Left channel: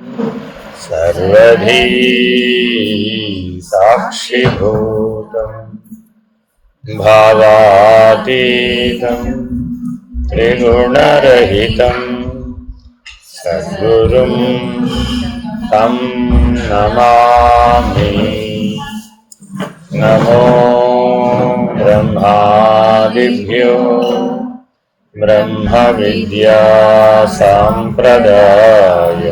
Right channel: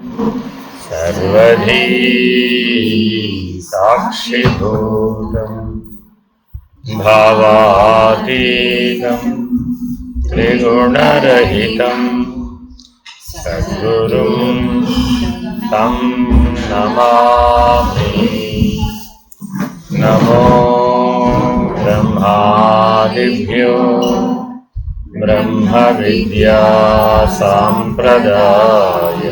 सर्वधी साक्षिभूतं भावातीतं त्रिगुणरहितं सद्गुरुं तं नमामि। नमो ब्रह्मादिभ्यो ब्रह्मविद्या सम्प्रदाय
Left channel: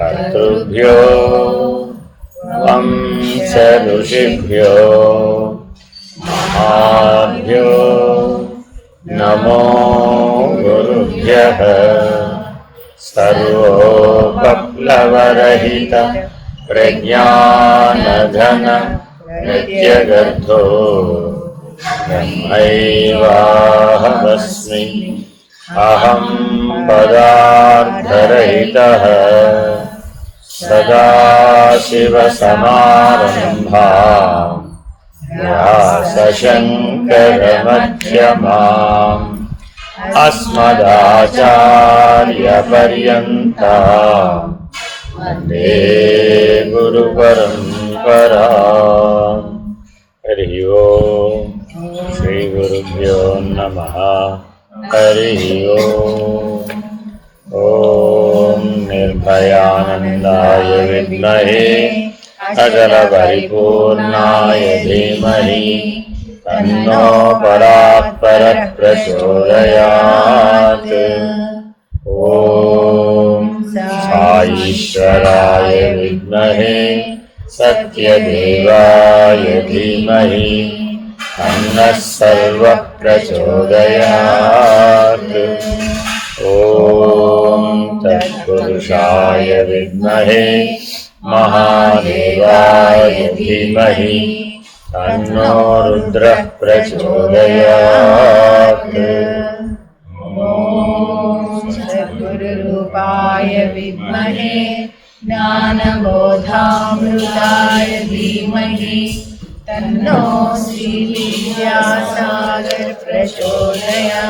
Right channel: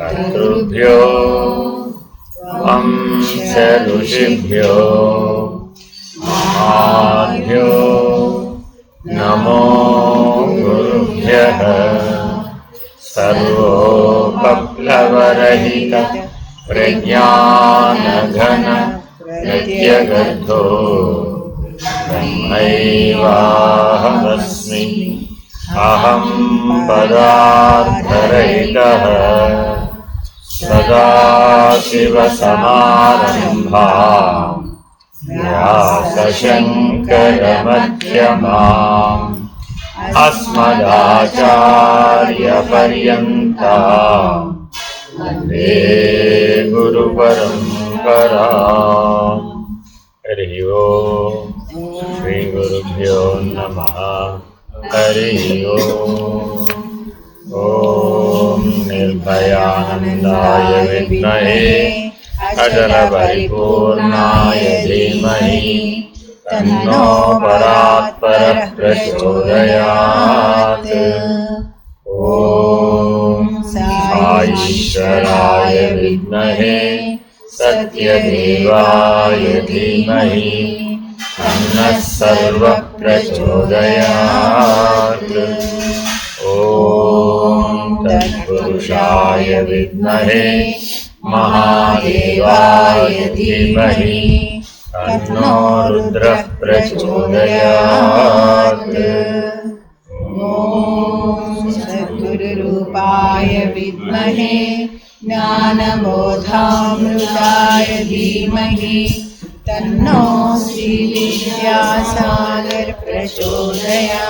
कर्तृभ्यो वंश ऋषिभ्यो महाभ्यो नमो गुरुभ्यः। सर्वोपप्लवरहित प्रज्ञानघन प्रत्यगर्थो ब्रह्मैवाहमस्मि। अहं पदार्थरहितः सदाशिवसमारम्भाम् व्यासशङ्करमध्यमाम् अस्मदाचार्यपर्यन्ताम् वन्दे गुरुपरम्पराम्। हरिः ओम्। श्रीगुरुभ्यो नमः। हरिः ओम्। ॐ निर्भयानन्दाय विद्महे अचलपरिपूर्णाय धीमहि तन्नो परात्परः प्रचोदयात्। ॐ साईश्वराय विद्महे सत्यदेवाय धीमहि तन्नः सर्वः प्रचोदयात्। ॐ तत्पुरुषाय विद्महे महादेवाय धीमहि तन्नो रुद्रः प्रचोदयात्। ॐ सद्गुरुरूपाय विद्महे ज्ञानबोधामृताय धीमहि तन्नो श्रीविद्यासागर प्रचोदयात्।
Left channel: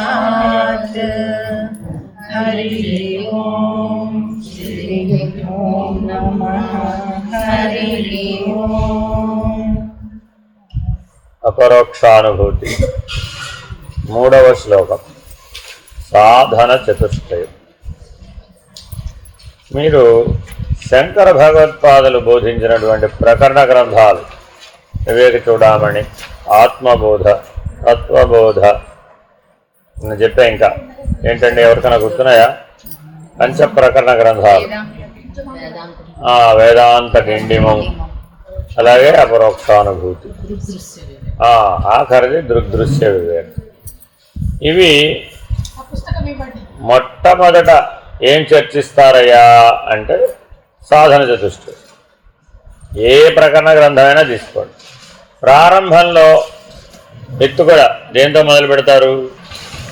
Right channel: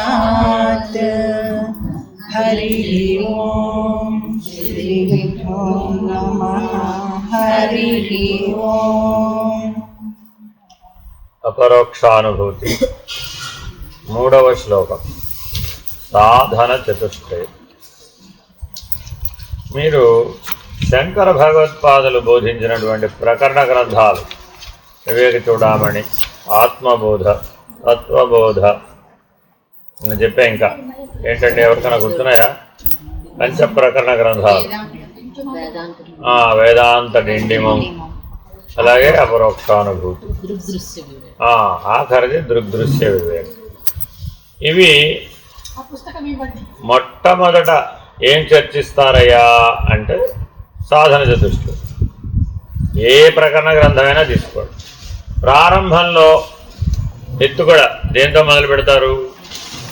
हरिः ओम्। श्रीगुरुभ्यो नमः। हरिः ओम्। अपरोक्षानुभूति మూడవ శ్లోకం సాధన చతుష్టయం. మీరు శంకర భగవత్పాదులు బోధించినటువంటి ప్రకరణ గ్రంథాలు వివేక చూడామణి, ఆత్మబోధ, తత్వబోధ అని చెప్పా. ఇంకా ఏంటంటే ఎవరికైనా గుర్తున్నాయా? పంచ ప్రకరణ గ్రంథాలు, వేదాంత డిండిమం, అలాగే అపరోక్షానుభూతి, ఆఖరిది దృగ్దృశ్య వివేకం. ఇవి మొట్టమొదట ఏం చర్చిస్తారయ్యా అంటే సాధన చతుష్టయం. ఏ ప్రకరణ గ్రంథమైనా తీసుకోండి, ప్రారంభంలో ఎత్తుగడ దేంతో మొదలు పెడతారు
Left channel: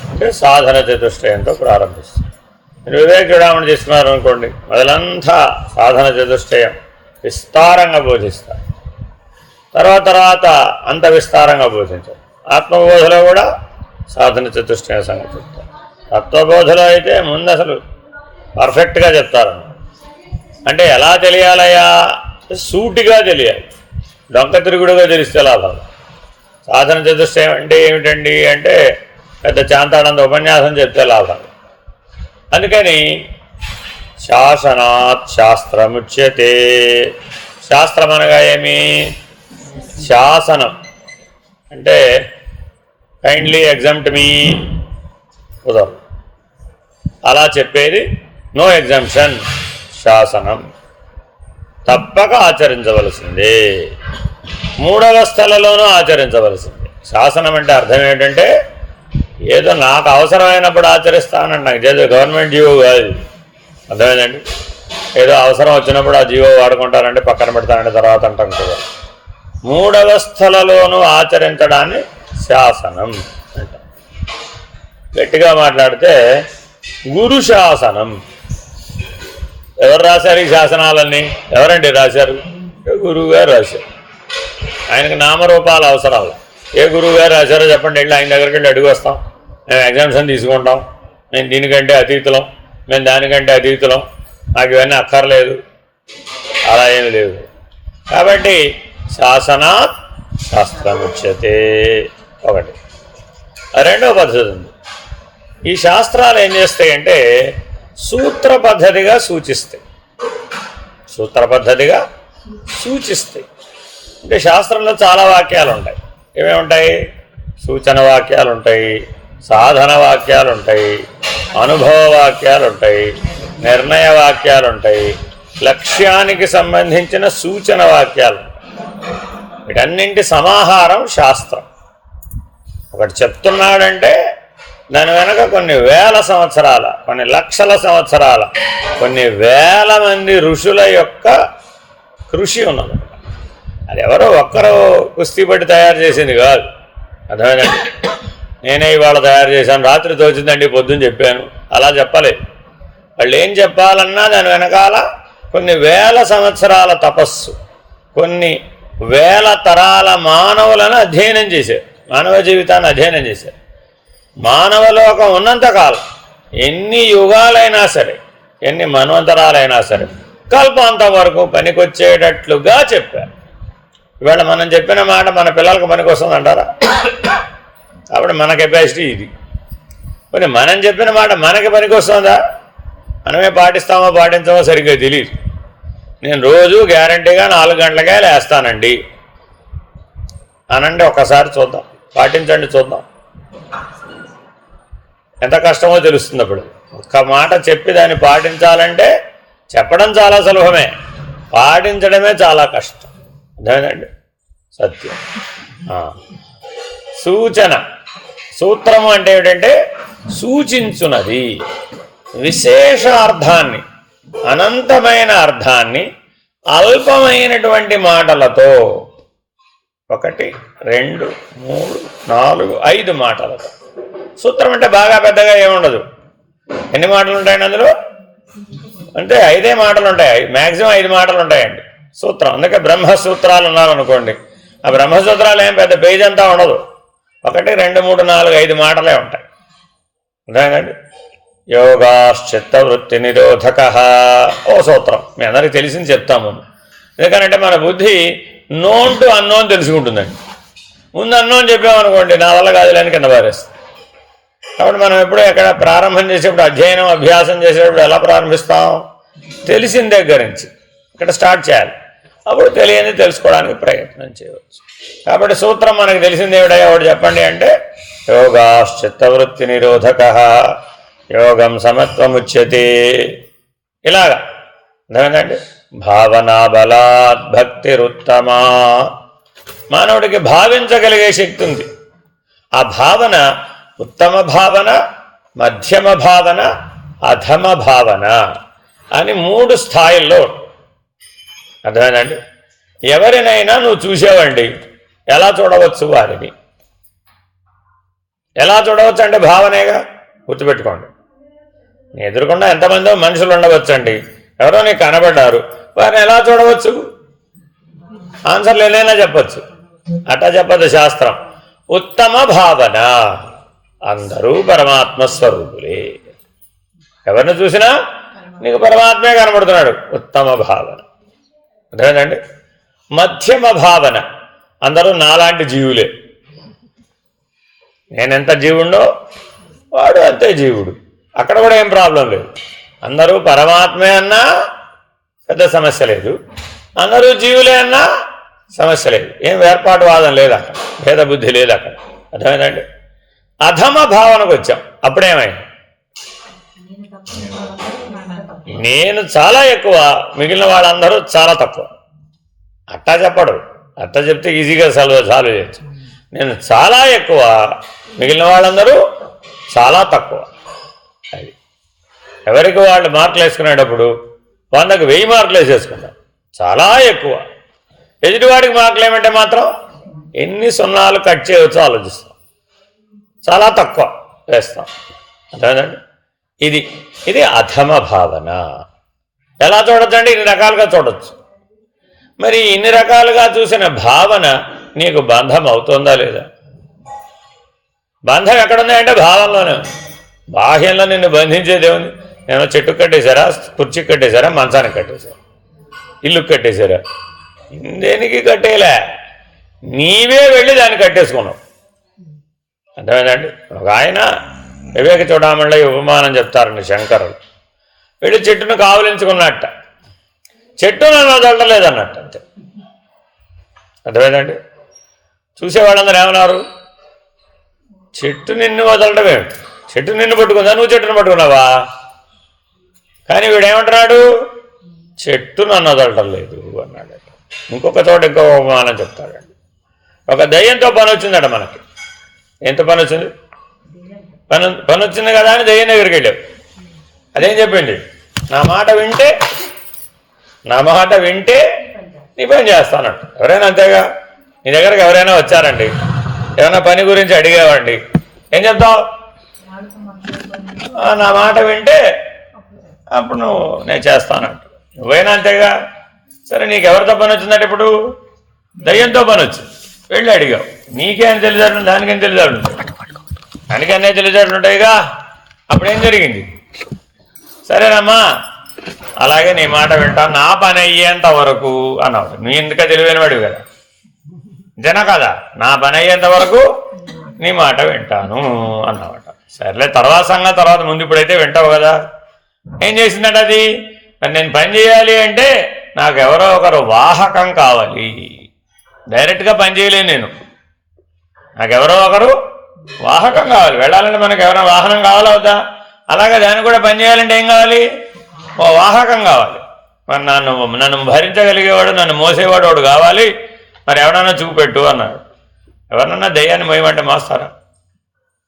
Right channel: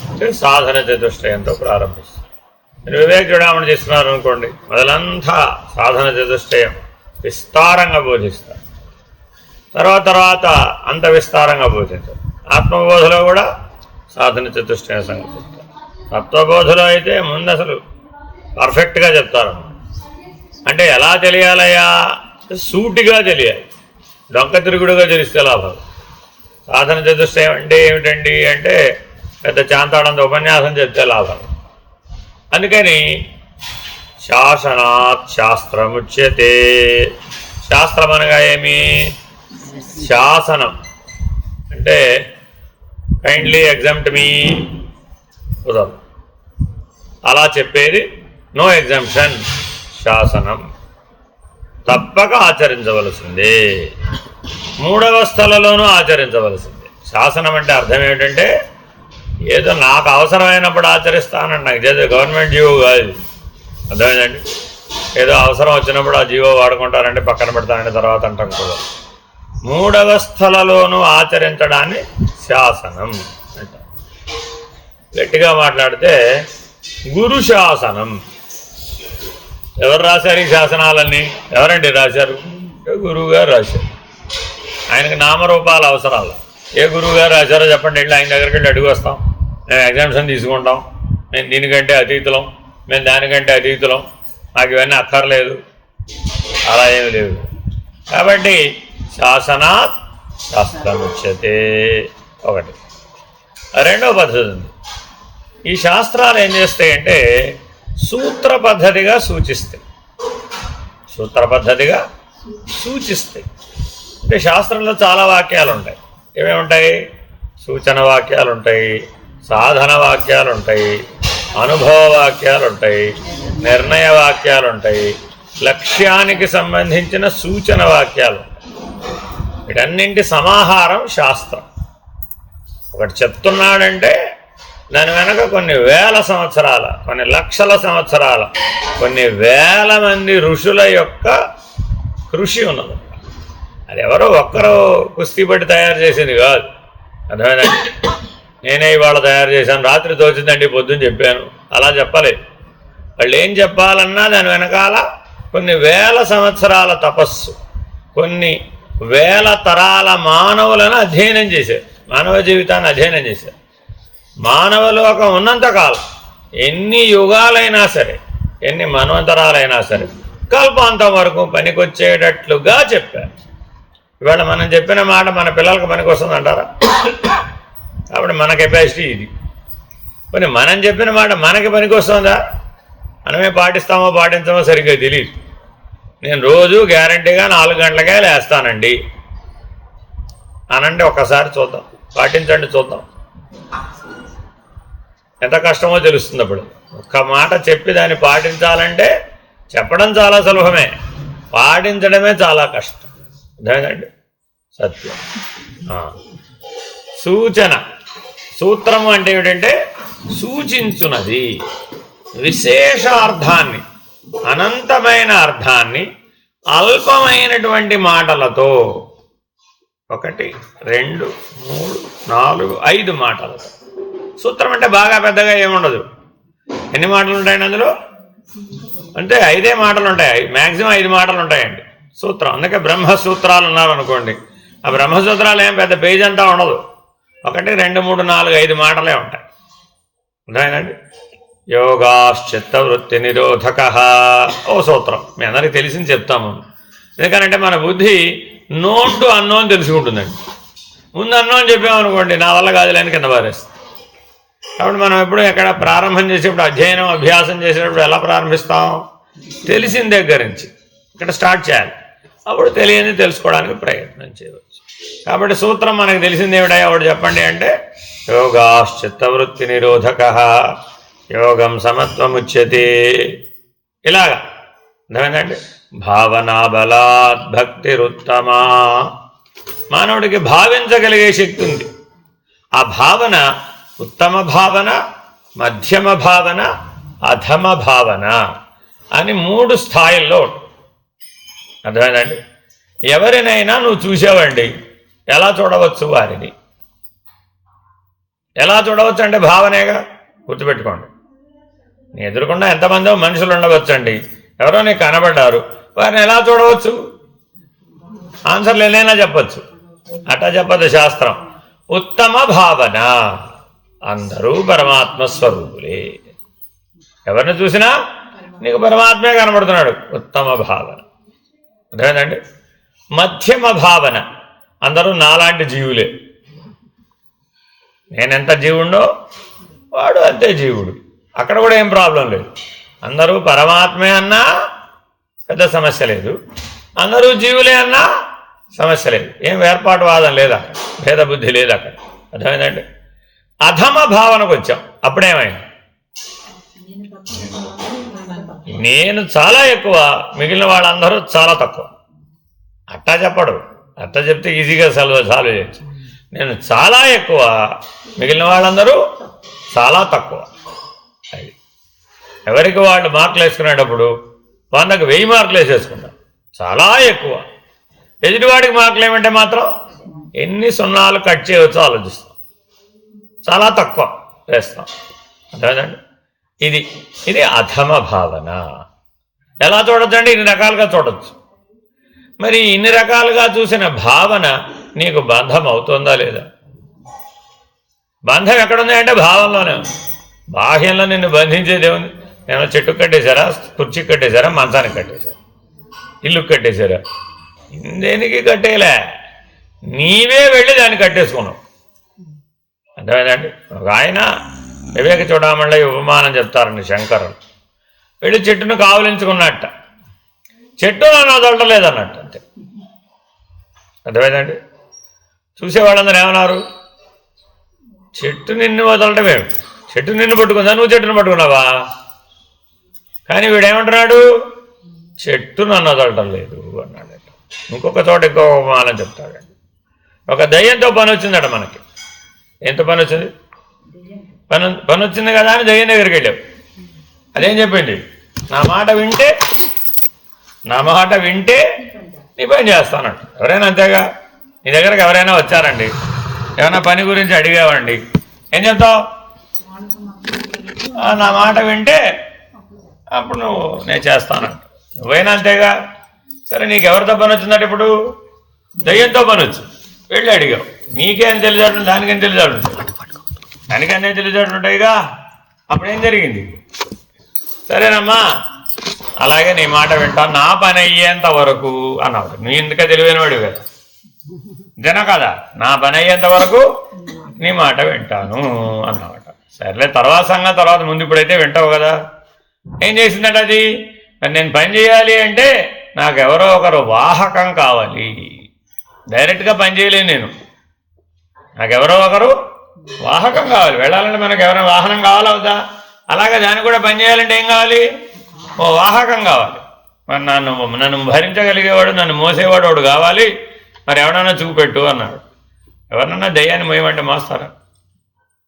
అంటే సాధన చతుష్టయంతో ప్రారంభిస్తారు. మీరు వివేక చూడామని తీసుకున్నారు అనుకోండి, మొదలంతా సాధన చతుష్టయం విస్తారంగా బోధిస్తారు. తర్వాత అంత విస్తారంగా బోధించారు. ఆత్మబోధలో కూడా సాధన చతుష్టయం సంగతి చెప్తారు. తత్వబోధలో అయితే ముందు అసలు పర్ఫెక్ట్గా చెప్తారు. అంటే ఎలా తెలియాలయ్యా? సూటిగా తెలియాలి, డొంక తిరుగుడుగా తెలిస్తే లాభాలు. సాధన చతుష్టయం అంటే ఏమిటండి అంటే పెద్ద చాంతాడంత ఉపన్యాసం చెప్తే లాభాలు. అందుకని శాసనాత్ శాస్త్రముచ్యతే. శాస్త్రం అనగా ఏమి? శాసనం అంటే కైండ్లీ ఎగ్జామ్ట్ మీ కుదరదు, అలా చెప్పేది నో ఎగ్జామ్షన్. శాసనం తప్పక ఆచరించవలసిందే, మూడవస్థలలోనూ ఆచరించవలసిందే. శాసనం అంటే అర్థం ఏంటంటే ఏదో నాకు అవసరమైనప్పుడు ఆచరిస్తానని, నాకు చేసే గవర్నమెంట్ జీవో కాదు. అర్థమైందండి? ఏదో అవసరం వచ్చినప్పుడు ఆ జీవో వాడుకుంటారంటే పక్కన పెడతానంటే తర్వాత అంటాం కదా. మూడవస్థలలోనూ ఆచరించడాన్ని శాసనం అంటాం. గట్టిగా మాట్లాడితే గురు శాసనం. ఎవరు రాశారు ఈ శాసనాలన్నీ? ఎవరండి రాశారు? గురువు గారు రాశారు. ఆయనకు నామరూపాల అవసరాలు. ఏ గురువు గారు రాశారో చెప్పండి, వెళ్ళి ఆయన దగ్గరికి వెళ్ళి అడిగి వస్తాం. మేము ఎగ్జామ్షన్ తీసుకుంటాం, మేము దీనికంటే అతీతులం, మేము దానికంటే అతీతులం నాకు ఇవన్నీ అక్కర్లేదు, అలా ఏమి లేవు. కాబట్టి శాసనాత్ శాస్త్రముచ్యతే ఒకటి. రెండవ పద్ధతి ఉంది. ఈ శాస్త్రాలు ఏం చేస్తాయంటే సూత్ర పద్ధతిగా సూచిస్తాయి. సూత్ర పద్ధతిగా సూచిస్తాయి అంటే శాస్త్రంలో చాలా వాక్యాలు ఉంటాయి. ఏమేముంటాయి? సూచన వాక్యాలు ఉంటాయి, సాధన వాక్యాలు ఉంటాయి, అనుభవ వాక్యాలు ఉంటాయి, నిర్ణయ వాక్యాలు ఉంటాయి, లక్ష్యానికి సంబంధించిన సూచన వాక్యాలు ఉంటాయి. వీటన్నింటి సమాహారం శాస్త్రం. ఒకటి చెప్తున్నాడంటే దాని వెనక కొన్ని వేల సంవత్సరాల, కొన్ని లక్షల సంవత్సరాల, కొన్ని వేల మంది ఋషుల యొక్క కృషి ఉన్నది. అది ఎవరో ఒక్కరు కుస్తీ పట్టి తయారు చేసింది కాదు. అర్థమైందండి? నేనే ఇవాళ తయారు చేశాను, రాత్రి తోచిందండి, పొద్దున్న చెప్పాను, అలా చెప్పలేదు. వాళ్ళు ఏం చెప్పాలన్నా దాని వెనకాల కొన్ని వేల సంవత్సరాల తపస్సు, కొన్ని వేల తరాల మానవులను అధ్యయనం చేశారు, మానవ జీవితాన్ని అధ్యయనం చేశారు. మానవలోకం ఉన్నంతకాలం ఎన్ని యుగాలైనా సరే, ఎన్ని మన్వంతరాలైనా సరే కల్పాంతం వరకు పనికొచ్చేటట్లుగా చెప్పారు. ఇవాళ మనం చెప్పిన మాట మన పిల్లలకు పనికొస్తుంది అంటారా? కాబట్టి మన కెపాసిటీ ఇది. కానీ మనం చెప్పిన మాట మనకి పనికొస్తుందా? మనమే పాటిస్తామో పాటించామో సరిగ్గా తెలియదు. నేను రోజు గ్యారంటీగా 4 గంటలకే లేస్తానండి అనండి, ఒక్కసారి చూద్దాం, పాటించండి చూద్దాం. ఎంత కష్టమో తెలుస్తుంది. అప్పుడు ఒక్క మాట చెప్పి దాన్ని పాటించాలంటే చెప్పడం చాలా సులభమే, పాటించడమే చాలా కష్టం. అదేనండి సత్యం. సూచన, సూత్రము అంటే ఏమిటంటే సూచించున్నది, విశేషార్థాన్ని, అనంతమైన అర్థాన్ని అల్పమైనటువంటి మాటలతో, 1 2 3 4 5 మాటలతో. సూత్రం అంటే బాగా పెద్దగా ఏముండదు. ఎన్ని మాటలు ఉంటాయండి అందులో? అంటే 5 మాటలు ఉంటాయి, మ్యాక్సిమం 5 మాటలు ఉంటాయండి సూత్రం. అందుకే బ్రహ్మసూత్రాలు ఉన్నామనుకోండి, ఆ బ్రహ్మసూత్రాలు ఏం పెద్ద పేజ్ అంతా ఉండదు, 1 2 3 4 5 మాటలే ఉంటాయి. అర్థమైందండి? యోగాశ్చిత్తవృత్తి నిరోధక ఓ సూత్రం, మీ అందరికీ తెలిసింది చెప్తాము. ఎందుకంటే మన బుద్ధి నోన్ టు అన్నోన్ తెలుసుకుంటుందండి. ముందు అన్నోన్ చెప్పామనుకోండి, నా వల్ల కాదులేని కింద పారేస్తుంది. కాబట్టి మనం ఎప్పుడు ఎక్కడ ప్రారంభం చేసేప్పుడు, అధ్యయనం అభ్యాసం చేసేటప్పుడు ఎలా ప్రారంభిస్తాం? తెలిసిన దగ్గర నుంచి ఇక్కడ స్టార్ట్ చేయాలి. అప్పుడు తెలియని తెలుసుకోవడానికి ప్రయత్నం చేయవచ్చు. కాబట్టి సూత్రం మనకు తెలిసింది ఏమిటా? ఒకటి చెప్పండి అంటే యోగాశ్చిత్తవృత్తి నిరోధక యోగం సమత్వముచ్యతే. ఇలాగా అర్థమైందండి? భావనా బలాత్ భక్తిరుత్తమా. మానవుడికి భావించగలిగే శక్తి ఉంది. ఆ భావన ఉత్తమ భావన, మధ్యమ భావన, అధమ భావన అని 3 స్థాయిల్లో. అర్థమైందండి? ఎవరినైనా నువ్వు చూసావండి, ఎలా చూడవచ్చు వారిని? ఎలా చూడవచ్చు అంటే భావనేగా. గుర్తుపెట్టుకోండి, నీ ఎదురుకుండా ఎంతమందో మనుషులు ఉండవచ్చండి, ఎవరో నీకు కనబడ్డారు, వారిని ఎలా చూడవచ్చు? ఆన్సర్లు ఏదైనా చెప్పచ్చు. అట్టా చెప్పదు శాస్త్రం. ఉత్తమ భావన, అందరూ పరమాత్మ స్వరూపులే. ఎవరిని చూసినా నీకు పరమాత్మే కనబడుతున్నాడు, ఉత్తమ భావన. అర్థమైందండి? మధ్యమ భావన, అందరూ నాలాంటి జీవులే, నేనెంత జీవుడో వాడు అంతే జీవుడు, అక్కడ కూడా ఏం ప్రాబ్లం లేదు. అందరూ పరమాత్మే అన్నా పెద్ద సమస్య లేదు, అందరూ జీవులే అన్నా సమస్య లేదు. ఏం వేర్పాటు వాదం లేదు అక్కడ, భేద బుద్ధి లేదు అక్కడ. అర్థమైందండి? అధమ భావనకు వచ్చాం. అప్పుడేమైంది? నేను చాలా ఎక్కువ, మిగిలిన వాళ్ళందరూ చాలా తక్కువ. అట్టా చెప్పడు, అట్టా చెప్తే ఈజీగా సాల్వ్ చేయొచ్చు. నేను చాలా ఎక్కువ, మిగిలిన వాళ్ళందరూ చాలా తక్కువ. అది ఎవరికి వాళ్ళు మార్కులు వేసుకునేటప్పుడు 100కి 1000 మార్కులు వేసేసుకుంటాం, చాలా ఎక్కువ. ఎదుటివాడికి మార్కులు ఏమంటే మాత్రం ఎన్ని సున్నాలు కట్ చేయవచ్చో ఆలోచిస్తాం, చాలా తక్కువ వేస్తాం. అదేనండి, ఇది అధమ భావన. ఎలా చూడొచ్చండి? ఇన్ని రకాలుగా చూడొచ్చు. మరి ఇన్ని రకాలుగా చూసిన భావన నీకు బంధం అవుతుందా లేదా? బంధం ఎక్కడుంది అంటే భావంలోనే ఉంది. బాహ్యంలో నిన్ను బంధించేదేముంది? ఏమో చెట్టుకు కట్టేశారా, కుర్చీకి కట్టేశారా, మంచానికి కట్టేశారా, ఇల్లుకి కట్టేశారా? దేనికి కట్టేయలే, నీవే వెళ్ళి దాన్ని కట్టేసుకున్నావు. అర్థమైందండి? ఒక ఆయన వివేక చూడమళ్ళ ఉపమానం చెప్తారండి శంకరులు. వెళ్ళి చెట్టును కావలించుకున్నట్ట, చెట్టు నన్ను వదలలేదన్నట్టు అంతే. అర్థమైందండి? చూసేవాళ్ళందరూ ఏమన్నారు, చెట్టు నిన్ను వదలడం ఏమిటి, చెట్టు నిన్ను పట్టుకుందా, నువ్వు చెట్టును పట్టుకున్నావా? కానీ వీడేమంటున్నాడు, చెట్టు నన్ను వదలటం లేదు అన్నాడు. ఇంకొక చోట ఇంకో ఉపమానం చెప్తాడండి. ఒక దయ్యంతో పని వచ్చిందట మనకి. ఎంత పని వచ్చింది? పని వచ్చింది కదా అని దయ్యం దగ్గరికి వెళ్ళావు. అదేం చెప్పింది, నా మాట వింటే నీ పని చేస్తానంట. ఎవరైనా అంతేగా, నీ దగ్గరకు ఎవరైనా వచ్చారండి, ఏమైనా పని గురించి అడిగావండి, ఏం చెప్తావు? నా మాట వింటే అప్పుడు నేను చేస్తానంట. నువ్వైనా అంతేగా. సరే, నీకు ఎవరితో పని వచ్చిందంటే ఇప్పుడు దయ్యంతో పని వచ్చింది, వెళ్ళి అడిగావు. నీకేం తెలియదు, దానికేం తెలియదు, దానికన్నీ తెలియజేట్లు ఉంటాయిగా. అప్పుడేం జరిగింది? సరేనమ్మా, అలాగే నీ మాట వింటాను, నా పని అయ్యేంత వరకు అన్నావు. నీ ఎందుక తెలివైనవాడివి కదా, జన కదా, నా పని అయ్యేంత వరకు నీ మాట వింటాను అన్నమాట. సరేలే, తర్వాత సంగతి తర్వాత, ముందు ఇప్పుడైతే వింటావు కదా. ఏం చేసిందట అది, మరి నేను పని చేయాలి అంటే నాకు ఎవరో ఒకరు వాహకం కావాలి. డైరెక్ట్గా పని చేయలేను నేను, నాకు ఎవరో ఒకరు వాహకం కావాలి. వెళ్ళాలంటే మనకు ఎవరైనా వాహనం కావాలా వద్దా? అలాగే దాన్ని కూడా పని చేయాలంటే ఏం కావాలి, ఓ వాహకం కావాలి. మరి నన్ను భరించగలిగేవాడు, నన్ను మోసేవాడు వాడు కావాలి. మరి ఎవడన్నా చూపెట్టు అన్నాడు. ఎవరన్నా దయ్యాన్ని మోయమంటే మోస్తారా?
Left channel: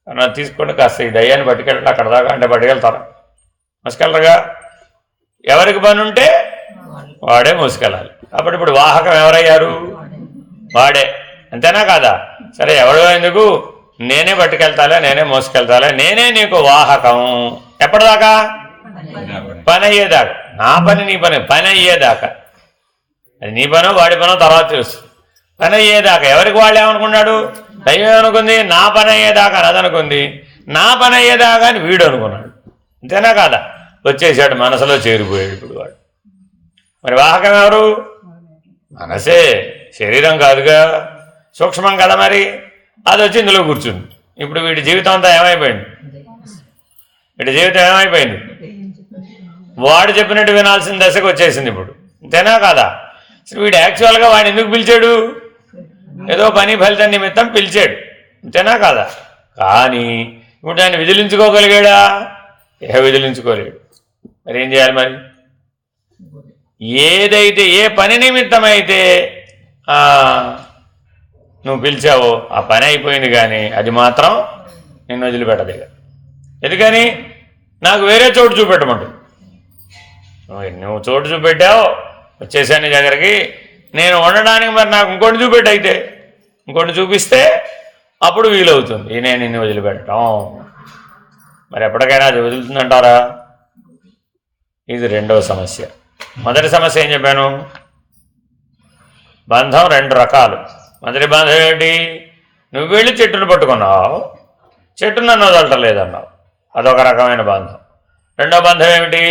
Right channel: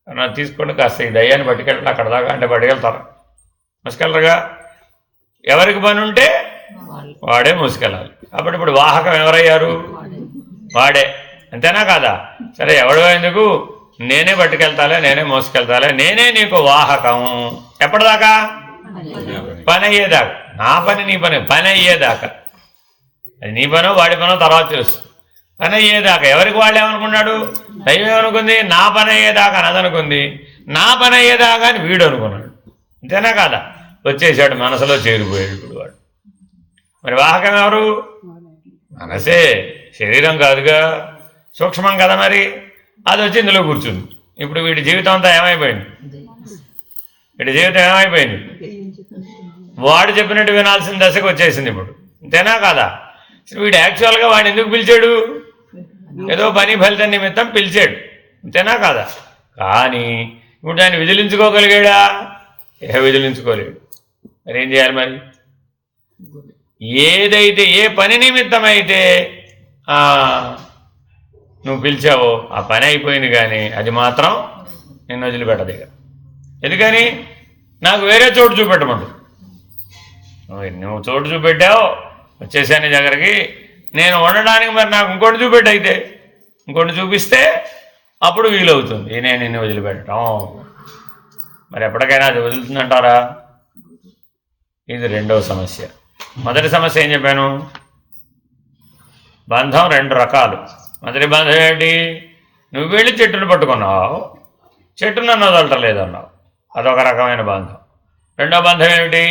అన్నా తీసుకోండి, కాస్త ఈ దయ్యాన్ని పట్టుకెళ్ళండి అక్కడ దాకా అంటే పట్టుకెళ్తారా? మోసుకెళ్ళరుగా. ఎవరికి పని ఉంటే వాడే మోసుకెళ్ళాలి. కాబట్టి ఇప్పుడు వాహకం ఎవరయ్యారు? వాడే. అంతేనా కాదా? సరే, ఎవడో ఎందుకు, నేనే పట్టుకెళ్తాలే, నేనే మోసుకెళ్తాలే, నేనే నీకు వాహకం. ఎప్పటిదాకా? పని అయ్యేదాకా. నా పని నీ పని, పని అయ్యేదాకా. అది నీ పనో వాడి పనో తర్వాత తెలుస్తుంది. పని అయ్యేదాకా. ఎవరికి వాళ్ళు ఏమనుకున్నాడు? దైవం ఏమనుకుంది, నా పని అయ్యేదాకా అదనుకుంది. నా పని అయ్యేదాకా అని వీడు అనుకున్నాడు. అంతేనా కాదా? వచ్చేసాడు, మనసులో చేరిపోయాడు ఇప్పుడు వాడు. మరి వాహకం ఎవరు? మనసే, శరీరం కాదుగా, సూక్ష్మం కదా. మరి అది వచ్చి ఇందులో కూర్చుంది. ఇప్పుడు వీడి జీవితం అంతా ఏమైపోయింది? వీడి జీవితం ఏమైపోయింది? వాడు చెప్పినట్టు వినాల్సిన దశకు వచ్చేసింది ఇప్పుడు. అంతేనా కాదా? వీడు యాక్చువల్గా వాడు ఎందుకు పిలిచాడు? ఏదో పని ఫలితం నిమిత్తం పిలిచాడు. అంతేనా కాదా? కానీ ఇప్పుడు ఆయన విదిలించుకోగలిగాడా? విదిలించుకోలేడు. మరి ఏం చేయాలి? మరి ఏదైతే, ఏ పని నిమిత్తమైతే నువ్వు పిలిచావో ఆ పని అయిపోయింది, కానీ అది మాత్రం నిన్ను వదిలిపెట్టలేదు. ఎందుకని? నాకు వేరే చోటు చూపెట్టమంటుంది. నువ్వు చోటు చూపెట్టావు, వచ్చేసాను నీ దగ్గరికి. నేను ఉండడానికి మరి నాకు ఇంకోటి చూపెట్టు, అయితే ఇంకోటి చూపిస్తే అప్పుడు వీలవుతుంది నేను నిన్ను వదిలిపెట్టడం. మరి ఎప్పటికైనా అది వదులుతుందంటారా? ఇది రెండవ సమస్య. మొదటి సమస్య ఏం చెప్పాను? బంధం రెండు రకాలు. మొదటి బంధం ఏమిటి? నువ్వు వెళ్ళి చెట్టును పట్టుకున్నావు, చెట్టు నన్ను వదలటలేదన్నావు, అదొక రకమైన బంధం. రెండో బంధం ఏమిటి?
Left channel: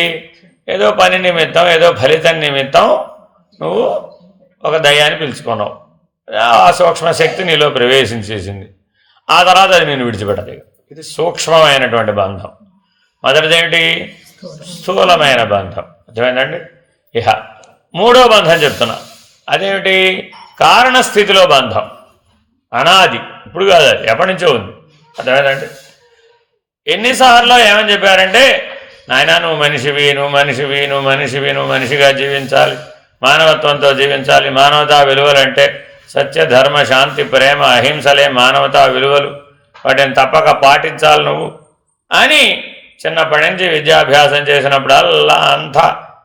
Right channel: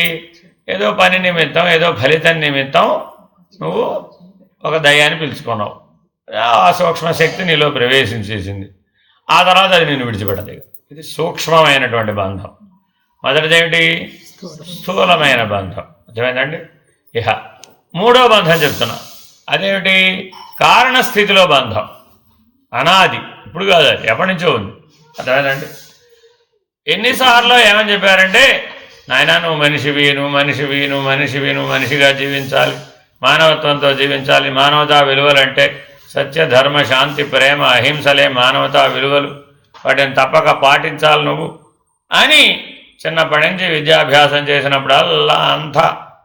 ఏదో పని నిమిత్తం, ఏదో ఫలితం నిమిత్తం నువ్వు ఒక దయ్యాన్ని పిలుచుకున్నావు, ఆ సూక్ష్మ శక్తి నీలో ప్రవేశించేసింది, ఆ తర్వాత అది నేను విడిచిపెట్టలేదు. ఇది సూక్ష్మమైనటువంటి బంధం. మొదటిదేమిటి? స్థూలమైన బంధం. అర్థమైందండి? ఇహ మూడో బంధం చెప్తున్నా. అదేమిటి? కారణస్థితిలో బంధం. అనాది, ఇప్పుడు కాదు, అది ఎప్పటి నుంచో ఉంది. అర్థమైందండి? ఎన్నిసార్లు ఏమని చెప్పారంటే, నాయన నువ్వు మనిషివి, నువ్వు మనిషివి, నువ్వు మనిషివి, నువ్వు మనిషిగా జీవించాలి, మానవత్వంతో జీవించాలి. మానవతా విలువలంటే సత్య, ధర్మ, శాంతి, ప్రేమ, అహింసలే మానవతా విలువలు, వాటిని తప్పక పాటించాలి నువ్వు అని చిన్నప్పటి నుంచి విద్యాభ్యాసం చేసినప్పుడల్లా అంతా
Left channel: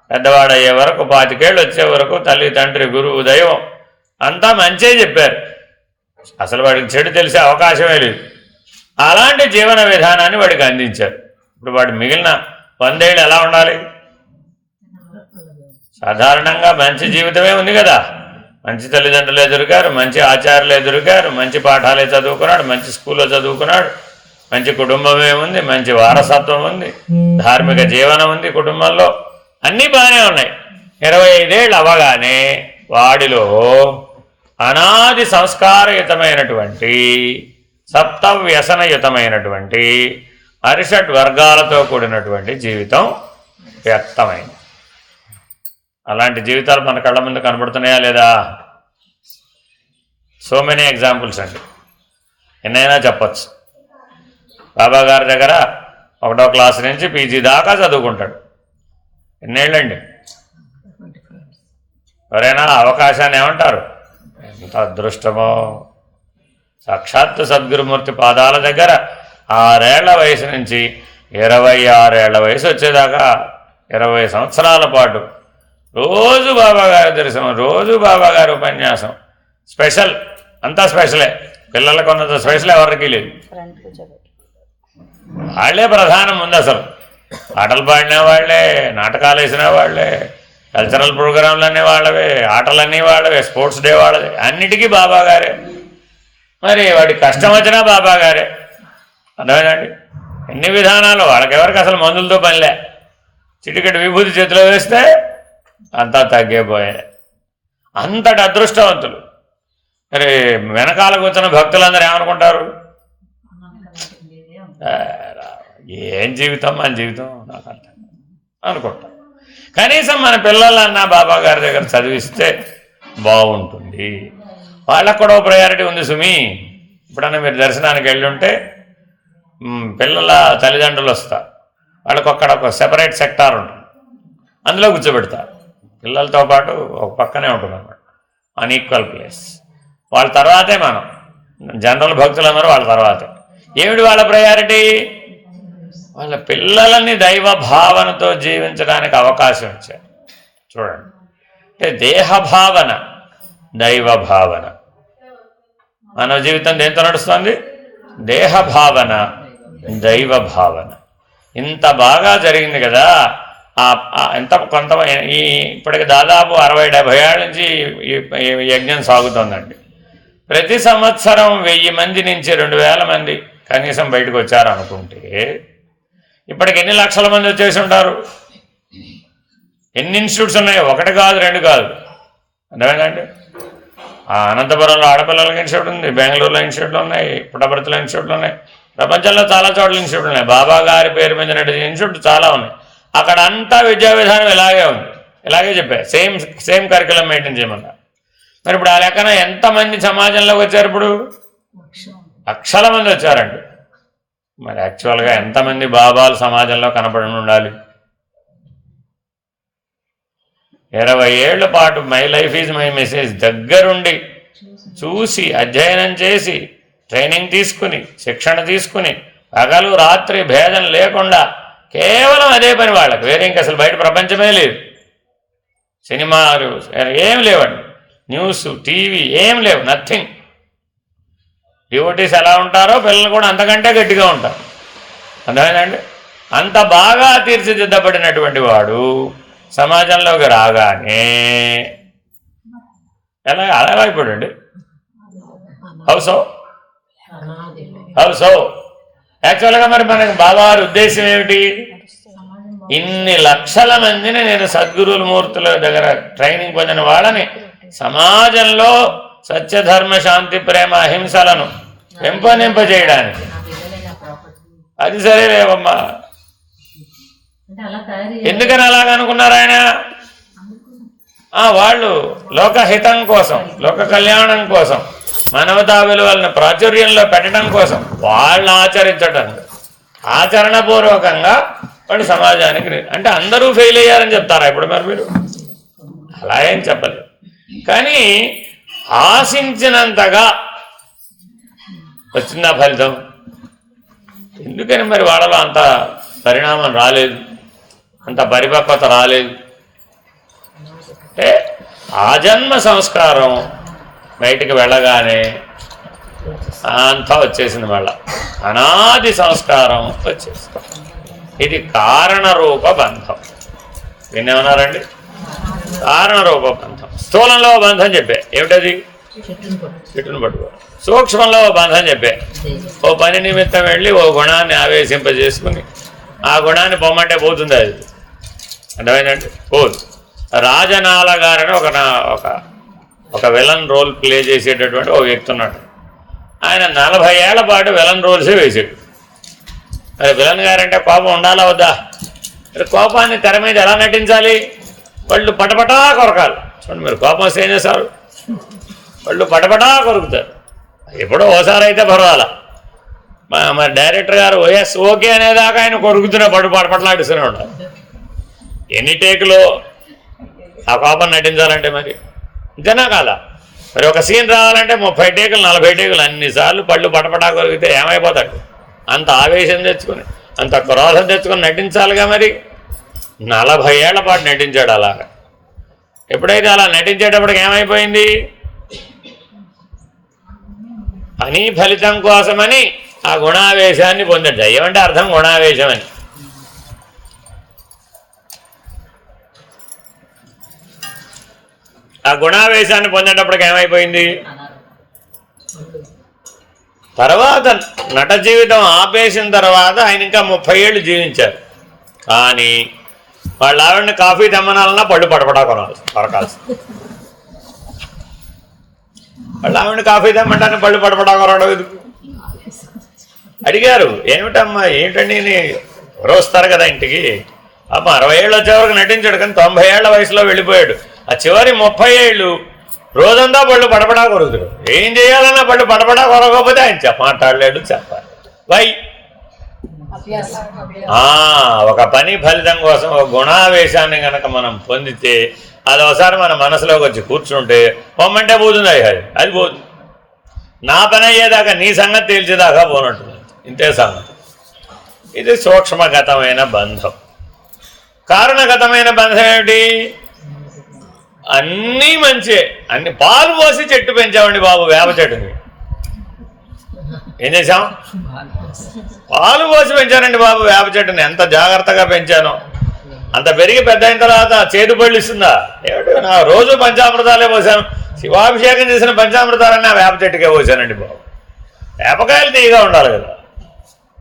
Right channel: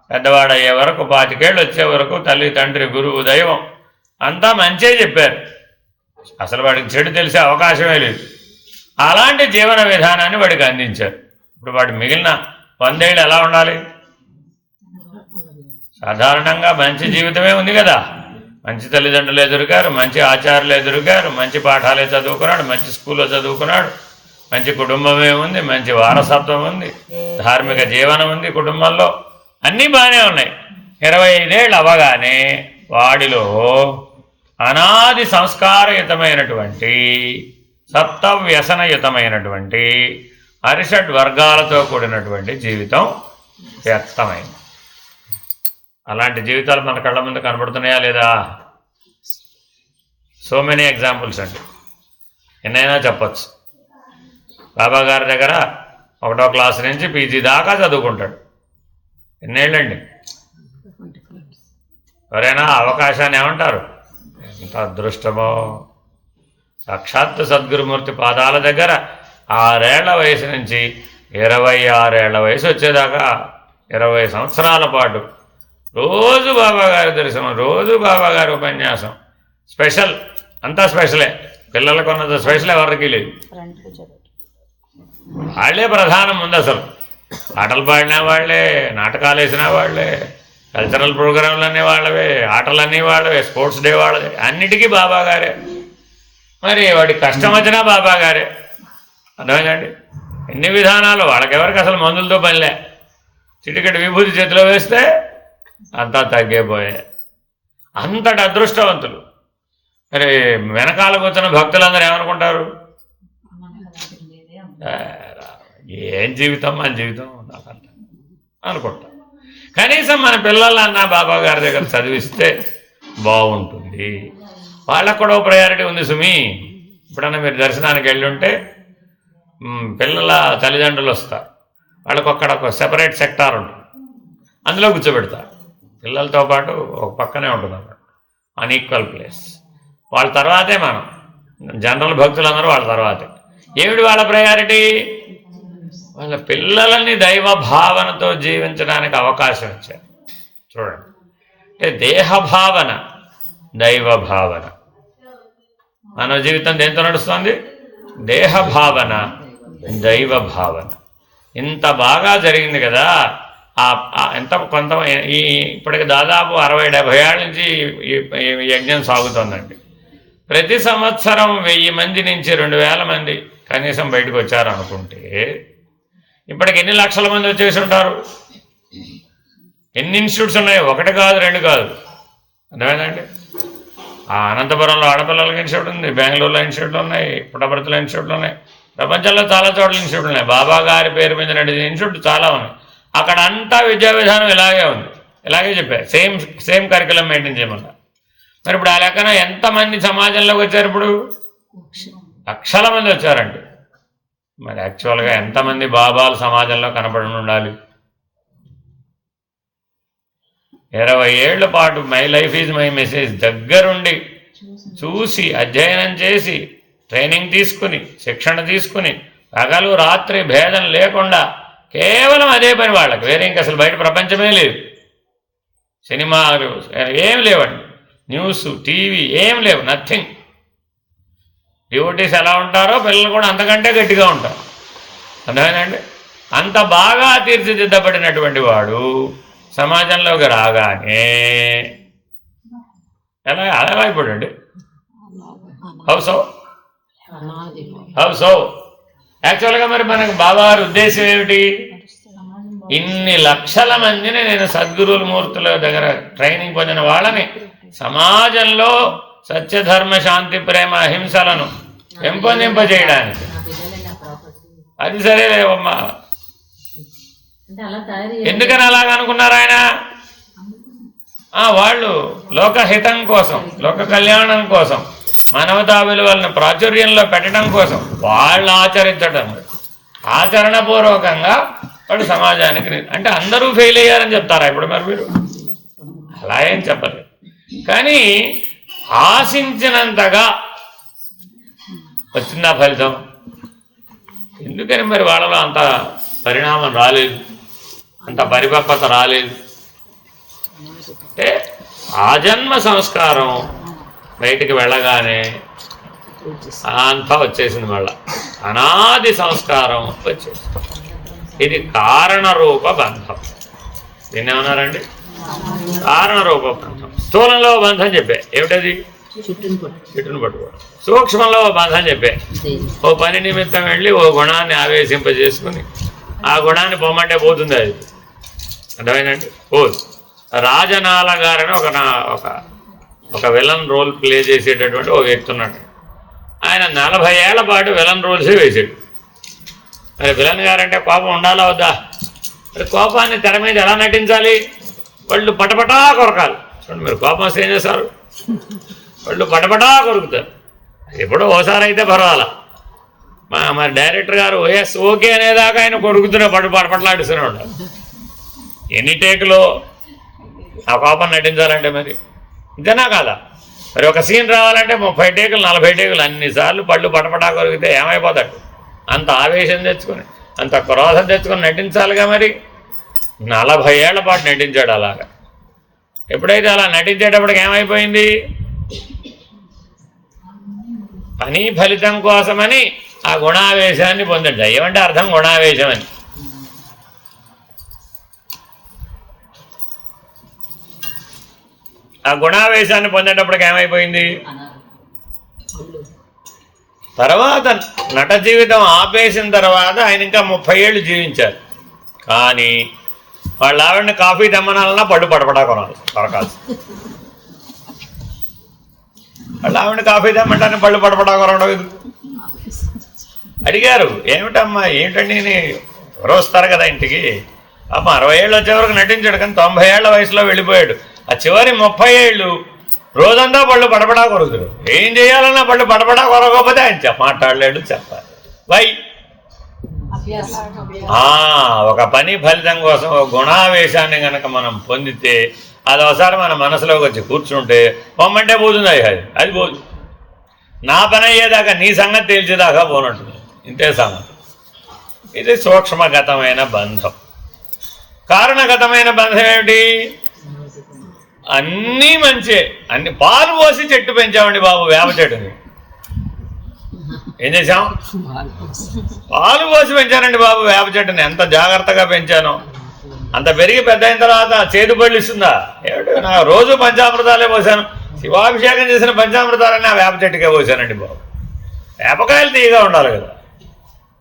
పెద్దవాడయ్యే వరకు, 25 ఏళ్ళు వచ్చే వరకు తల్లి, తండ్రి, గురువు, దైవం అంతా మంచే చెప్పారు. అసలు వాడికి చెడు తెలిసే అవకాశమే లేదు. అలాంటి జీవన విధానాన్ని వాడికి అందించారు. ఇప్పుడు వాడు మిగిలిన 100 ఏళ్ళు ఎలా ఉండాలి? సాధారణంగా మంచి జీవితమే ఉంది కదా. మంచి తల్లిదండ్రులు ఎదురుగారు, మంచి ఆచార్యులు ఎదురుగారు, మంచి పాఠాలే చదువుకున్నాడు, మంచి స్కూల్లో చదువుకున్నాడు, మంచి కుటుంబమే ఉంది, మంచి వారసత్వం ఉంది, ధార్మిక జీవనం ఉంది కుటుంబంలో, అన్నీ బాగానే ఉన్నాయి. 25 ఏళ్ళు అవ్వగానే వాడిలో అనాది సంస్కారయుతమైనటువంటి సప్తవ్యసనయుతమైనటువంటి అరిషడ్ వర్గాలతో కూడినటువంటి జీవితం వ్యక్తమైంది. అలాంటి జీవితాలు మన కళ్ళ ముందు కనబడుతున్నాయా లేదా? సో మెనీ ఎగ్జాంపుల్స్ అండి, ఎన్నైనా చెప్పచ్చు. బాబా గారి దగ్గర 1వ క్లాస్ నుంచి పీజీ దాకా చదువుకుంటాడు. ఎన్నేళ్ళండి? ఎవరైనా అవకాశాన్ని ఏమంటారు? ఎంత అదృష్టమో! సాక్షాత్తు సద్గురుమూర్తి పాదాల దగ్గర 6 ఏళ్ల వయసు నుంచి 26 ఏళ్ల వయసు వచ్చేదాకా 20 సంవత్సరాల పాటు రోజు బాబాగారి దర్శనం, రోజు బాబాగారి ఉపన్యాసం. స్పెషల్, అంతా స్పెషలే. పిల్లలకు ఉన్నంత స్పెషల్ ఎవరికి లేదు. వాళ్ళే ప్రధానం ఉంది. అసలు పాటలు పాడిన వాళ్ళే, నాటకాలు వేసిన వాళ్ళే, కల్చరల్ ప్రోగ్రాంలు అన్నీ వాళ్ళవే, ఆటలన్నీ వాళ్ళవే, స్పోర్ట్స్ డే వాళ్ళవే, అన్నిటికీ బాబాగారే. మరి వాడికి కష్టం వచ్చినా బాబాగారే. అర్థమైందండి? ఎన్ని విధానాలు. వాళ్ళకెవరికి అసలు మందులతో పనిలే. చిటికెట్ విభూతి చేతిలో వేస్తే అంతా తగ్గిపోయాయి. అంతటి అదృష్టవంతులు. మరి వెనకాల కూర్చున్న భక్తులందరూ ఏమనుకుంటారు? ఏం జీవితం మన జీవితం నాకు అర్థం అనుకుంటాం. కనీసం మన పిల్లలన్నా బాబా గారి దగ్గర చదివిస్తే బాగుంటుంది. వాళ్ళకు కూడా ప్రయారిటీ ఉంది సుమి. ఇప్పుడన్నా మీరు దర్శనానికి వెళ్ళి ఉంటే పిల్లల తల్లిదండ్రులు వస్తారు. వాళ్ళకు అక్కడ ఒక సెపరేట్ సెక్టార్ ఉంటుంది, అందులో కూర్చోబెడతారు. పిల్లలతో పాటు ఒక పక్కనే ఉంటుంది అన్నమాట, అన్ఈక్వల్ ప్లేస్. వాళ్ళ తర్వాతే మనం జనరల్ భక్తులందరూ వాళ్ళ తర్వాతే. ఏమిటి వాళ్ళ ప్రయారిటీ? వాళ్ళ పిల్లలని దైవ భావనతో జీవించడానికి అవకాశం ఇచ్చారు. చూడండి, అంటే దేహ భావన, దైవ భావన. మానవ జీవితం దేంతో నడుస్తుంది? దేహ భావన, దైవ భావన. ఇంత బాగా జరిగింది కదా. ఎంత కొంత ఇప్పటికి దాదాపు 60-70 ఏళ్ళ నుంచి ఈ యజ్ఞం సాగుతుందండి. ప్రతి సంవత్సరం 1000 మంది నుంచి 2000 మంది కనీసం బయటకు వచ్చారనుకుంటే ఇప్పటికి ఎన్ని లక్షల మంది వచ్చేసి ఉంటారు? ఎన్ని ఇన్స్టిట్యూట్స్ ఉన్నాయి? 1 కాదు, 2 కాదు. అర్థమైందండి? అనంతపురంలో ఆడపిల్లలకి ఇన్స్టిట్యూట్ ఉంది, బెంగళూరులో ఇన్స్టిట్యూట్లు ఉన్నాయి, పుట్టపర్తిలో ఇన్స్టిట్యూట్లు ఉన్నాయి, ప్రపంచంలో చాలా చోట్ల ఇన్స్టిట్యూట్లు ఉన్నాయి. బాబా గారి పేరు మీద ఇన్స్టిట్యూట్ చాలా ఉన్నాయి. అక్కడ అంతా విద్యా విధానం ఇలాగే ఉంది, ఇలాగే చెప్పారు. సేమ్ కరికులం మెయింటైన్ చేయమన్నారు. మరి ఇప్పుడు ఆ లెక్కన ఎంతమంది సమాజంలోకి వచ్చారు? ఇప్పుడు లక్షల మంది వచ్చారండి. మరి యాక్చువల్గా ఎంతమంది బాబాలు సమాజంలో కనపడి ఉండాలి? 20 ఏళ్ల పాటు my life is my message దగ్గరుండి చూసి, అధ్యయనం చేసి, ట్రైనింగ్ తీసుకుని, శిక్షణ తీసుకుని, పగలు రాత్రి భేదం లేకుండా కేవలం అదే పని వాళ్ళకి. వేరే ఇంక అసలు బయట ప్రపంచమే లేదు. సినిమాలు ఏం లేవండి, న్యూస్, టీవీ ఏం లేవు, నథింగ్. డివోటీస్ ఎలా ఉంటారో పిల్లలు కూడా అంతకంటే గట్టిగా ఉంటారు. అర్థమైందండి? అంత బాగా తీర్చిదిద్దబడినటువంటి వాడు సమాజంలోకి రాగానే ఎలా అయిపోయాడు? హౌసో యాక్చువల్గా మరి మనకి బాబావారి ఉద్దేశం ఏమిటి? ఇన్ని లక్షల మందిని నేను సద్గురువుల మూర్తుల దగ్గర ట్రైనింగ్ పొందిన వాళ్ళని సమాజంలో సత్యధర్మ శాంతి ప్రేమ అహింసలను పెంపొందింపజేయడానికి. అది సరేలేవమ్మా. ఎందుకని అలాగనుకున్నారు ఆయన? వాళ్ళు లోకహితం కోసం, లోక కళ్యాణం కోసం, మానవతా విలువలను ప్రాచుర్యంలో పెట్టడం కోసం, వాళ్ళు ఆచరించడం, ఆచరణపూర్వకంగా వాడు సమాజానికి. అంటే అందరూ ఫెయిల్ అయ్యారని చెప్తారా ఇప్పుడు మరి మీరు? అలా ఏం చెప్పలేదు. కానీ ఆశించినంతగా వచ్చిందా ఫలితం? ఎందుకని మరి వాళ్ళలో అంత పరిణామం రాలేదు, అంత పరిపక్వత రాలేదు? అంటే ఆజన్మ సంస్కారం బయటికి వెళ్ళగానే అంతా వచ్చేసింది. మళ్ళా అనాది సంస్కారం వచ్చేసింది. ఇది కారణరూప బంధం. దీన్ని ఏమన్నారండి? కారణరూప బంధం. స్థూలంలో బంధం చెప్పే. ఏమిటది? చెట్టును పట్టుకోవడం. సూక్ష్మంలో బంధం చెప్పే, ఓ పని నిమిత్తం వెళ్ళి ఓ గుణాన్ని ఆవేశింపజేసుకుని ఆ గుణాన్ని పొమ్మంటే పోతుంది. అది అర్థమైందండి, పోదు. రాజనాల గారని ఒక విలన్ రోల్ ప్లే చేసేటటువంటి ఒక వ్యక్తి ఉన్నాడు. ఆయన 40 ఏళ్ల పాటు విలన్ రోల్సే వేసాడు. మరి విలన్ గారంటే కోపం ఉండాలా వద్దా? మరి కోపాన్ని తెర మీద ఎలా నటించాలి? వాళ్ళు పటపటా కొరకాలి. చూడండి, మీరు కోపం వస్తే ఏం చేస్తారు? వాళ్ళు పటపటా కొరుకుతారు. ఎప్పుడో ఓసారి అయితే పర్వాలా, మరి డైరెక్టర్ గారు ఓకే అనేదాకా ఆయన కొరుకుతూనే పటపట్లాడుతూనే ఉండాలి. ఎన్ని టేకులో ఆ కోపం నటించాలంటే మరి ఇంతేనా కాదా? మరి ఒక సీన్ రావాలంటే 30 టేకులు 40 టేకులు అన్నిసార్లు పళ్ళు పటపటా కొరికితే ఏమైపోతాడు? అంత ఆవేశం తెచ్చుకొని, అంత క్రోధం తెచ్చుకొని నటించాలిగా. మరి 40 ఏళ్ల పాటు నటించాడు అలాగా. ఎప్పుడైతే అలా నటించేటప్పటికి ఏమైపోయింది? పని ఫలితం కోసమని ఆ గుణావేశాన్ని పొందాడు. ఏమంటే అర్థం గుణావేశం అని. ఆ గుణావేశాన్ని పొందేటప్పటికి ఏమైపోయింది? తర్వాత నట జీవితం ఆపేసిన తర్వాత ఆయన ఇంకా 30 ఏళ్ళు జీవించారు. కానీ వాళ్ళ ఆవిడని కాఫీ తెమ్మనాలన్నా పళ్ళు పడపడా కొరకాల్సి. వాళ్ళ ఆవిడని కాఫీ తెమ్మంటారని పళ్ళు పడపడా కొరవడం ఎందుకు? అడిగారు, ఏమిటమ్మా ఏంటండి, ఎవరు వస్తారు కదా ఇంటికి. అమ్మ 60 ఏళ్ళు వచ్చే వరకు నటించాడు, కానీ 90 ఏళ్ల వయసులో వెళ్ళిపోయాడు. ఆ చివరి 30 ఏళ్ళు రోజంతా పళ్ళు పడపడా కొరుకుతాడు. ఏం చేయాలన్నా పళ్ళు పడపడా కొరకపోతే ఆయన మాట్లాడలేడు, చెప్పాలి. వై ఒక పని ఫలితం కోసం ఒక గుణావేశాన్ని కనుక మనం పొందితే అది ఒకసారి మన మనసులోకి వచ్చి కూర్చుంటే పొమ్మంటే పోతుంది. అది పోదు. నా పని అయ్యేదాకా నీ సంగతి తేల్చేదాకా పోనట్టుంది. ఇంతే సంగతి. ఇది సూక్ష్మగతమైన బంధం. కారణగతమైన బంధం ఏమిటి? అన్నీ మంచి, అన్ని పాలు పోసి చెట్టు పెంచామండి బాబు, వేప చెట్టుని. ఏం చేశాం? పాలు పోసి పెంచానండి బాబు వేప చెట్టుని. ఎంత జాగ్రత్తగా పెంచాను. అంత పెరిగి పెద్ద అయిన తర్వాత చేతి పళ్ళు ఇస్తుందా? ఏమిటి, నా రోజు పంచామృతాలే పోసాను. శివాభిషేకం చేసిన పంచామృతాలన్నీ ఆ వేప చెట్టుకే పోసానండి బాబు. వేపకాయలు తీయగా ఉండాలి కదా.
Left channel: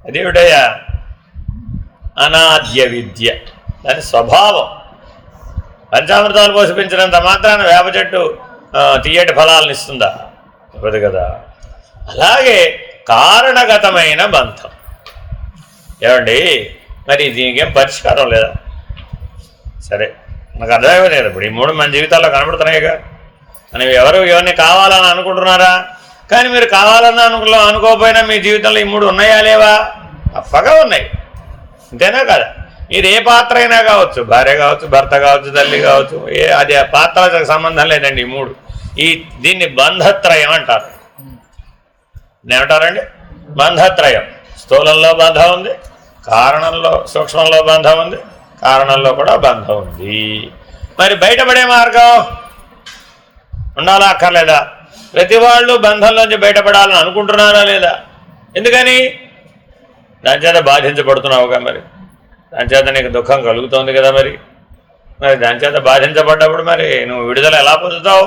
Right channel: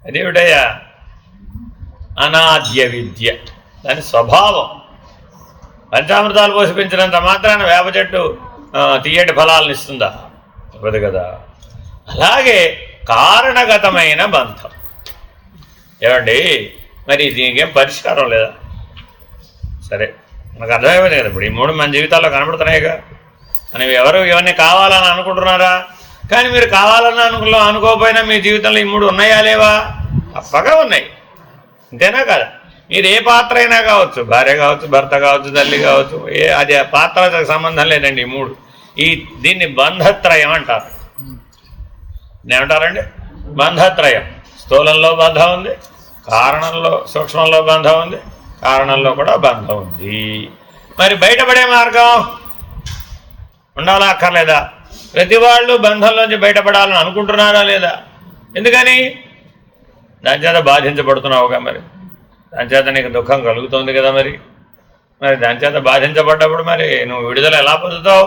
అదేమిటయ్యా? అనాద్య విద్య, దాని స్వభావం. పంచామృతాలు పోసి పెంచినంత మాత్రాన వేప చెట్టు తీయటి ఫలాలను ఇస్తుందా? ఇవ్వదు కదా. అలాగే కారణగతమైన బంధం. ఏమండి, మరి దీనికేం పరిష్కారం లేదా? సరే, నాకు అర్థమే లేదు. ఇప్పుడు ఈ 3 మన జీవితాల్లో కనబడుతున్నాయిగా. మనం ఎవరిని కావాలని అనుకుంటున్నారా? కానీ మీరు కావాలన్నా అనుకోకపోయినా మీ జీవితంలో ఈ 3 ఉన్నాయా లేవా? తప్పగా ఉన్నాయి. అంతేనా కదా? మీరు ఏ పాత్ర అయినా కావచ్చు, భార్య కావచ్చు, భర్త కావచ్చు, తల్లి కావచ్చు, అది ఆ పాత్రలకు సంబంధం లేదండి. ఈ 3 దీన్ని బంధత్రయం అంటారు. ఏమంటారండి? బంధత్రయం. స్థూలంలో బంధం ఉంది, కారణంలో సూక్ష్మంలో బంధం ఉంది, కారణంలో కూడా బంధం ఉంది. మరి బయటపడే మార్గం ఉండాలా అక్కర్లేదా? ప్రతి వాళ్ళు బంధంలోంచి బయటపడాలని అనుకుంటున్నారా లేదా? ఎందుకని? దాని చేత బాధించబడుతున్నావుగా. మరి దాని చేత నీకు దుఃఖం కలుగుతోంది కదా. మరి దాని చేత బాధించబడ్డప్పుడు మరి నువ్వు విడుదల ఎలా పొందుతావు?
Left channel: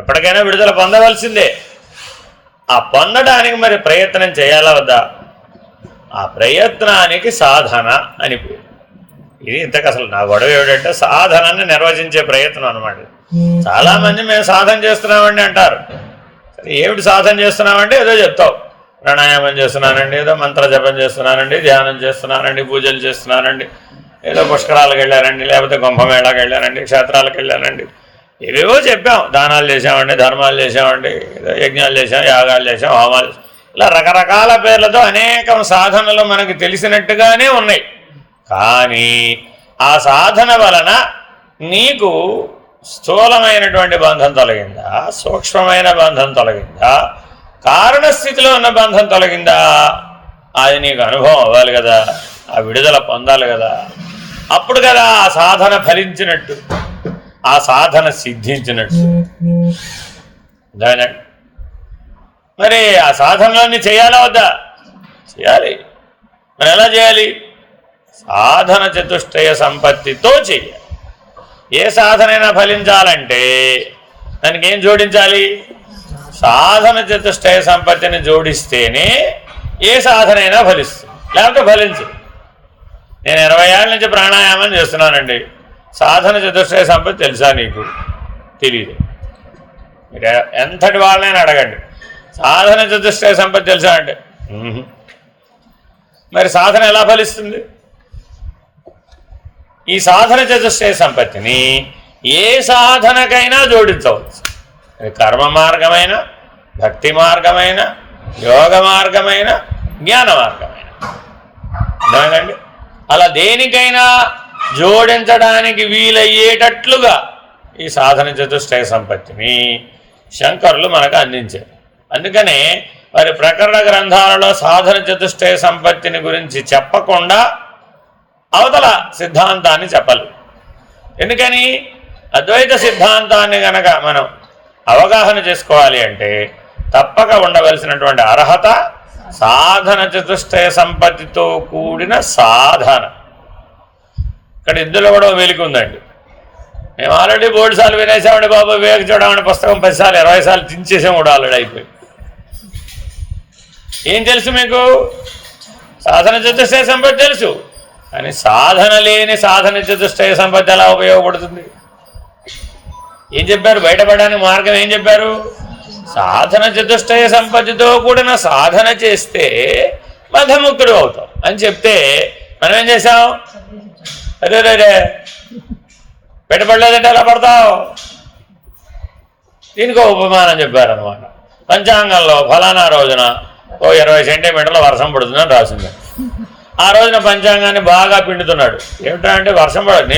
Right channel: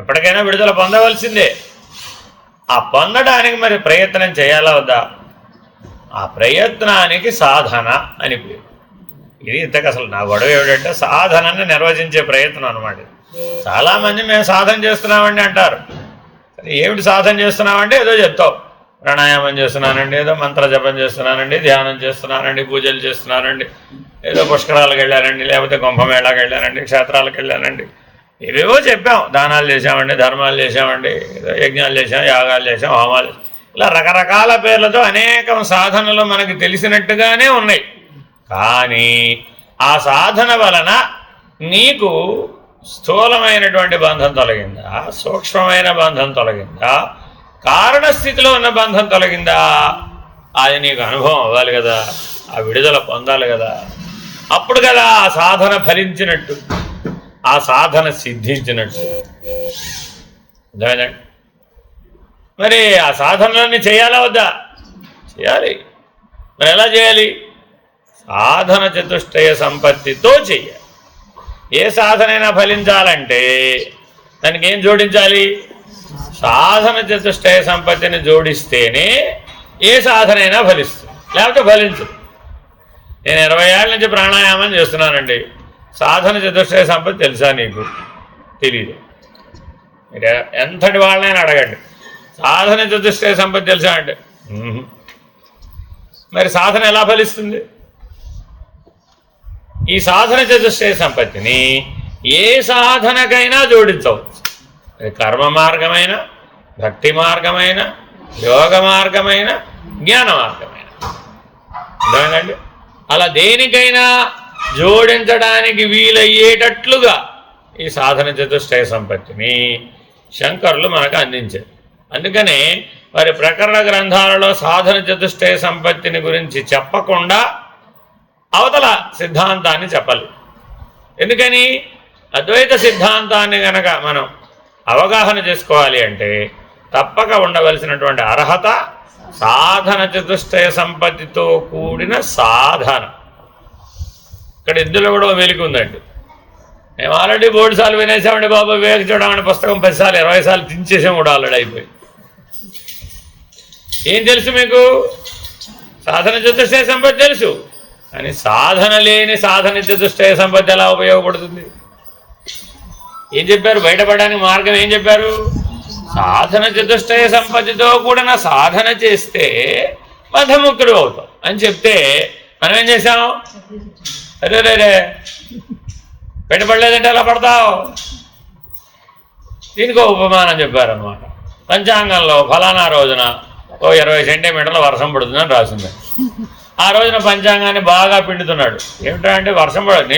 ఎప్పటికైనా విడుదల పొందవలసిందే. ఆ పొందడానికి మరి ప్రయత్నం చేయాలా వద్దా? ఆ ప్రయత్నానికి సాధన అని పేరు. ఇది ఇంతకు అసలు నా గొడవ ఏమిటంటే సాధనాన్ని నిర్వచించే ప్రయత్నం అనమాట. చాలామంది మేము సాధన చేస్తున్నామండి అంటారు. ఏమిటి సాధన చేస్తున్నామంటే ఏదో చెప్తావు. ప్రాణాయామం చేస్తున్నానండి, ఏదో మంత్ర జపం చేస్తున్నానండి, ధ్యానం చేస్తున్నానండి, పూజలు చేస్తున్నానండి, ఏదో పుష్కరాలకు వెళ్ళానండి, లేకపోతే కుంభమేళాకి వెళ్ళానండి, క్షేత్రాలకు వెళ్ళానండి, ఏవేవో చెప్పాం. దానాలు చేసామండి, ధర్మాలు చేసామండి, ఏదో యజ్ఞాలు చేసాం, యాగాలు చేసాం, హోమాలు, ఇలా రకరకాల పేర్లతో అనేకం సాధనలు మనకి తెలిసినట్టుగానే ఉన్నాయి. కానీ ఆ సాధన వలన నీకు స్థూలమైనటువంటి బంధం తొలగిందా, సూక్ష్మమైన బంధం తొలగిందా, కారణస్థితిలో ఉన్న బంధం తొలగిందా? అది నీకు అనుభవం అవ్వాలి కదా, ఆ విడుదల పొందాలి కదా. అప్పుడు కదా ఆ సాధన ఫలించినట్టు, ఆ సాధన సిద్ధించినట్టు. మరి ఆ సాధనలన్నీ చేయాలా వద్దా? చేయాలి. మరి ఎలా చేయాలి? సాధన చతుష్టయ సంపత్తితో చెయ్యాలి. ఏ సాధనైనా ఫలించాలంటే దానికి ఏం జోడించాలి? సాధన చతుష్టయ సంపత్తిని జోడిస్తేనే ఏ సాధన అయినా ఫలిస్తుంది, లేకపోతే ఫలించదు. నేను 20 ఏళ్ళ నుంచి ప్రాణాయామం చేస్తున్నానండి, సాధన చతుష్టయ సంపత్తి తెలుసా నీకు? తెలియదు. మీరు ఎంతటి వాళ్ళని అడగండి, సాధన చతుష్టయ సంపత్తి తెలుసా అంటే మరి సాధన ఎలా ఫలిస్తుంది? ఈ సాధన చతుష్టయ సంపత్తిని ఏ సాధనకైనా జోడించవచ్చు. అది కర్మ మార్గమైన, భక్తి మార్గమైన, యోగ మార్గమైన, జ్ఞాన మార్గమైన. అర్థమైందండి? అలా దేనికైనా జోడించడానికి వీలయ్యేటట్లుగా ఈ సాధన చతుష్టయ సంపత్తిని శంకరులు మనకు అందించారు. అందుకనే వారి ప్రకరణ గ్రంథాలలో సాధన చతుష్టయ సంపత్తిని గురించి చెప్పకుండా అవతల సిద్ధాంతాన్ని చెప్పాలి. ఎందుకని? అద్వైత సిద్ధాంతాన్ని గనక మనం అవగాహన చేసుకోవాలి అంటే తప్పక ఉండవలసినటువంటి అర్హత సాధన చతుష్టయ సంపత్తితో కూడిన సాధన. ఇక్కడ ఇందులో కూడా వెలికి ఉందండి. మేము ఆల్రెడీ 3 సార్లు వినేసామండి బాబు, వివేక చూడమని పుస్తకం 10 సార్లు 20 సార్లు చించేసాం కూడా ఆల్రెడీ అయిపోయి. ఏం తెలుసు మీకు? సాధన చతుష్టయ సంపత్తి తెలుసు, కానీ సాధన లేని సాధన చతుష్టయ సంపత్తి ఎలా ఉపయోగపడుతుంది? ఏం చెప్పారు? బయటపడడానికి మార్గం ఏం చెప్పారు? సాధన చతుష్టయ సంపత్తితో కూడిన సాధన చేస్తే మధముక్తుడు అవుతాం అని చెప్తే మనం ఏం చేసాం? అదే బయటపడలేదంటే ఎలా పడతావు? దీనికి ఉపమానం చెప్పారనమాట. పంచాంగంలో ఫలానా రోజున 20 సెంటీమీటర్ల వర్షం పడుతుందని రాసింది. ఆ రోజున పంచాంగాన్ని బాగా పిండుతున్నాడు. ఏమిటంటే వర్షం పడదు,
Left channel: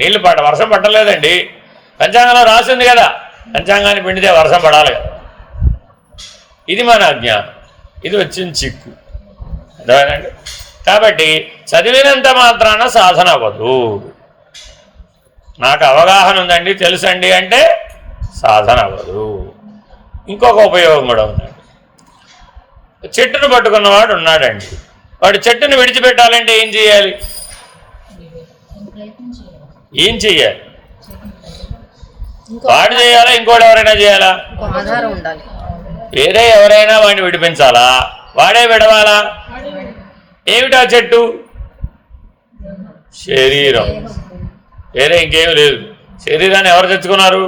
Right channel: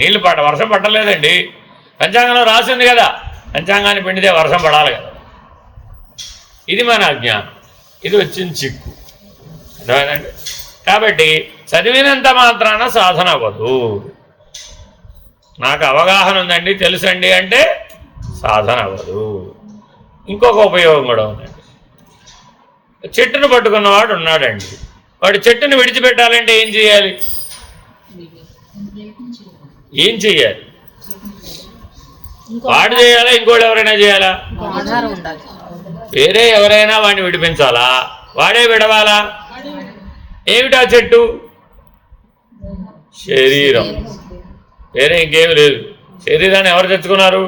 నీళ్ళు వర్షం పట్టలేదండి. పంచాంగంలో రాసింది కదా, పంచాంగాన్ని పిండితే వర్షం పడాలి కదా. ఇది మన అజ్ఞానం, ఇది వచ్చిన చిక్కు. అర్థమైందండి? కాబట్టి చదివినంత మాత్రాన సాధన అవ్వదు. నాకు అవగాహన ఉందండి, తెలుసండి అంటే సాధన అవ్వదు. ఇంకొక ఉపయోగం కూడా ఉందండి. చెట్టును పట్టుకున్నవాడు ఉన్నాడండి, వాడు చెట్టును విడిచిపెట్టాలంటే ఏం చేయాలి? ఏం చెయ్యాలి? వాడు చేయాలా, ఇంకోటి ఎవరైనా చేయాలా? వేరే ఎవరైనా వాడిని విడిపించాలా, వాడే విడవాలా? ఏమిటా చెట్టు? శరీరం. వేరే ఇంకేమి లేదు. శరీరాన్ని ఎవరు తెచ్చుకున్నారు?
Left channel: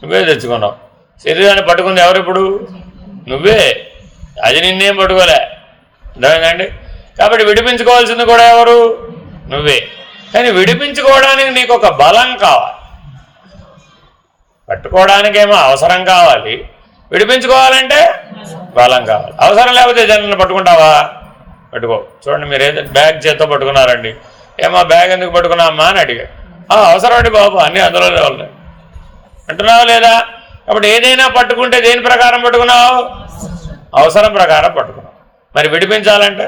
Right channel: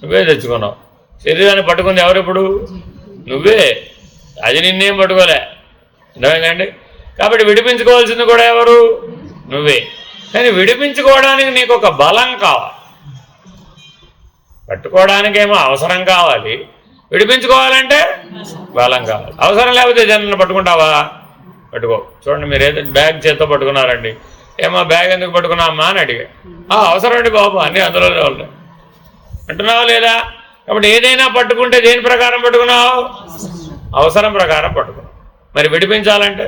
నువ్వే తెచ్చుకున్నావు. శరీరాన్ని పట్టుకుంది ఎవరు? ఇప్పుడు నువ్వే. అది నిన్నేం పట్టుకోలే. అర్థమైందండి? కాబట్టి విడిపించుకోవాల్సింది కూడా ఎవరు? నువ్వే. కానీ విడిపించుకోవడానికి నీకు ఒక బలం కావాలి. పట్టుకోవడానికేమో అవసరం కావాలి, విడిపించుకోవాలంటే బలం కావాలి. అవసరం లేకపోతే జనాన్ని పట్టుకుంటావా? పట్టుకో. చూడండి, మీరు ఏదైతే బ్యాగ్ చేత్తో పట్టుకున్నారండి, ఏమో బ్యాగ్ ఎందుకు పట్టుకున్నామా అని అడిగా. అవసరం అండి బాబు, అన్నీ అందులోనే ఉన్నాయి అంటున్నావా లేదా? కాబట్టి ఏదైనా పట్టుకుంటే దేని ప్రకారం పట్టుకున్నావు? అవసరం ప్రకారం పట్టుకున్నావు. మరి విడిపించాలంటే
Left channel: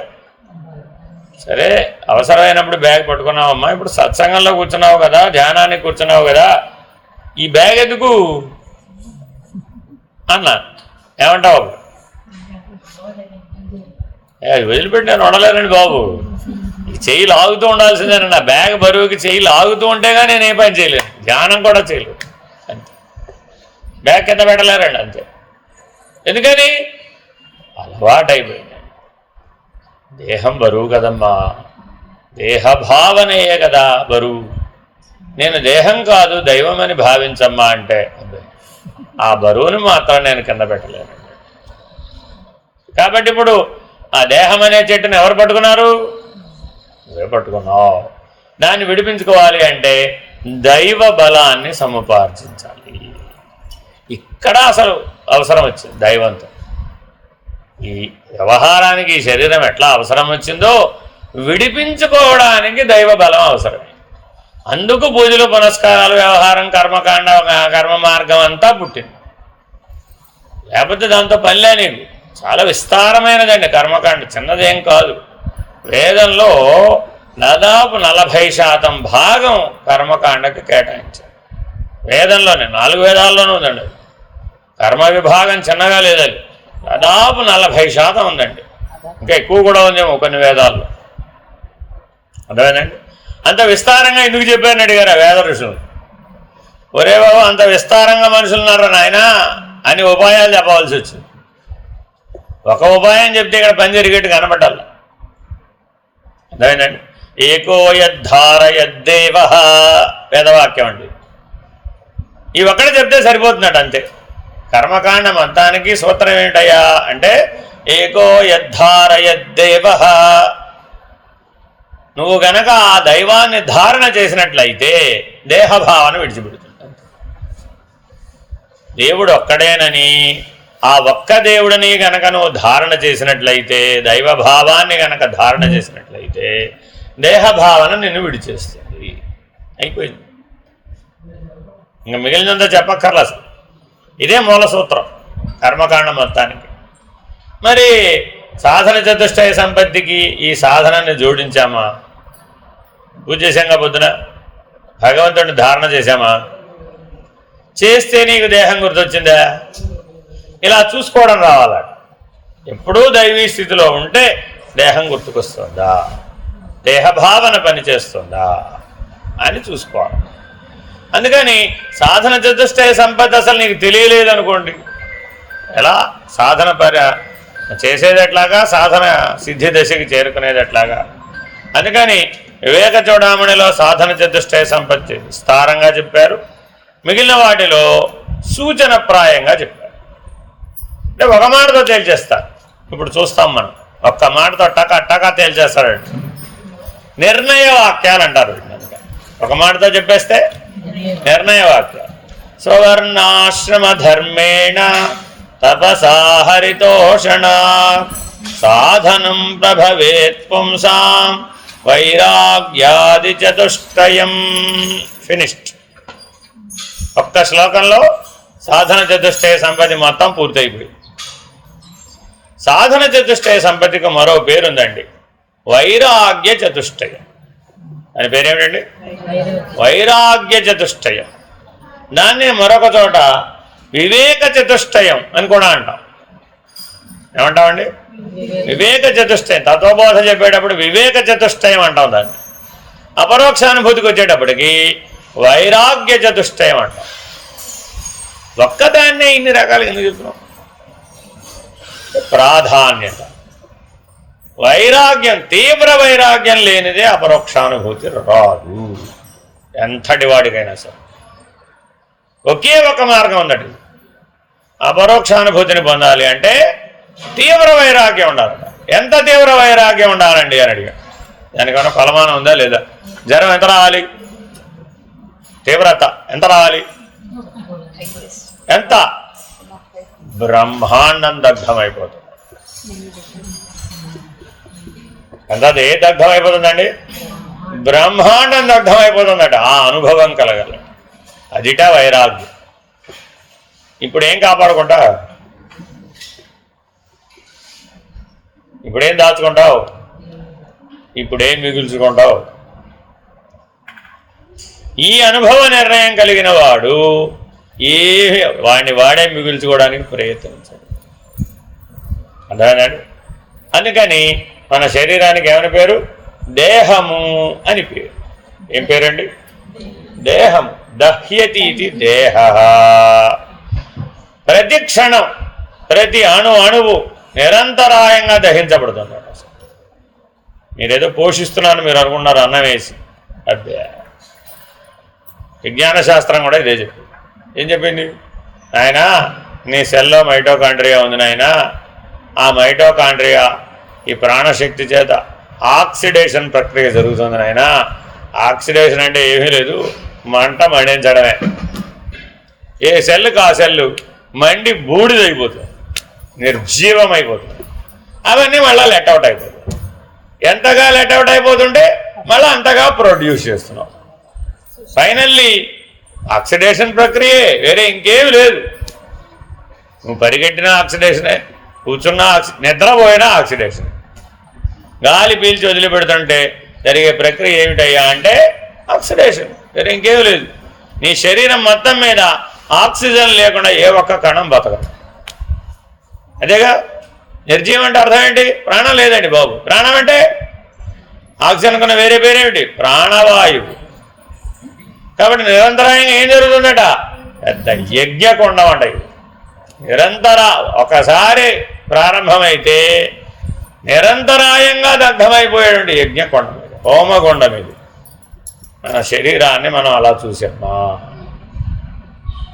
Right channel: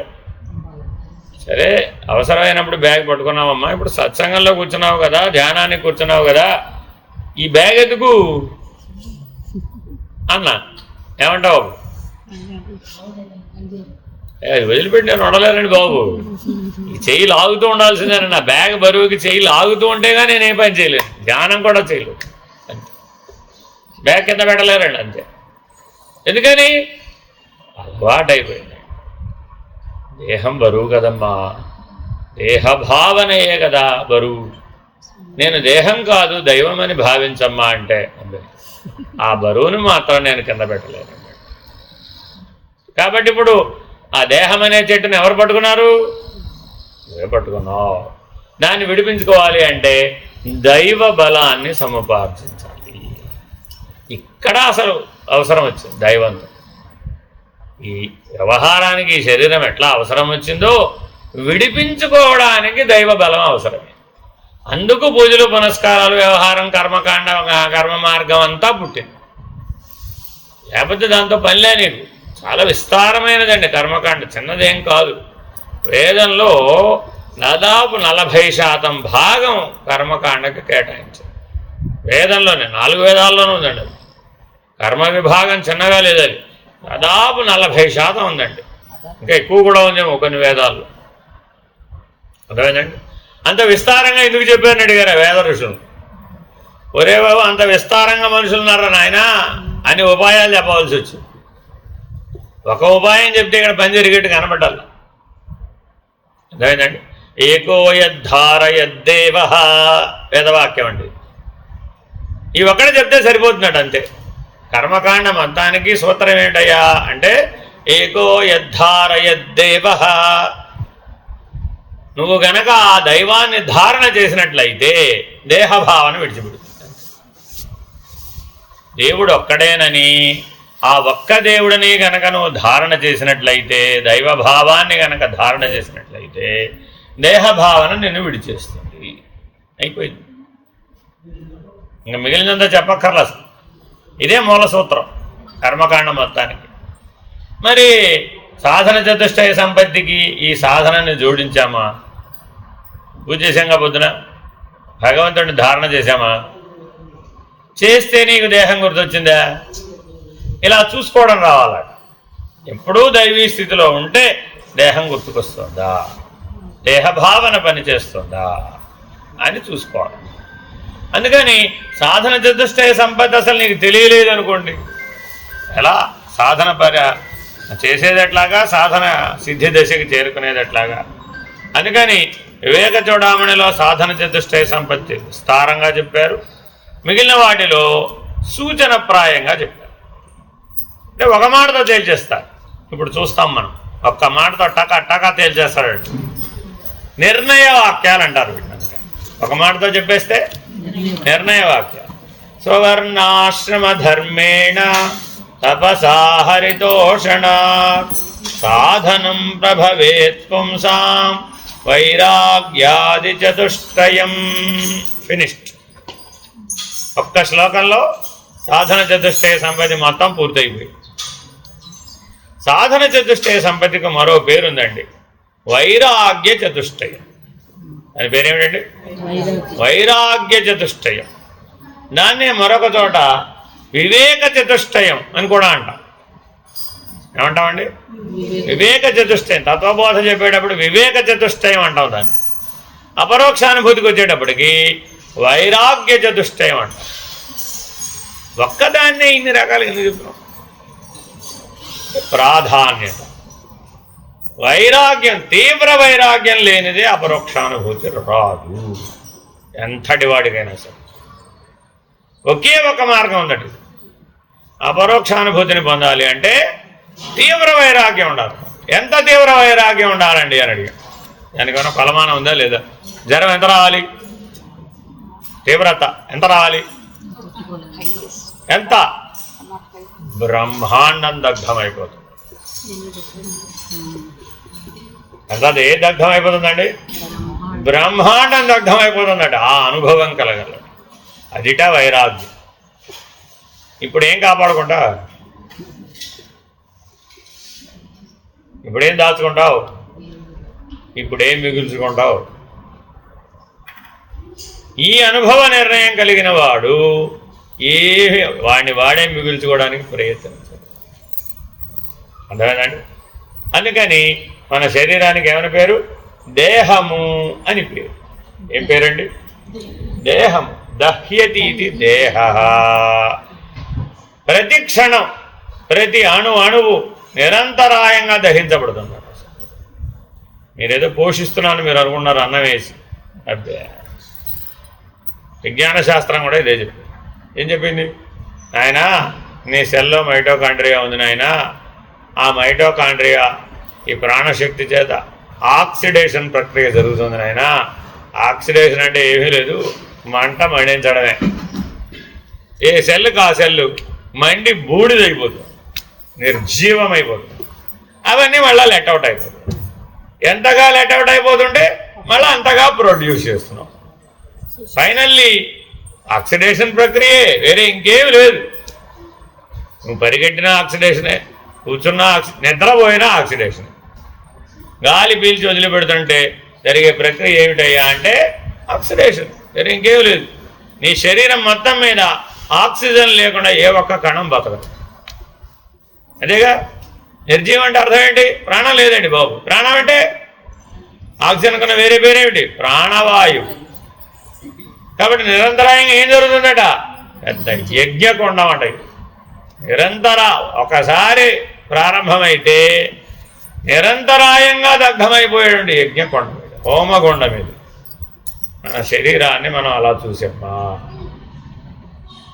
సరే, అవసరమైనప్పుడు బ్యాగ్ పట్టుకున్నావమ్మా, ఇప్పుడు సత్సంగంలో కూర్చున్నావు కదా, ధ్యానానికి కూర్చున్నావు కదా, ఈ బ్యాగ్ ఎందుకు అన్నా ఏమంటావు? వదిలిపెట్టి నేను ఉండలేనండి బాబు, చెయ్యి లాగుతూ ఉండాల్సిందేనండి. నా బ్యాగ్ బరువుకి చెయ్యి లాగుతూ ఉంటేగా నేను ఏ పని చేయలేను, ధ్యానం కూడా చేయలేను. అంతే, బ్యాగ్ కింద పెట్టలేరండి అంతే. ఎందుకని? అలవాటు అయిపోయింది. దేహం బరువు కదమ్మా, దేహభావనయే కదా బరువు. నేను దేహం కాదు దైవం అని భావించమ్మా అంటే ఆ బరువుని మాత్రం నేను కింద పెట్టలేను. కాబట్టి ఇప్పుడు ఆ దేహం అనే చెట్టును ఎవరు పట్టుకున్నారు? నువ్వే పట్టుకున్నావు. దాన్ని విడిపించుకోవాలి అంటే దైవ బలాన్ని సముపార్జించాలి. ఇక్కడ అసలు అవసరం వచ్చింది దైవంతో. ఈ వ్యవహారానికి ఈ శరీరం ఎట్లా అవసరం వచ్చిందో విడిపించుకోవడానికి దైవ బలం అవసరమే. అందుకు పూజలు, పునస్కారాలు, వ్యవహారం, కర్మకాండ, కర్మ మార్గం అంతా పుట్టింది. లేకపోతే దాంతో పనిలే నీకు. చాలా విస్తారమైనదండి కర్మకాండ, చిన్నదేం కాదు. వేదంలో దాదాపు 40% భాగం కర్మకాండకి కేటాయించారు. వేదంలోనే 4 వేదాల్లోనూ ఉందండి. కర్మ విభాగం చిన్నగా లేదది, దాదాపు 40% ఉందండి. ఇంకా ఎక్కువ కూడా ఉందేమో కొన్ని వేదాల్లో. అదేనండి, అంత విస్తారంగా ఎందుకు చెప్పారని అడిగారు వేద ఋషులు. ఒరే బాబు అంత విస్తారంగా మనుషులు ఉన్నారా నాయన అని ఉపాయాలు చెప్పవలసి వచ్చింది. ఒక ఉపాయం చెప్తే ఇక్కడ పని జరిగేట్టు కనబడాలి. అదేనండి, ఏకో యద్ధారయద్దేవ వేదవాక్యం అండి. ఈ ఒక్కడే చెప్తే సరిపోతున్నట్టు అంతే. కర్మకాండ మొత్తానికి సూత్రం ఏంటయ్యా అంటే ఏకో యద్ధారయద్దేవ. నువ్వు గనక ఆ దైవాన్ని ధారణ చేసినట్లయితే దేహభావన విడిచిపెడుతుంది. దేవుడు ఒక్కడేనని ఆ ఒక్క దేవుడిని గనక నువ్వు ధారణ చేసినట్లయితే, దైవభావాన్ని గనక ధారణ చేసినట్లయితే దేహభావన నిన్ను విడిచేస్తుంది. అయిపోయింది, ఇంకా మిగిలినంత చెప్పక్కర్లేదు. ఇదే మూల సూత్రం కర్మకాండ మొత్తానికి. మరి సాధన చతుష్టయ సంపత్తికి ఈ సాధనాన్ని జోడించామా? పూజ చేసాంగా పొద్దున, భగవంతుడిని ధారణ చేశామా? చేస్తే నీకు దేహం గుర్తొచ్చిందా? ఇలా చూసుకోవడం రావాల. ఎప్పుడూ దైవీ స్థితిలో ఉంటే దేహం గుర్తుకొస్తుందా, దేహభావన పనిచేస్తుందా అని చూసుకోవాలి. అందుకని సాధన చతుష్టయ సంపత్తి అసలు నీకు తెలియలేదనుకోండి, ఎలా సాధన చేసేది ఎట్లాగా, సాధన సిద్ధి దశకి చేరుకునేది ఎట్లాగా. అందుకని వివేక చూడామణిలో సాధన చతుష్టయ సంపత్తి విస్తారంగా చెప్పారు, మిగిలిన వాటిలో సూచనప్రాయంగా చెప్పారు. అంటే ఒక మాటతో తేల్చేస్తారు. ఇప్పుడు చూస్తాం మనం, ఒక్క మాటతో టకా తేల్చేస్తారండి. నిర్ణయ వాక్యాలు అంటారు వీటిని. అందుకని ఒక మాటతో చెప్పేస్తే నిర్ణయ వాక్యాలు. స్వవర్ణాశ్రమ ధర్మేణ తపసా హరితోషణ సాధనం ప్రభవేత్ పుంసాం వైరాగ్యాది చతుష్టయం. ఫినిష్డ్. ఒక్క శ్లోకంలో సాధన చతుష్టయ సంపత్తి మొత్తం పూర్తయిపోయింది. సాధన చతుష్టయ సంపత్తికి మరో పేరుందండి, వైరాగ్య చతుష్టయం అని పేరేమిటండి? వైరాగ్య చతుష్టయం. దాన్ని మరొక చోట వివేక చతుష్టయం అని కూడా అంటాం. ఏమంటామండి? వివేక చతుష్టయం. తత్వబోధ చెప్పేటప్పుడు వివేక చతుష్టయం అంటాం దాన్ని. అపరోక్షానుభూతికి వచ్చేటప్పటికి వైరాగ్య చతుష్టయం అంటాం. ఒక్కదాన్నే ఇన్ని రకాలుగా ఎందుకు చెప్తున్నాం? ప్రాధాన్యత. వైరాగ్యం, తీవ్ర వైరాగ్యం లేనిదే అపరోక్షానుభూతి రాదు, ఎంతటి వాడికైనా సరే. ఒకే ఒక మార్గం ఉన్నట్టు అపరోక్షానుభూతిని పొందాలి అంటే తీవ్ర వైరాగ్యం ఉండాలి. ఎంత తీవ్ర వైరాగ్యం ఉండాలండి అని అడిగాం. దానికన్నా కొలమానం ఉందా లేదా? జ్వరం ఎంత రావాలి? తీవ్రత ఎంత రావాలి? ఎంత? బ్రహ్మాండం దగ్ధమైపోతుంది. ఎంతది దగ్ధమైపోతుందండి? బ్రహ్మాండం దగ్ధమైపోతుందట. ఆ అనుభవం కలగల, అదిట వైరాగ్యం. ఇప్పుడేం కాపాడుకుంటా? ఇప్పుడేం దాచుకుంటావు? ఇప్పుడేం మిగుల్చుకుంటావు? ఈ అనుభవ నిర్ణయం కలిగిన వాడు వాడిని వాడే మిగుల్చుకోవడానికి ప్రయత్నించాడు. అర్థమైందండి? అందుకని మన శరీరానికి ఏమని పేరు? దేహము అని పేరు. ఏం పేరండి? దేహము. దహ్యతి ఇది దేహ. ప్రతి క్షణం, ప్రతి అణువు నిరంతరాయంగా దహించబడుతుంది. మీరేదో పోషిస్తున్నాను మీరు అనుకున్నారు అన్నం వేసి. అదే విజ్ఞాన శాస్త్రం కూడా ఇదే చెప్పింది. ఏం చెప్పింది? నాయన నీ సెల్లో మైటోకాండ్రియా ఉంది నాయన. ఆ మైటోకాండ్రియా ఈ ప్రాణశక్తి చేత ఆక్సిడేషన్ ప్రక్రియ జరుగుతుంది నాయన. ఆక్సిడేషన్ అంటే ఏమీ లేదు, మంట మండించడమే. ఏ సెల్లుకి ఆ సెల్లు మండి బూడిదైపోతుంది, నిర్జీవమైపోతుంది. అవన్నీ మళ్ళీ లెట్అవుట్ అయిపోతుంది. ఎంతగా లెట్అవుట్ అయిపోతుంటే మళ్ళీ అంతగా ప్రొడ్యూస్ చేస్తున్నాం. ఫైనల్లీ ఆక్సిడేషన్ ప్రక్రియే, వేరే ఇంకేమి లేదు. నువ్వు పరిగెట్టినా ఆక్సిడేషనే, కూర్చున్నా నిద్రపోయినా ఆక్సిడేషన్. గాలి పీల్చి వదిలిపెడుతుంటే జరిగే ప్రక్రియ ఏమిటయ్యా అంటే ఆక్సిడేషన్, వేరే ఇంకేమి లేదు. నీ శరీరం మొత్తం మీద ఆక్సిజన్ లేకుండా ఏ ఒక్క కణం బతకదు. అదేగా నిర్జీవం అంటే అర్థం ఏంటి? ప్రాణం లేదండి బాబు. ప్రాణం అంటే ఆక్సిజన్ కన్నా వేరే పేరేమిటి? ప్రాణవాయువు. కాబట్టి నిరంతరాయంగా ఏం జరుగుతుందట? పెద్ద యజ్ఞకొండం అంట. నిరంతర ఒకసారి ప్రారంభమైతే నిరంతరాయంగా దగ్ధమైపోయేటువంటి యజ్ఞకొండం ఇది, హోమకొండం ఇది. మన శరీరాన్ని మనం అలా చూసామా?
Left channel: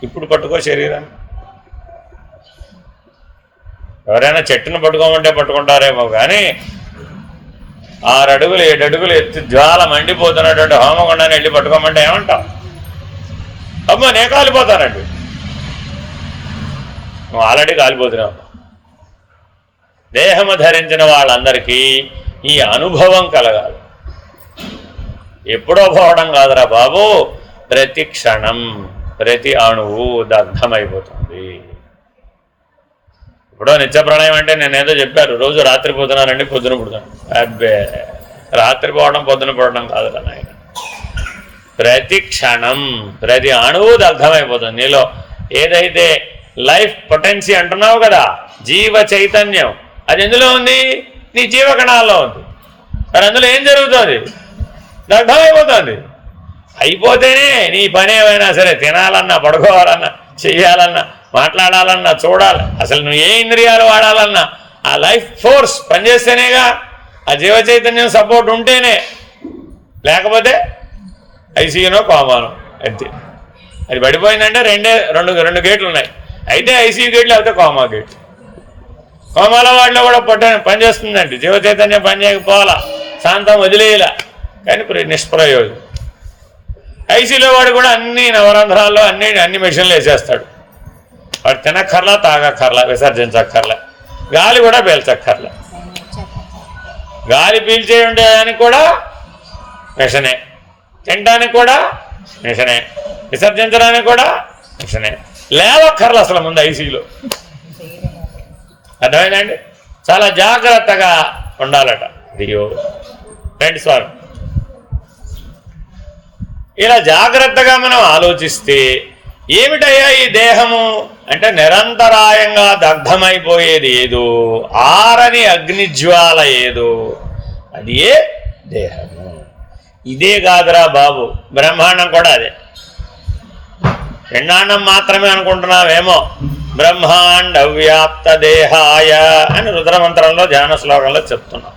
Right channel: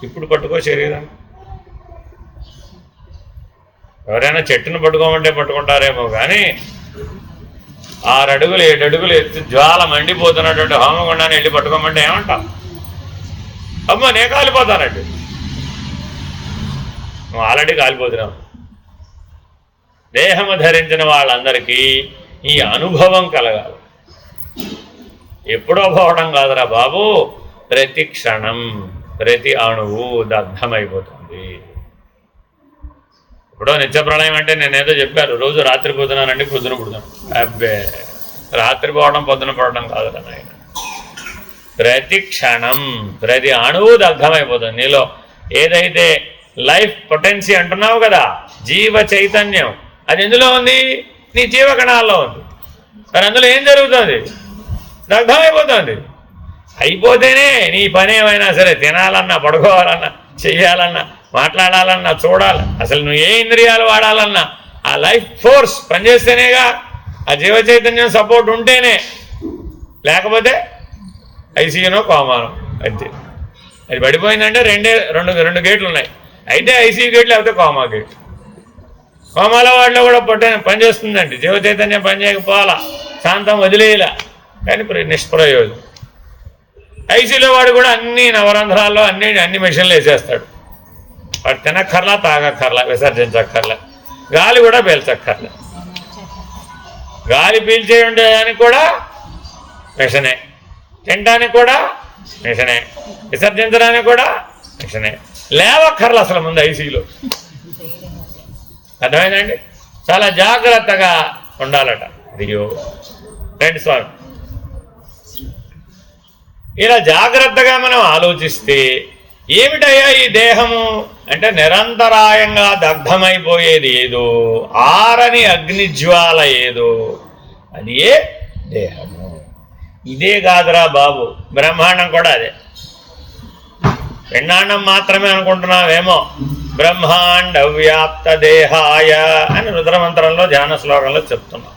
ఇప్పుడు పట్టుకో శరీరాన్ని. ఎవరైనా చెట్టును పట్టుకోమంటే పట్టుకుంటారేమో, కానీ 6 అడుగులు 7 అడుగులు ఎత్తి జ్వాల మండిపోతున్నటువంటి హోమగుండాన్ని వెళ్ళి పట్టుకోమంటే ఏమంటాం? అమ్మో నేను కాలిపోతానండి. నువ్వు ఆల్రెడీ కాలిపోతున్నావు. దేహము ధరించిన వాళ్ళందరికీ ఈ అనుభవం కలగాలి. ఎప్పుడో పోవడం కాదురా బాబు, ప్రతి క్షణం ప్రతి అణువు దగ్ధమైపోతుంది. ఇప్పుడు నిత్యప్రణయం అంటే నేనేదో చెప్పారు, రోజు రాత్రి పోతున్నానండి, పొద్దున పుడుతాను. అబ్బే, రాత్రి పోవడం పొద్దున పడడం కాదు నాయన. ప్రతి క్షణం ప్రతి అణువు దగ్ధమైపోతుంది. నీలో ఏదైతే లైఫ్ పొటెన్సీ అంటున్నావు కదా, జీవ చైతన్యం, అది ఎందులో ఉంది? నీ జీవకణాల్లో ఉంది. మరి అందులో ఏం జరుగుతుంది? దగ్ధమైపోతుంది. అయిపోతేనే నీ పని ఏమైనా సరే, తినాలన్నా, పడుకోవాలన్నా, చెయ్యాలన్నా, మాట్లాడాలన్నా, చూడాలి, అసలు నువ్వు ఏ ఇంద్రియాలు వాడాలన్నా ఆ లైఫ్ ఫోర్స్ పనిచేస్తేనేగా, ఆ జీవ చైతన్యం సపోర్ట్ ఉంటేనే. లేకపోతే ఐసీయూనో కోమానో అంతే. అది పడిపోయిందంటే రెండు గేట్లు ఉన్నాయి. అయితే ఐసీయూ గేట్లు, లేకపోతే కోమా గేట్లు. కోమాల వాడిలో కూడా పనిచేస్తుందండి జీవ చైతన్యం. పని చేయకపోవాలా, శాంతం వదిలేయాల, కానీ నిష్ప్రయోజనం. ఐసీలో వాడు కూడా అన్ని నవరంధ్రాల్లో అన్ని మెషిన్లు వేసేస్తాడు. వాడు తినక్కర్లా, తాగక్కర్లా, విసర్జించక్కర్లా, గాలి కూడా పీల్చక్కర్లా. గాలి పీల్చే ఉండేదానికి కూడా మిషనే, తినడానికి కూడా మిషనే, విసర్జించడానికి కూడా మిషనే. లేవక్కర్లా అసలు ముందు ఐసీలో. అర్థమైందండి? చాలా జాగ్రత్తగా ఉండాలట. అయ్యో రండి స్వామి. ఇలా జాగ్రత్తగా మనం ఆలోచిస్తే ఏమిటయ్యా ఈ దేహము అంటే, నిరంతరాయంగా దగ్ధమైపోయేది ఏదో, ఆరని అగ్నిజ్వాల ఏదో, అది ఏ దేహము. ఇదే కాదురా బాబు, బ్రహ్మాండం కూడా అదే. పిండాండం మాత్రమే అనుకుంటున్నావేమో. బ్రహ్మాండ వ్యాప్త దేహాయ అని రుద్రమంత్రంలో ధ్యాన శ్లోకంలో చెప్తున్నాం.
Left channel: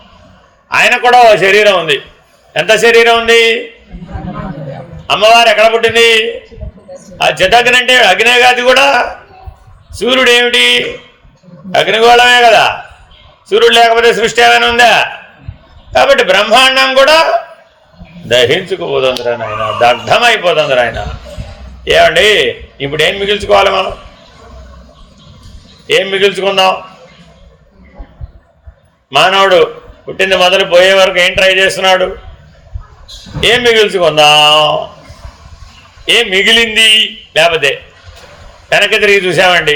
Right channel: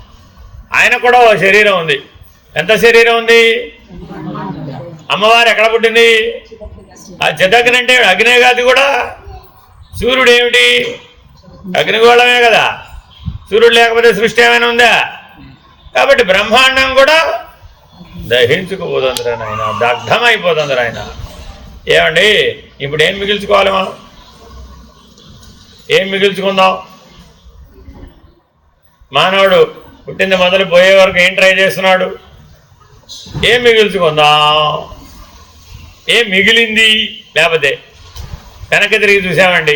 ఆయన కూడా ఓ శరీరం ఉంది. ఎంత శరీరం ఉంది? అమ్మవారు ఎక్కడ పుట్టింది? ఆ చితగ్ని అంటే అగ్నేగాది కూడా. సూర్యుడు ఏమిటి? అగ్నిగోళమే కదా. సూర్యుడు లేకపోతే సృష్టి ఏమైనా ఉందా? కాబట్టి బ్రహ్మాండం కూడా దహించుకుపోతుంది నాయన, దగ్ధమైపోతుంది ఆయన. ఏమండి ఇప్పుడు ఏం మిగిల్చుకోవాలి మనం? ఏం మిగిల్చుకుందాం? మానవుడు పుట్టింది మొదలు పోయే వరకు ఏం ట్రై చేస్తున్నాడు? ఏం మిగిల్చుకుందాం? ఏం మిగిలింది? లేకపోతే వెనక్కి తిరిగి చూసామండి,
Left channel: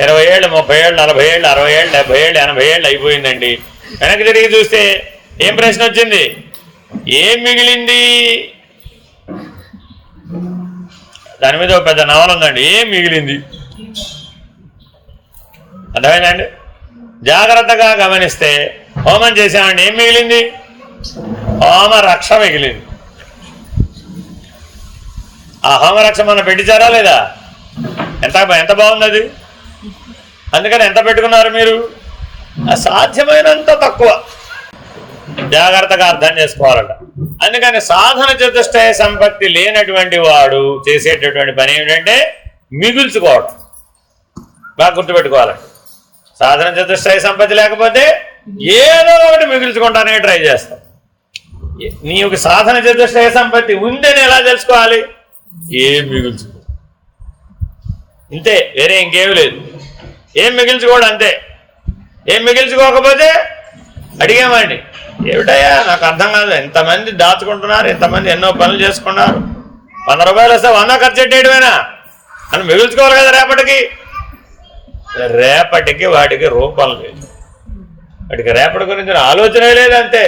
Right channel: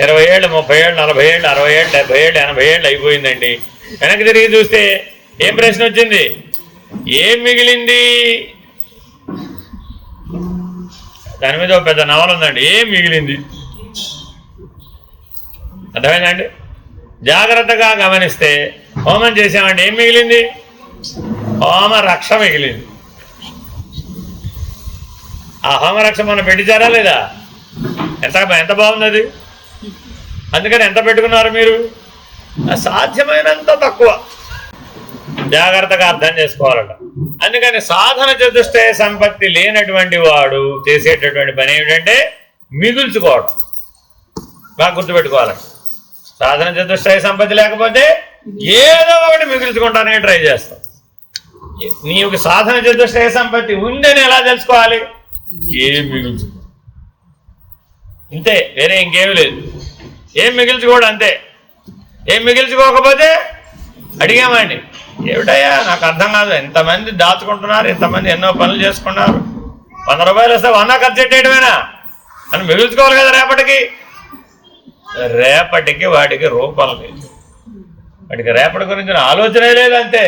20 ఏళ్ళు 30 ఏళ్ళు 40 ఏళ్ళు 60 ఏళ్ళు 70 ఏళ్ళు 80 ఏళ్ళు అయిపోయిందండి. వెనక్కి తిరిగి చూస్తే ఏం ప్రశ్న వచ్చింది? ఏం మిగిలింది? దాని మీద ఒక పెద్ద నవల ఉందండి, ఏం మిగిలింది. అర్థమైందండి? జాగ్రత్తగా గమనిస్తే హోమం చేసామండి, ఏం మిగిలింది? హోమ రక్ష మిగిలింది. ఆ హోమరక్ష మనం పెట్టించారా లేదా? ఎంత బాగుంది. అందుకని ఎంత పెట్టుకున్నారు మీరు? సాధ్యమైనంత తక్కువ జాగ్రత్తగా అర్థం చేసుకోవాలట. అందుకని సాధన చతుష్టయ సంపత్తి లేనటువంటి వాడు చేసేటటువంటి పని ఏమిటంటే మిగుల్చుకోవడం. బాగా గుర్తుపెట్టుకోవాలంట. సాధన చతుష్టయ సంపత్తి లేకపోతే ఏదో ఒకటి మిగుల్చుకుంటానే ట్రై చేస్తాం. నీకు సాధన చతుష్టయ సంపత్తి ఉందని ఎలా తెలుసుకోవాలి? ఏం మిగుల్చుకో, ఇంతే, వేరే ఇంకేమీ లేదు. ఏం మిగిల్చుకోవడం అంతే. ఏం మిగిల్చుకోకపోతే అడిగామండి, ఏమిటయ్యా నాకు అర్థం కాదు, ఎంతమంది దాచుకుంటున్నారు, ఎంతమంది ఎన్నో పనులు చేసుకున్నారు, 100 రూపాయలు వస్తే 100 ఖర్చు పెట్టేయడమేనా అని మిగుల్చుకోవాలి కదా. రేపటికి వాడికి రూపం లేదు, వాడికి రేపటి గురించిన ఆలోచనే లేదంతే.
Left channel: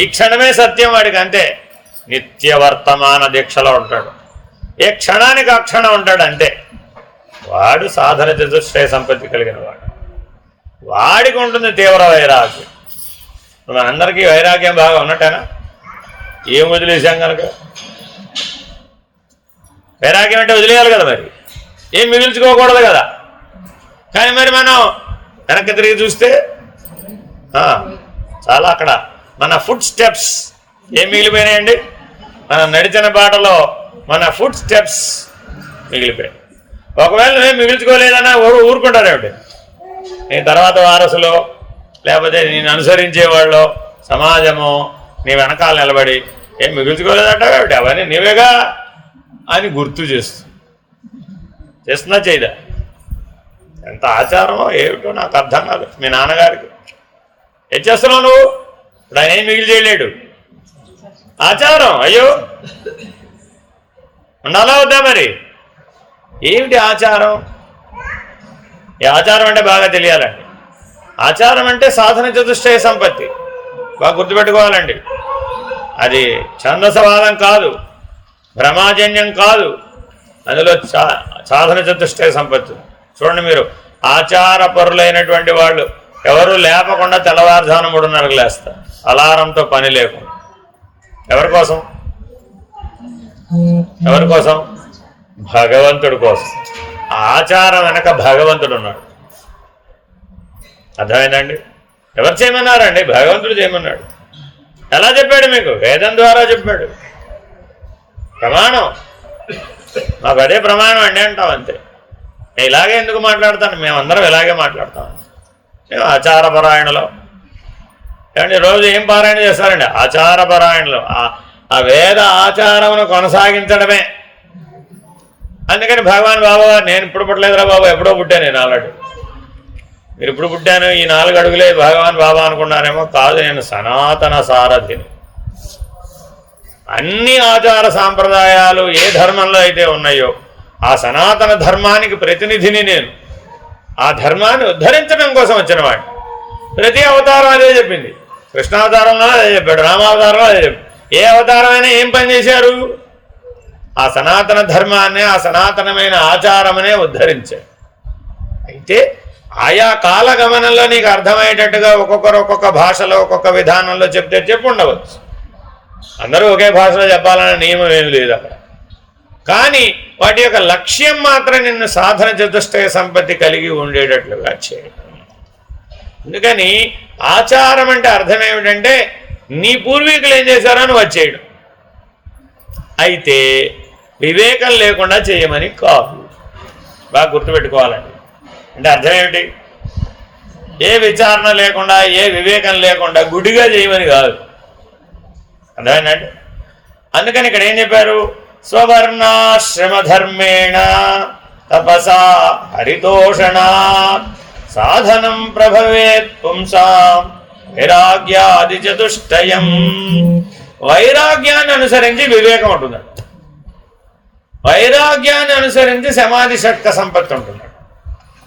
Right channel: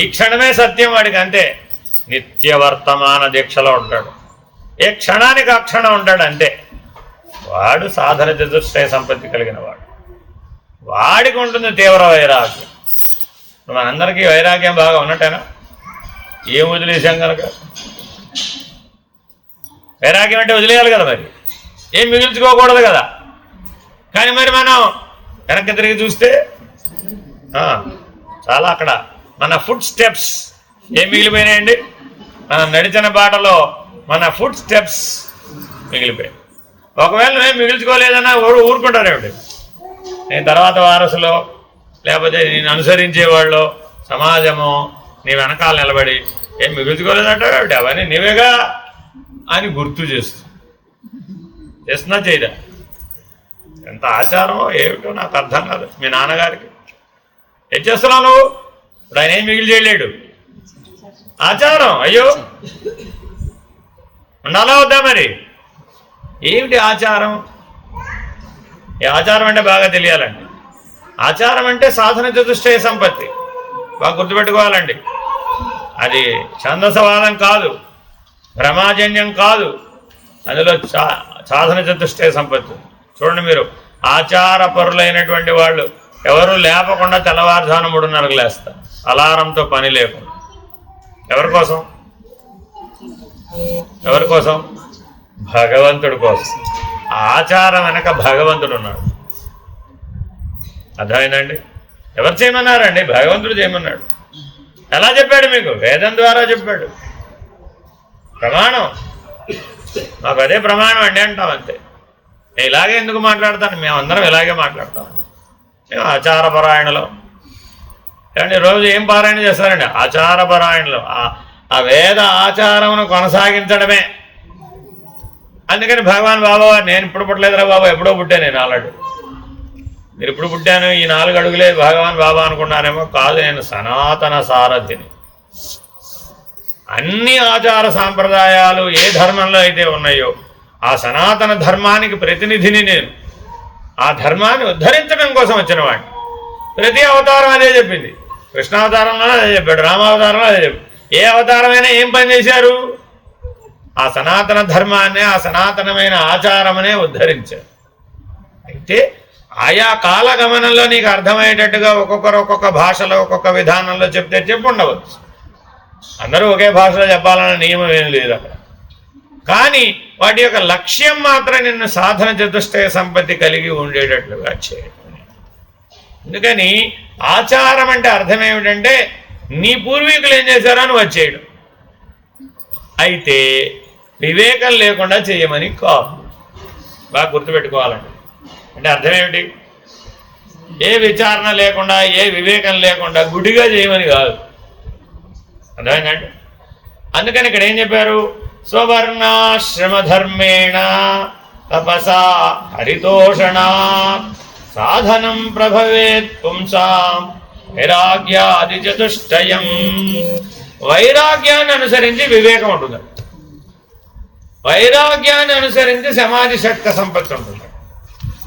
ఈ క్షణమే సత్యం వాడికి, అంతే. నిత్య వర్తమాన దీక్షలో ఉంటాడు, ఏ క్షణానికి ఆ క్షణం ఉంటాడు, అంతే. వాడు సాధన చతుష్టయ సంపత్తి కలిగిన వాడు. వాడికి ఉంటుంది తీవ్ర వైరాగ్యం. మనందరికీ వైరాగ్యం బాగా ఉన్నట్టేనా? ఏం వదిలేసాం కనుక వైరాగ్యం అంటే వదిలేయాలి కదా, మరి ఏం మిగిల్చుకోకూడదు కదా. కానీ మరి మనం వెనక్కి తిరిగి చూస్తే చాలా అక్కడ మన ఫుట్ స్టెప్స్ ఏం మిగిలిపోయినాయండి? మనం నడిచిన బాటలో మన ఫుట్ స్టెప్స్ మిగిలిపోయాయి. ఒకవేళ నేను మిగిల్చుకోలేదన్నా ఊరుకుంటారేమిటి? నేను తర్వాత వారసులో లేకపోతే నేను అనుసరించేవాళ్ళు సమాజము నీ వెనకాల నిలబడి ఏం మిగుల్చుకోలేదంటావేమిటి? అవన్నీ నీవేగా అని గుర్తు చేస్తున్నా చేయదా? ఎంత ఆచారమో ఏమిటో నాకు అర్థం కాదు. మీ నాన్నగారికి ఏం చేస్తున్నావు నువ్వు? ఇప్పుడు ఆయన ఏం మిగిలి చేయలేడు. ఆచారం అయ్యో ఉండాలా వద్దా? మరి ఏమిటి ఆచారం? ఈ ఆచారం అంటే బాగా తెలియాలండి. ఆచారం అంటే సాధన చతుష్టయ సంపత్తి. బాగా గుర్తుపెట్టుకోవాలండి. అది ఛందసవాదం కాదు, భ్రమాజన్యం కాదు, అందులో సాధన చతుష్టయ సంపత్తి. చూడండి, మీరు ఆచారపరులైనటువంటి వాళ్ళు ఎవరు లేపకుండా తెల్లవారుజాను 3:30కు లేస్తారు, అలారంతో పని లేకుండా. ఎవరి కోసం? భగవంతుడి కోసం. ఆచారం వెనక భగవంతుడు ఉన్నాడు. అర్థమైందండి? ఎవరు చేయమన్నారండి? భగవంతుడు చేయమన్నాడు. ఎలా చెప్పాడు మీకు? వేదం ద్వారా చెప్పాడు. ప్రమాణం, మాకు అదే ప్రమాణం అండి అంటాం, అంతే. నేను ఇలాగే ఎందుకు మాట్లాడతాను? మేమందరం ఇలాగే మాట్లాడతాం. మేము ఆచారపరాయణలో ఏమండి రోజు ఏం పారాయణ చేస్తారండి? ఆచారపరాయణలో ఆ వేద ఆచారమును కొనసాగించడమే. అందుకని భగవాన్ బాబా నేను ఇప్పుడు పుట్టలేదురా బాబా, ఎప్పుడో పుట్టాను నేను ఆల్రెడీ. మీరు ఇప్పుడు పుట్టాను, ఈ 4 అడుగులే భగవాన్ బాబా అనుకున్నారేమో. కాదు, నేను సనాతన సారథిని. అన్ని ఆచార సాంప్రదాయాలు ఏ ధర్మంలో అయితే ఉన్నాయో ఆ సనాతన ధర్మానికి ప్రతినిధిని నేను. ఆ ధర్మాన్ని ఉద్ధరించడం కోసం వచ్చినవాడు. ప్రతి అవతారం అదే చెప్పింది. కృష్ణావతారంలో అదే చెప్పాడు, రామావతారంలో అదే చెప్పాడు. ఏ అవతారమైనా ఏం పని చేశారు? ఆ సనాతన ధర్మాన్ని, ఆ సనాతనమైన ఆచారమనే ఉద్ధరించారు. అయితే ఆయా కాలగమనంలో నీకు అర్థమయ్యేటట్టుగా ఒక్కొక్కరు ఒక్కొక్క భాషలో ఒక్కొక్క విధానంలో చెప్పి ఉండవచ్చు. అందరూ ఒకే భాషలో చెప్పాలనే నియమం ఏం లేదు అక్కడ. కానీ వాటి యొక్క లక్ష్యం మాత్రం నిన్ను సాధన చతుష్టయ సంపత్తి కలిగి ఉండేటట్లుగా చేయడం. అందుకని ఆచారం అంటే అర్థం ఏమిటంటే నీ పూర్వీకులు ఏం చేశారని వచ్చేయడం. అయితే వివేకం లేకుండా చేయమని కాదు. బాగా గుర్తుపెట్టుకోవాలండి. అంటే అర్థం ఏమిటి? ఏ విచారణ లేకుండా, ఏ వివేకం లేకుండా గుడిగా చేయమని కాదు. అర్థమైందండి? అందుకని ఇక్కడ ఏం చెప్పారు? స్వవర్ణాశ్రమధర్మేణ తపసా హరితోషణ సాధనం ప్రభవేత్ పుంసాం వైరాగ్యాది చతుష్టయం. వైరాగ్యాన్ని అనుసరించి వివేకం ఉంటుంది, వైరాగ్యాన్ని అనుసరించి సమాధి షట్క సంపత్తి ఉంటుంది,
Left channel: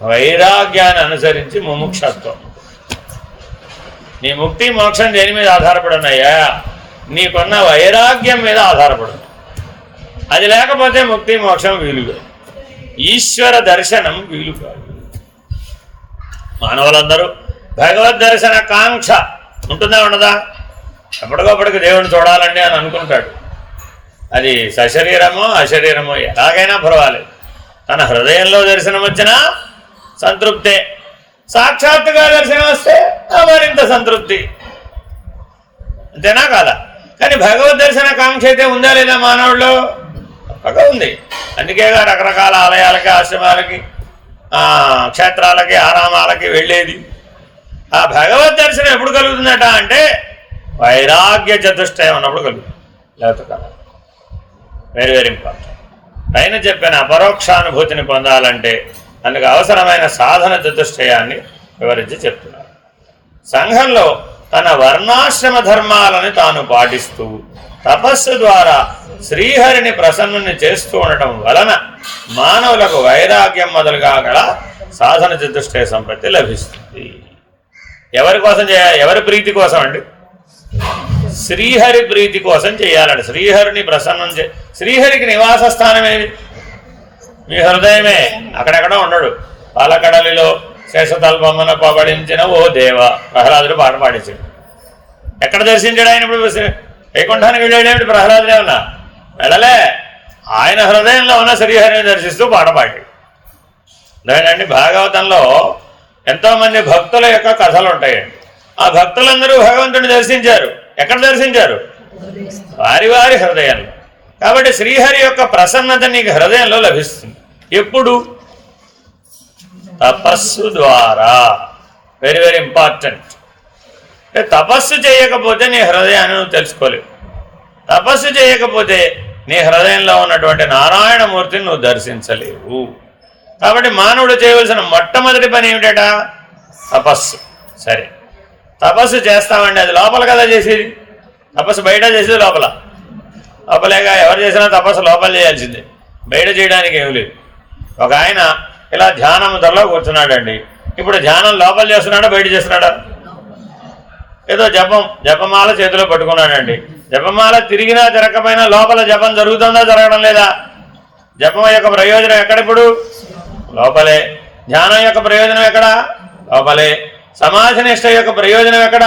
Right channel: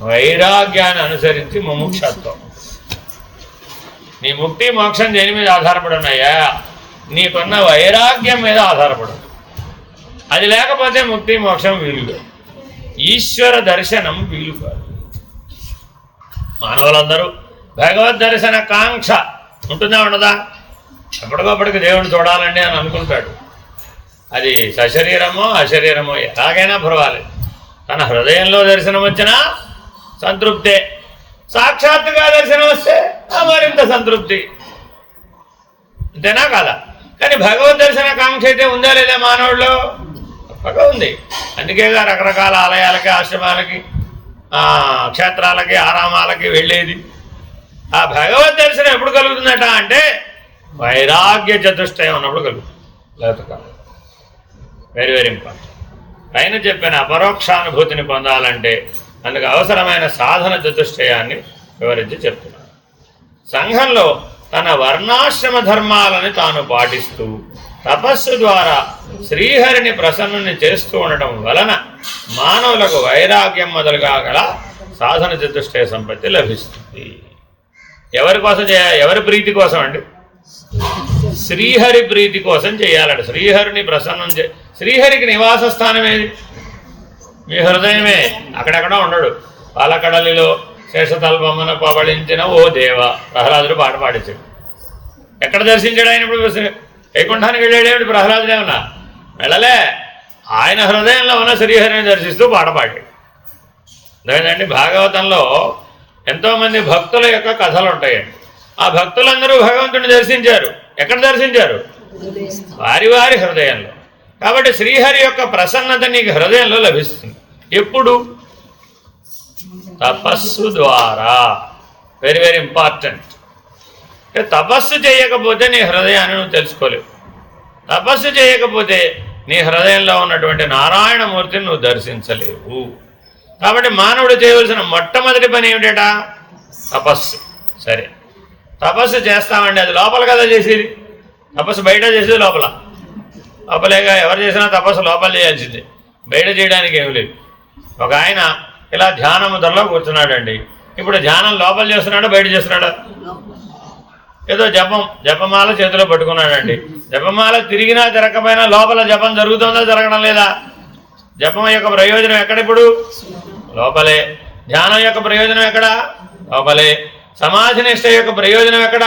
వైరాగ్యాన్ని అనుసరించి ముముక్షత్వం. నీ ముక్తి మోక్షం దేని మీద ఆధారపడి ఉన్నాయా? నీకున్న వైరాగ్యం మీద ఆధారపడు. అది లేకపోతే ముక్తి మోక్షం వీలు, ఈశ్వర దర్శనం వీలు కాదు. మానవులందరూ భగవద్ దర్శన కాంక్ష ఉంటుందా ఉండదా? ఎప్పటికప్పటికి దేవుడిని చూడాలండి అని అనుకుంటాడు. అది సశరీరమో అశరీరమో ఎలాగైనా పర్వాలేదు. తన హృదయంలో దర్శనం వచ్చినా సంతృప్తే, సాక్షాత్తుగా దర్శనం వస్తే మరింత సంతృప్తి. అంతేనా కాదా? కానీ భగవద్ దర్శన కాంక్ష అయితే ఉందా లేదా మానవుల్లో? తప్పగా ఉంది. అందుకేగా రకరకాల ఆలయాలకి, ఆశ్రమాలకి, క్షేత్రాలకి, ఆరామాలకి వెళ్ళేది. ఆ భగవద్ దర్శనం ఎప్పుడు కలుగుతుందట అంటే వైరాగ్య చతుష్టయం అన్నప్పుడు కలుగుతుంది, లేకపోతే కాదు. Very very important. పైన చెప్పిన అపరోక్షానుభూతిని పొందాలంటే అందుకు అవసరమైన సాధన చతుష్టయాన్ని వివరించి చెప్తున్నారు. సంఘంలో తన వర్ణాశ్రమ ధర్మాలను తాను పాటిస్తూ తపస్సు ద్వారా శ్రీహరిని ప్రసన్నుని చేస్తూ ఉండటం వలన మానవులకు వైరాగ్యం మొదలుగా గల సాధన చతుష్టయ సంపత్తి లభిస్తుంది. ఎవరి కోసం చేయాలి? ఎవరి ప్రీతి కోసం అండి? శ్రీహరి ప్రీతి కోసం చేయాలండి. శ్రీహరిని ప్రసన్నం శ్రీహరికి నివాస స్థానం ఏది? మీ హృదయమే. అక్కడెక్కడ ఉండడు. పాలకడలిలో శేషతల్పమున పబడించిన ఓ దేవ ప్రహ్లాదుడు పాట పాడించాడు. ఎక్కడ దర్శించాడు ఆయన? ఇప్పుడు వైకుంఠానికి వెళ్ళాడేమిటి ప్రహ్లాదుడు? ఏమన్నా వెళ్ళలే. ఆయన హృదయంలో ఉన్న శ్రీహరిని దర్శిస్తూ పాట పాడాడు. అదేనండి, భాగవతంలో ఎంతోమంది భక్తుల యొక్క కథలు ఉంటాయండి. ఆ భక్తులందరూ భగవంతుడిని దర్శించారు. ఎక్కడ దర్శించారు? వారి వారి హృదయంలో. కాబట్టి శ్రీహరి యొక్క ప్రసన్నత నీకు హృదయంలో లభిస్తుంది. ఎప్పుడు? తపస్సు ద్వారా. Very very important. తపస్సు చేయకపోతే నీ హృదయాన్ని నువ్వు తెలుసుకోలేవు. తపస్సు చేయకపోతే నీ హృదయంలో ఉన్నటువంటి నారాయణమూర్తిని నువ్వు దర్శించలేవు. కాబట్టి మానవుడు చేయవలసిన మొట్టమొదటి పని ఏమిటట? తపస్సు. సరే, తపస్సు చేస్తామండి, అది లోపల కదా చేసేది. తపస్సు బయట చేసేది లోపల. లోపలేగా ఎవరు చేసినా తపస్సు లోపల చేయాల్సిందే, బయట చేయడానికి ఏమి లేదు. ఒక ఆయన ఇలా ధ్యానం ధరలో కూర్చున్నాడండి. ఇప్పుడు ధ్యానం లోపల చేస్తున్నాడా బయట చేస్తున్నాడా? ఏదో జపమాల చేతిలో పట్టుకున్నాడండి. జపమాల తిరిగినా తిరగకపోయినా లోపల జపం జరుగుతుందా జరగడం లేదా? జపం యొక్క ప్రయోజనం ఎక్కడ? ఇప్పుడు లోపలే. ధ్యానం యొక్క ప్రయోజనం ఎక్కడ? లోపలే. సమాధి నిష్ట యొక్క ప్రయోజనం ఎక్కడ?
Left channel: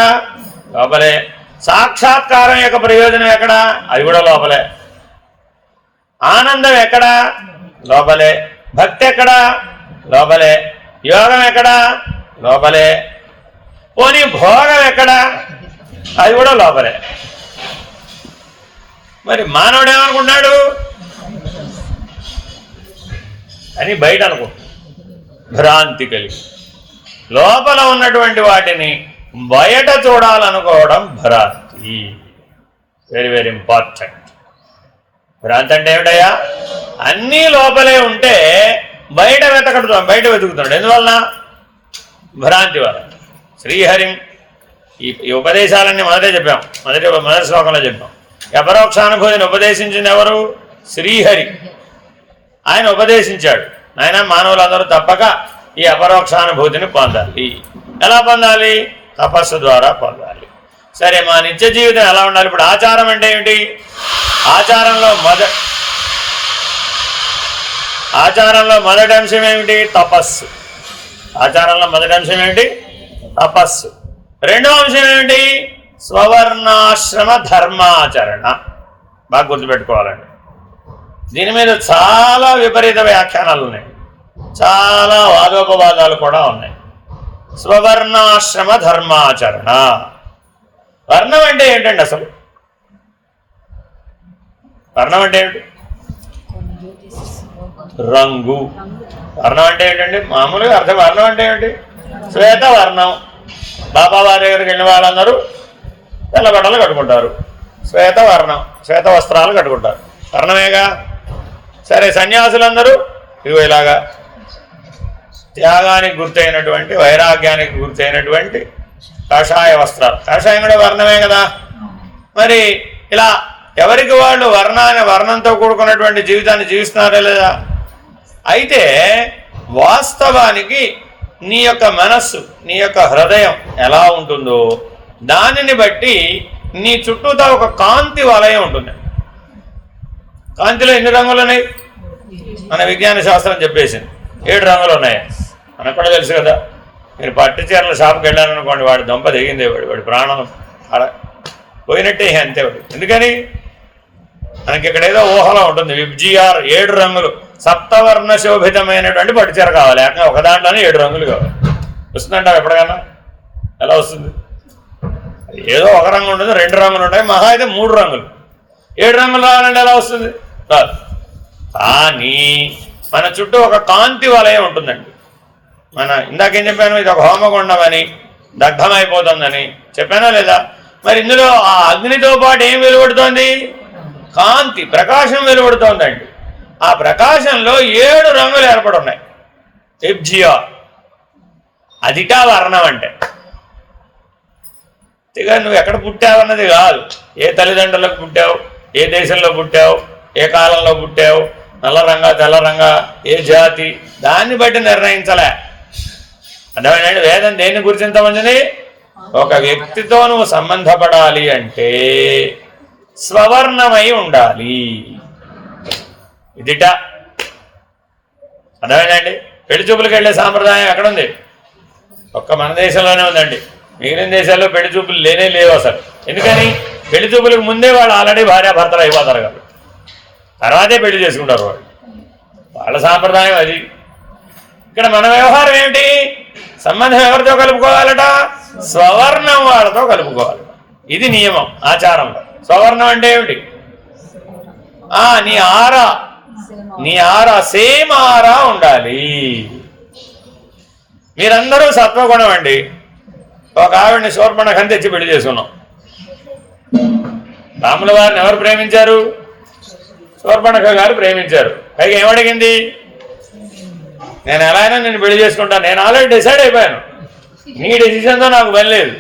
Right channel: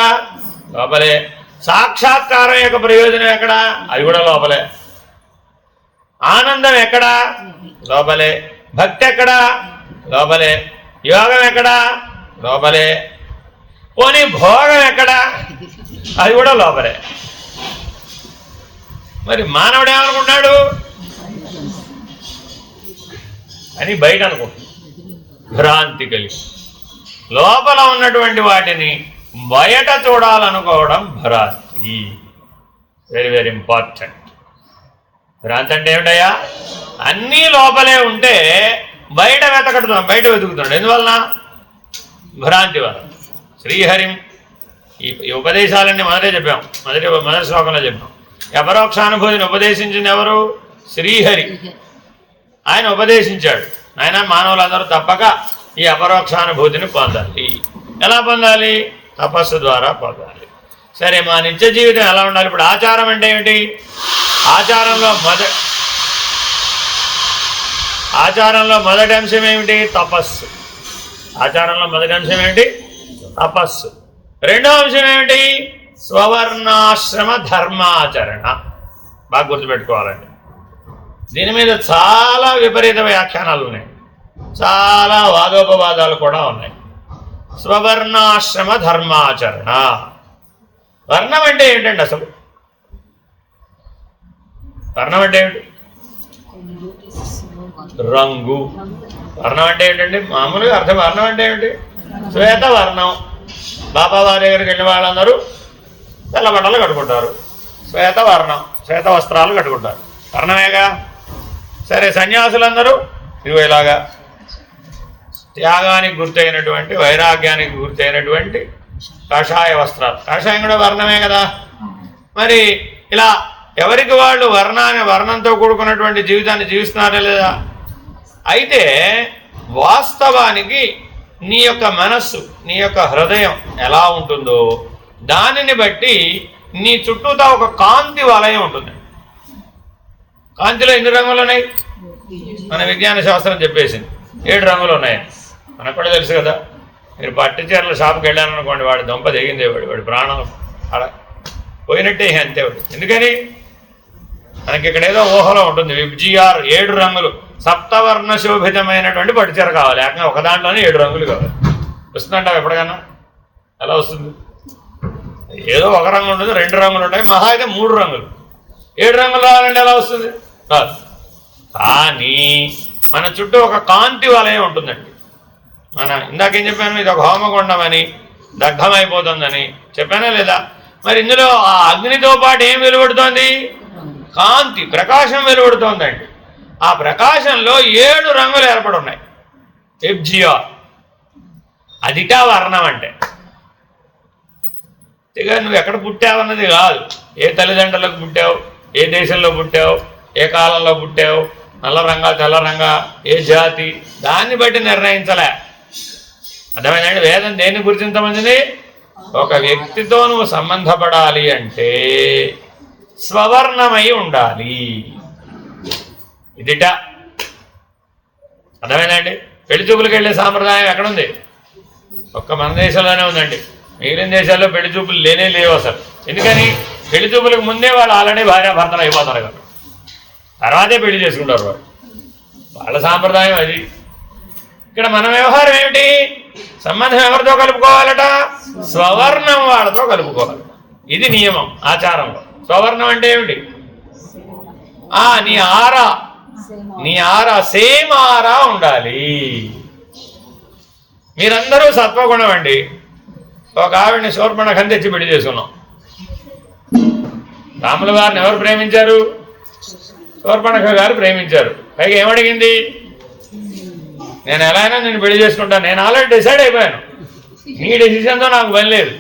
లోపలే. సాక్షాత్కారం యొక్క ప్రయోజనం ఎక్కడ? అది కూడా లోపలే. ఆనందం ఎక్కడ? లోపలే. భక్తి ఎక్కడ? లోపలే. యోగం ఎక్కడ? లోపలే. పోనీ భోగం ఎక్కడ? అది కూడా లోపలే. మరి మానవుడు ఏమనుకుంటున్నాడు అని బయట అనుకుంటున్నాడు. భ్రాంతి కలిగి లోపల ఉన్నటువంటి వాటిని బయట చూడాలనుకోవడం భ్రాంతి. Very very important. భ్రాంతి అంటే ఏమిటయ్యా? అన్నీ లోపలే ఉంటే బయట వెతుకుతున్నాడు. ఎందువల్ల? భ్రాంతి వల్ల. శ్రీహరి ఈ ఉపదేశాలన్నీ మొదటే చెప్పాం, మొదటి శ్లోకంలో చెప్పాం. అపరోక్షానుభూతిని ఉపదేశించింది ఎవరు? శ్రీహరి. ఆయన ఉపదేశించాడు, ఆయన మానవులందరూ తప్పక ఈ అపరోక్షానుభూతిని పొందాలి. ఎలా పొందాలి? తపస్సు ద్వారా పొందాలి. సరే, మా నిత్య జీవితం ఎలా ఉండాలి? ఇప్పుడు ఆచారం అంటే ఏమిటి? ఆచారంలో మొదటి అంశం ఏమిటి? తపస్సు. ఆచారంలో మొదటి అంశం ఏమిటి? తపస్సు. రెండో అంశం ఏమిటి? స్వవర్ణాశ్రమ ధర్మాచరణ. బాగా గుర్తుపెట్టుకోవాలండి. దీని మీద చాలా విపరీత వ్యాఖ్యానాలు ఉన్నాయి, చాలా వాదోపవాదాలు కూడా ఉన్నాయి. స్వవర్ణాశ్రమ ధర్మాచరణ. వర్ణం అంటే ఏంటండి అసలు? వర్ణం అంటే ఏమిటి? రంగు. వర్ణం అంటే ఏమిటండి? మామూలుగా అర్థం. వర్ణం అంటే ఏమిటి? శ్వేత వర్ణం. బాబావారి దగ్గరికి వెళ్ళిన వాళ్ళందరూ తెల్ల బట్టలు కట్టుకుంటారు, శ్వేత వర్ణం, శ్వేత వస్త్రాలు కట్టుకుంటారు, వర్ణమేగా. సరే, సన్యాసులందరూ ఇదిగో ఇలాగా త్యాగానికి గుర్తయినటువంటి, వైరాగ్యానికి గుర్తయినటువంటి కాషాయ వస్త్రాలు. కాషాయం కూడా వర్ణమే కదా. మరి ఇలా ఎవరికి వాళ్ళు వర్ణంతో కూడుకున్నటువంటి జీవితాన్ని జీవిస్తున్నారా లేదా? అయితే వాస్తవానికి నీ యొక్క మనస్సు, నీ యొక్క హృదయం ఎలా ఉంటుందో దానిని బట్టి నీ చుట్టూతా ఒక కాంతి వలయం ఉంటుంది. కాంతిలో ఎన్ని రంగులు ఉన్నాయి? మన విజ్ఞాన శాస్త్రం చెప్పేసింది 7 రంగులు ఉన్నాయి. మనకు కూడా తెలుసు కదా. మీరు పట్టు చీరల షాప్కి వెళ్ళారనుకోండి, వాడు దంప దిగిందే, వాడి ప్రాణం అలా పోయినట్టే అంతే. ఎందుకని? మనకి ఇక్కడ ఏదో ఊహలో ఉంటుంది. విబ్జిఆర్ 7 రంగులు, సప్తవర్ణ శోభితమైనటువంటి పట్టు చీర కావాలి. లేకపోతే ఒక దాంట్లోనే 7 రంగులు కావాలి. వస్తుందంటావు ఎప్పటికైనా? ఎలా వస్తుంది? ఏదో ఒక రంగు ఉంటుంది, 2 రంగులు ఉంటాయి, మహా అయితే 3 రంగులు. 7 రంగులు రావాలంటే ఎలా వస్తుంది? కాదు. కానీ మన చుట్టూ ఒక కాంతి వలయం ఉంటుందండి. ఇందాకేం చెప్పాను? ఇది ఒక హోమగుండం అని, దగ్ధమైపోతుందని చెప్పానా లేదా? మరి ఇందులో ఆ అగ్నితో పాటు ఏం వెలువడుతోంది? కాంతి, ప్రకాశం వెలువడుతోందండి. ఆ ప్రకాశంలో 7 రంగులు ఏర్పడి ఉన్నాయి. ఎబ్జియా, అదిటా వర్ణం అంటే. ఇక నువ్వు ఎక్కడ పుట్టావన్నది కాదు, ఏ తల్లిదండ్రులకు పుట్టావు, ఏ దేశంలో పుట్టావు, ఏ కాలంలో పుట్టావు, నల్ల రంగా తెల్ల రంగా, ఏ జాతి, దాన్ని బట్టి నిర్ణయించలే. అర్థమైందండి? వేదం దేన్ని గుర్తించమంది? ఒక వ్యక్తితో నువ్వు సంబంధపడాలి అంటే స్వవర్ణమై ఉండాలి. ఇదిట. అర్థమైందండి? పెళ్లి చూపులకు వెళ్ళే సాంప్రదాయం ఎక్కడుంది? ఒక్క మన దేశంలోనే ఉందండి. మిగిలిన దేశాల్లో పెళ్లి చూపులు లేవు అసలు. ఎందుకని? పెళ్లి చూపులకు ముందే వాళ్ళు ఆల్రెడీ భార్యాభర్తలు అయిపోతారు కదా. తర్వాతే పెళ్లి చేసుకుంటారు వాళ్ళు, వాళ్ళ సాంప్రదాయం అది. ఇక్కడ మన వ్యవహారం ఏమిటి? సంబంధం ఎవరితో కలుపుకోవాలట? స్వవర్ణం వాళ్ళతో కలుపుకోవాలి. ఇది నియమం ఆచారంలో. స్వవర్ణం అంటే ఏమిటి? నీ ఆరా సేమ్ ఆరా ఉండాలి. మీరందరూ సత్వగుణం అండి. ఒక ఆవిడని శూర్పణఖని తెచ్చి పెళ్లి చేసుకున్నాం. రాముల వారిని ఎవరు ప్రేమించారు? శూర్పణఖ గారు ప్రేమించారు. పైగా ఏమడిగింది? నేను ఎలా అయినా నేను పెళ్లి చేసుకుంటాను, నేను ఆల్రెడీ డిసైడ్ అయిపోయాను, నీ డెసిషన్తో నాకు పని లేదు,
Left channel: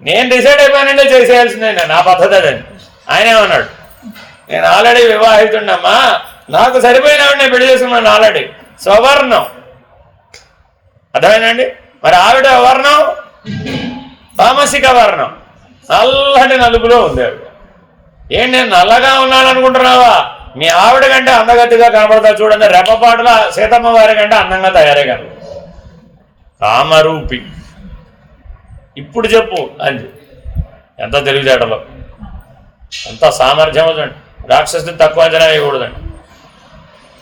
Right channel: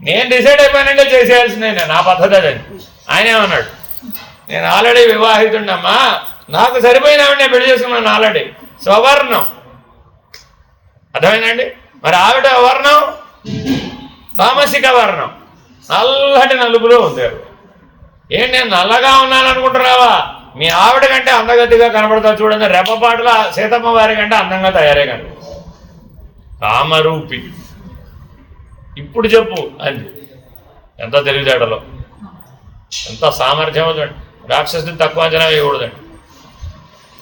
నేను డిసైడ్ అయిపోయానంటే చేసేయాల్సిందే, నా పద్ధతి అదని. ఆయన ఏమన్నాడు? నేను ఆల్రెడీ వివాహితుండమ్మా, నాకు సరిపోయిన నేను పెళ్లి చేసుకున్నాను ఆల్రెడీ. స్వవర్ణం. అర్థమైందండి? మరి ఆవిడ వర్ణం తామసిక వర్ణం, నల్లటి నలుపులో ఉంది. ఏంటి నేను నల్లగా ఉన్నాను అనుకుంటున్నావా? మీ ఆవిడ కంటే అందగతిగా కనబడతా చూడండి. రెప్పపాటుల సీతమ్మ వారి కంటే అందంగా తయారే కనుక కామరూపి. ఇప్పుడు చెప్పు అది ఎంత తెలివితేటలో, ఎంత సామర్థ్యం అవుతుంది. రాక్షసుని తక్కువ అంచనా వేయకూడదండి.